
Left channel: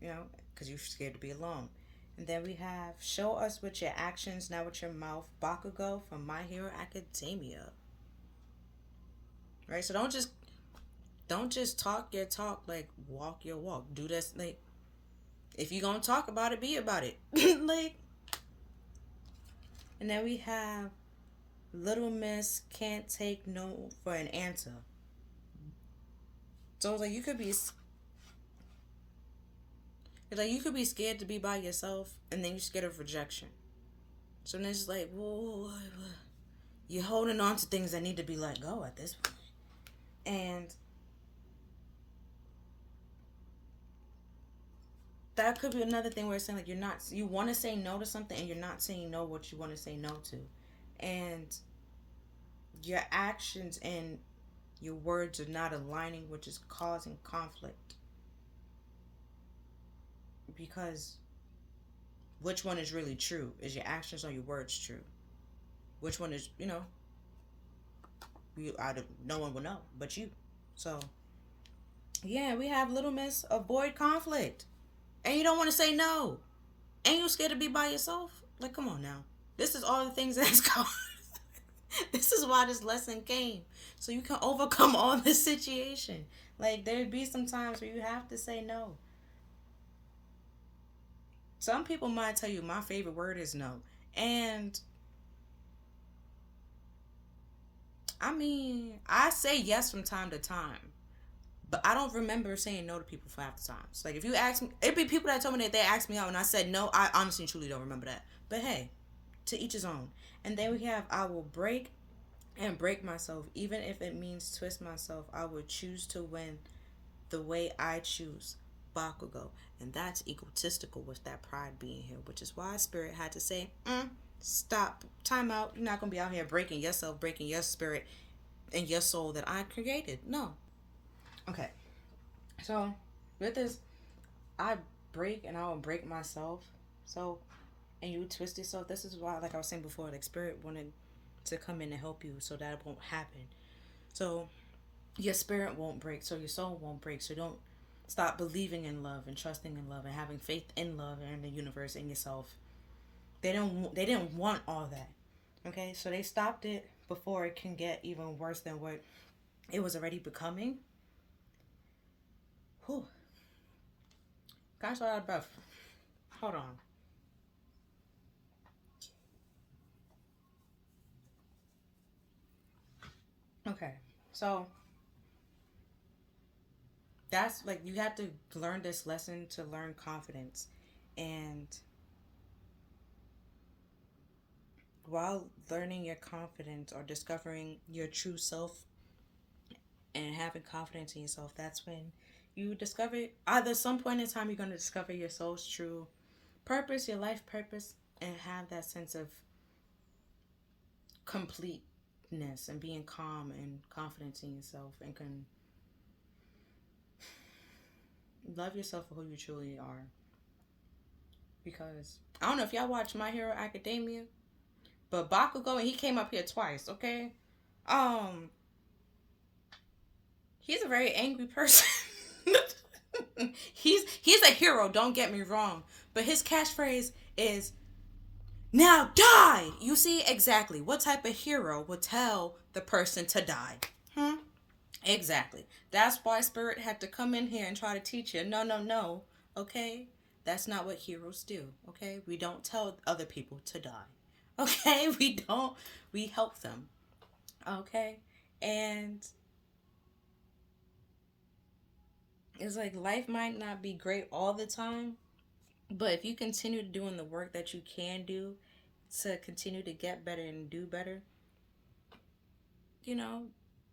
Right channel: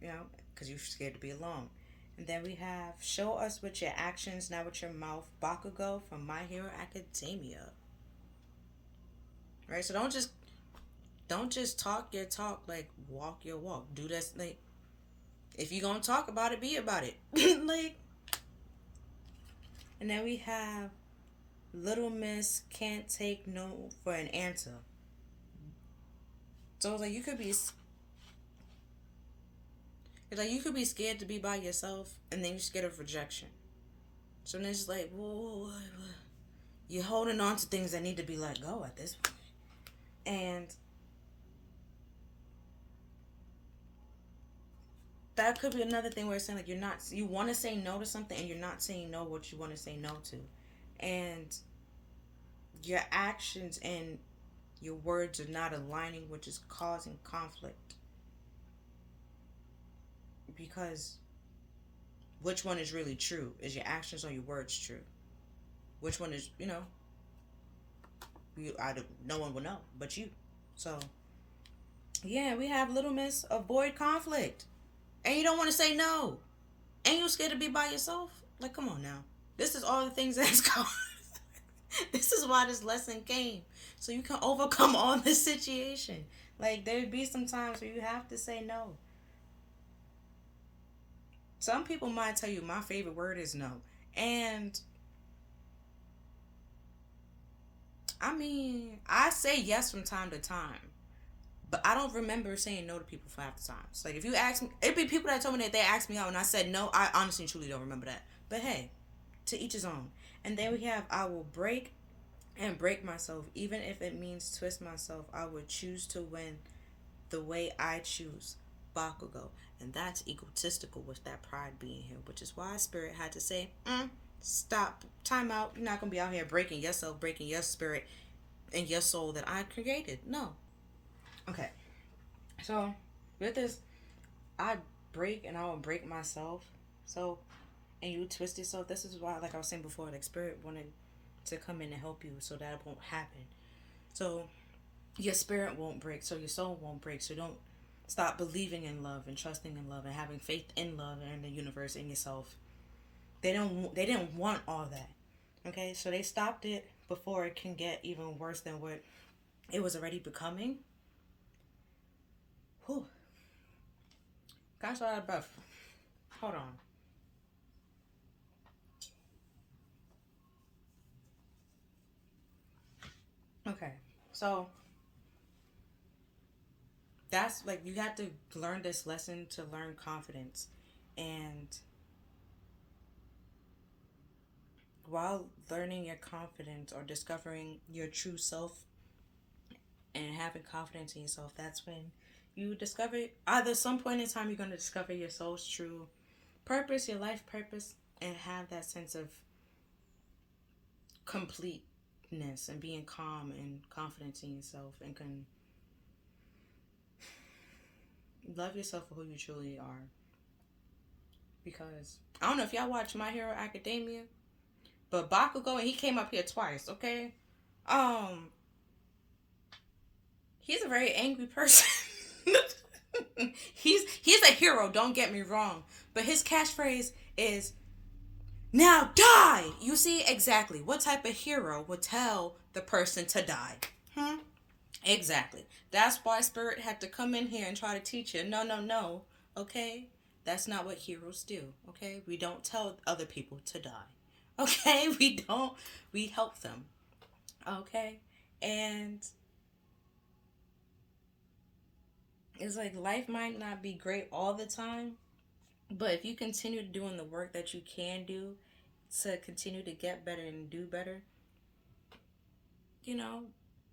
Because you're scared to be alone. And then we have show us with your actions, not with your mouth. Bakugo from My Hero Academia. Right? So don't just talk your talk, like walk your walk. Do this, like, if you're gonna talk about it, be about it. Like, and then we have Little Miss can't take no for an answer. So it's like you could be scared to be by yourself, and then you're scared of rejection. So then it's like, whoa, you're holding on to things that need to be let go at this point. And that could be another thing where it's saying like you want to say no to something and you're not saying no what you want to say no to. And your actions and your words are not aligning, which is causing conflict. Because which one is really true? Is your actions or your words true? Which one is, no one will know but you. So, yeah, we have Little Miss avoid conflict. And you don't want to say no. And you're scared to be by yourself. Like, come on now. This is all the things that's going. This is why this lesson came. So you can overcome all this situation. Like, there'd be some times where you have to say no. Some people might tell you my favorite word is no. And I mean, I say yes from time to time. But I don't remember saying no to people for half the times. Like, if you ask me, it'd be people that told me that they asked me out and I said no. I honestly truly don't remember that. But hey, to each his own. And then we have I will break and break myself. Even if it means twist myself, I will choose to win the way I choose. Bakugo. And that's egotistical with that pride being here. Which is why Spirit had to say, stop, time out. You're not going to be out here breaking yourself, breaking your spirit and your soul that I created. No. Okay, so with this, I break and I will break myself. So, and you twist it. So this is why, like I was saying before, like Spirit wanted to come in and help you so that it won't happen. So your spirit won't break, so your soul won't break. So don't stop believing in love and trusting in love and having faith in love and in the universe and yourself. They didn't want all that. Okay, so they stopped it before it can get even worse than what it was already becoming. Whew. Gosh, all out of breath. Hold on. Okay, so that's like you have to learn this lesson to learn confidence. And while learning your confidence or discovering your true self and having confidence in yourself, that's when you discover, either some point in time you're going to discover your soul's true purpose, your life purpose, and have that sense of completeness and being calm and confident in yourself, and can love yourself for who you truly are. Because I don't know if y'all watch My Hero Academia, but Bakugo, and he came up here twice, okay? Um, he's a very angry person. he's a hero, don't get me wrong. But his catchphrase is now die. You see exactly what type of hero would tell the person to die. Hmm? Exactly. That's why Spirit had to come in here and try to teach you. No, no, no. Okay? That's not what heroes do. Okay? We don't tell other people to die. Okay? We don't. We help them. Okay? And it's like life might not be great all the time, but if you continue doing the work that you can do to continue to get better and do better, you know,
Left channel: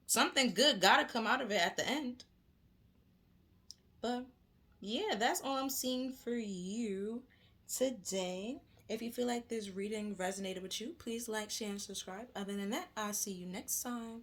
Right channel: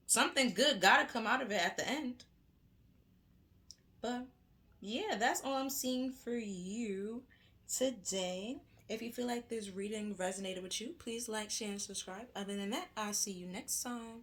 something good gotta come out of it at the end. But yeah, that's all I'm seeing for you today. If you feel like this reading resonated with you, please like, share, and subscribe. Other than that, I'll see you next time.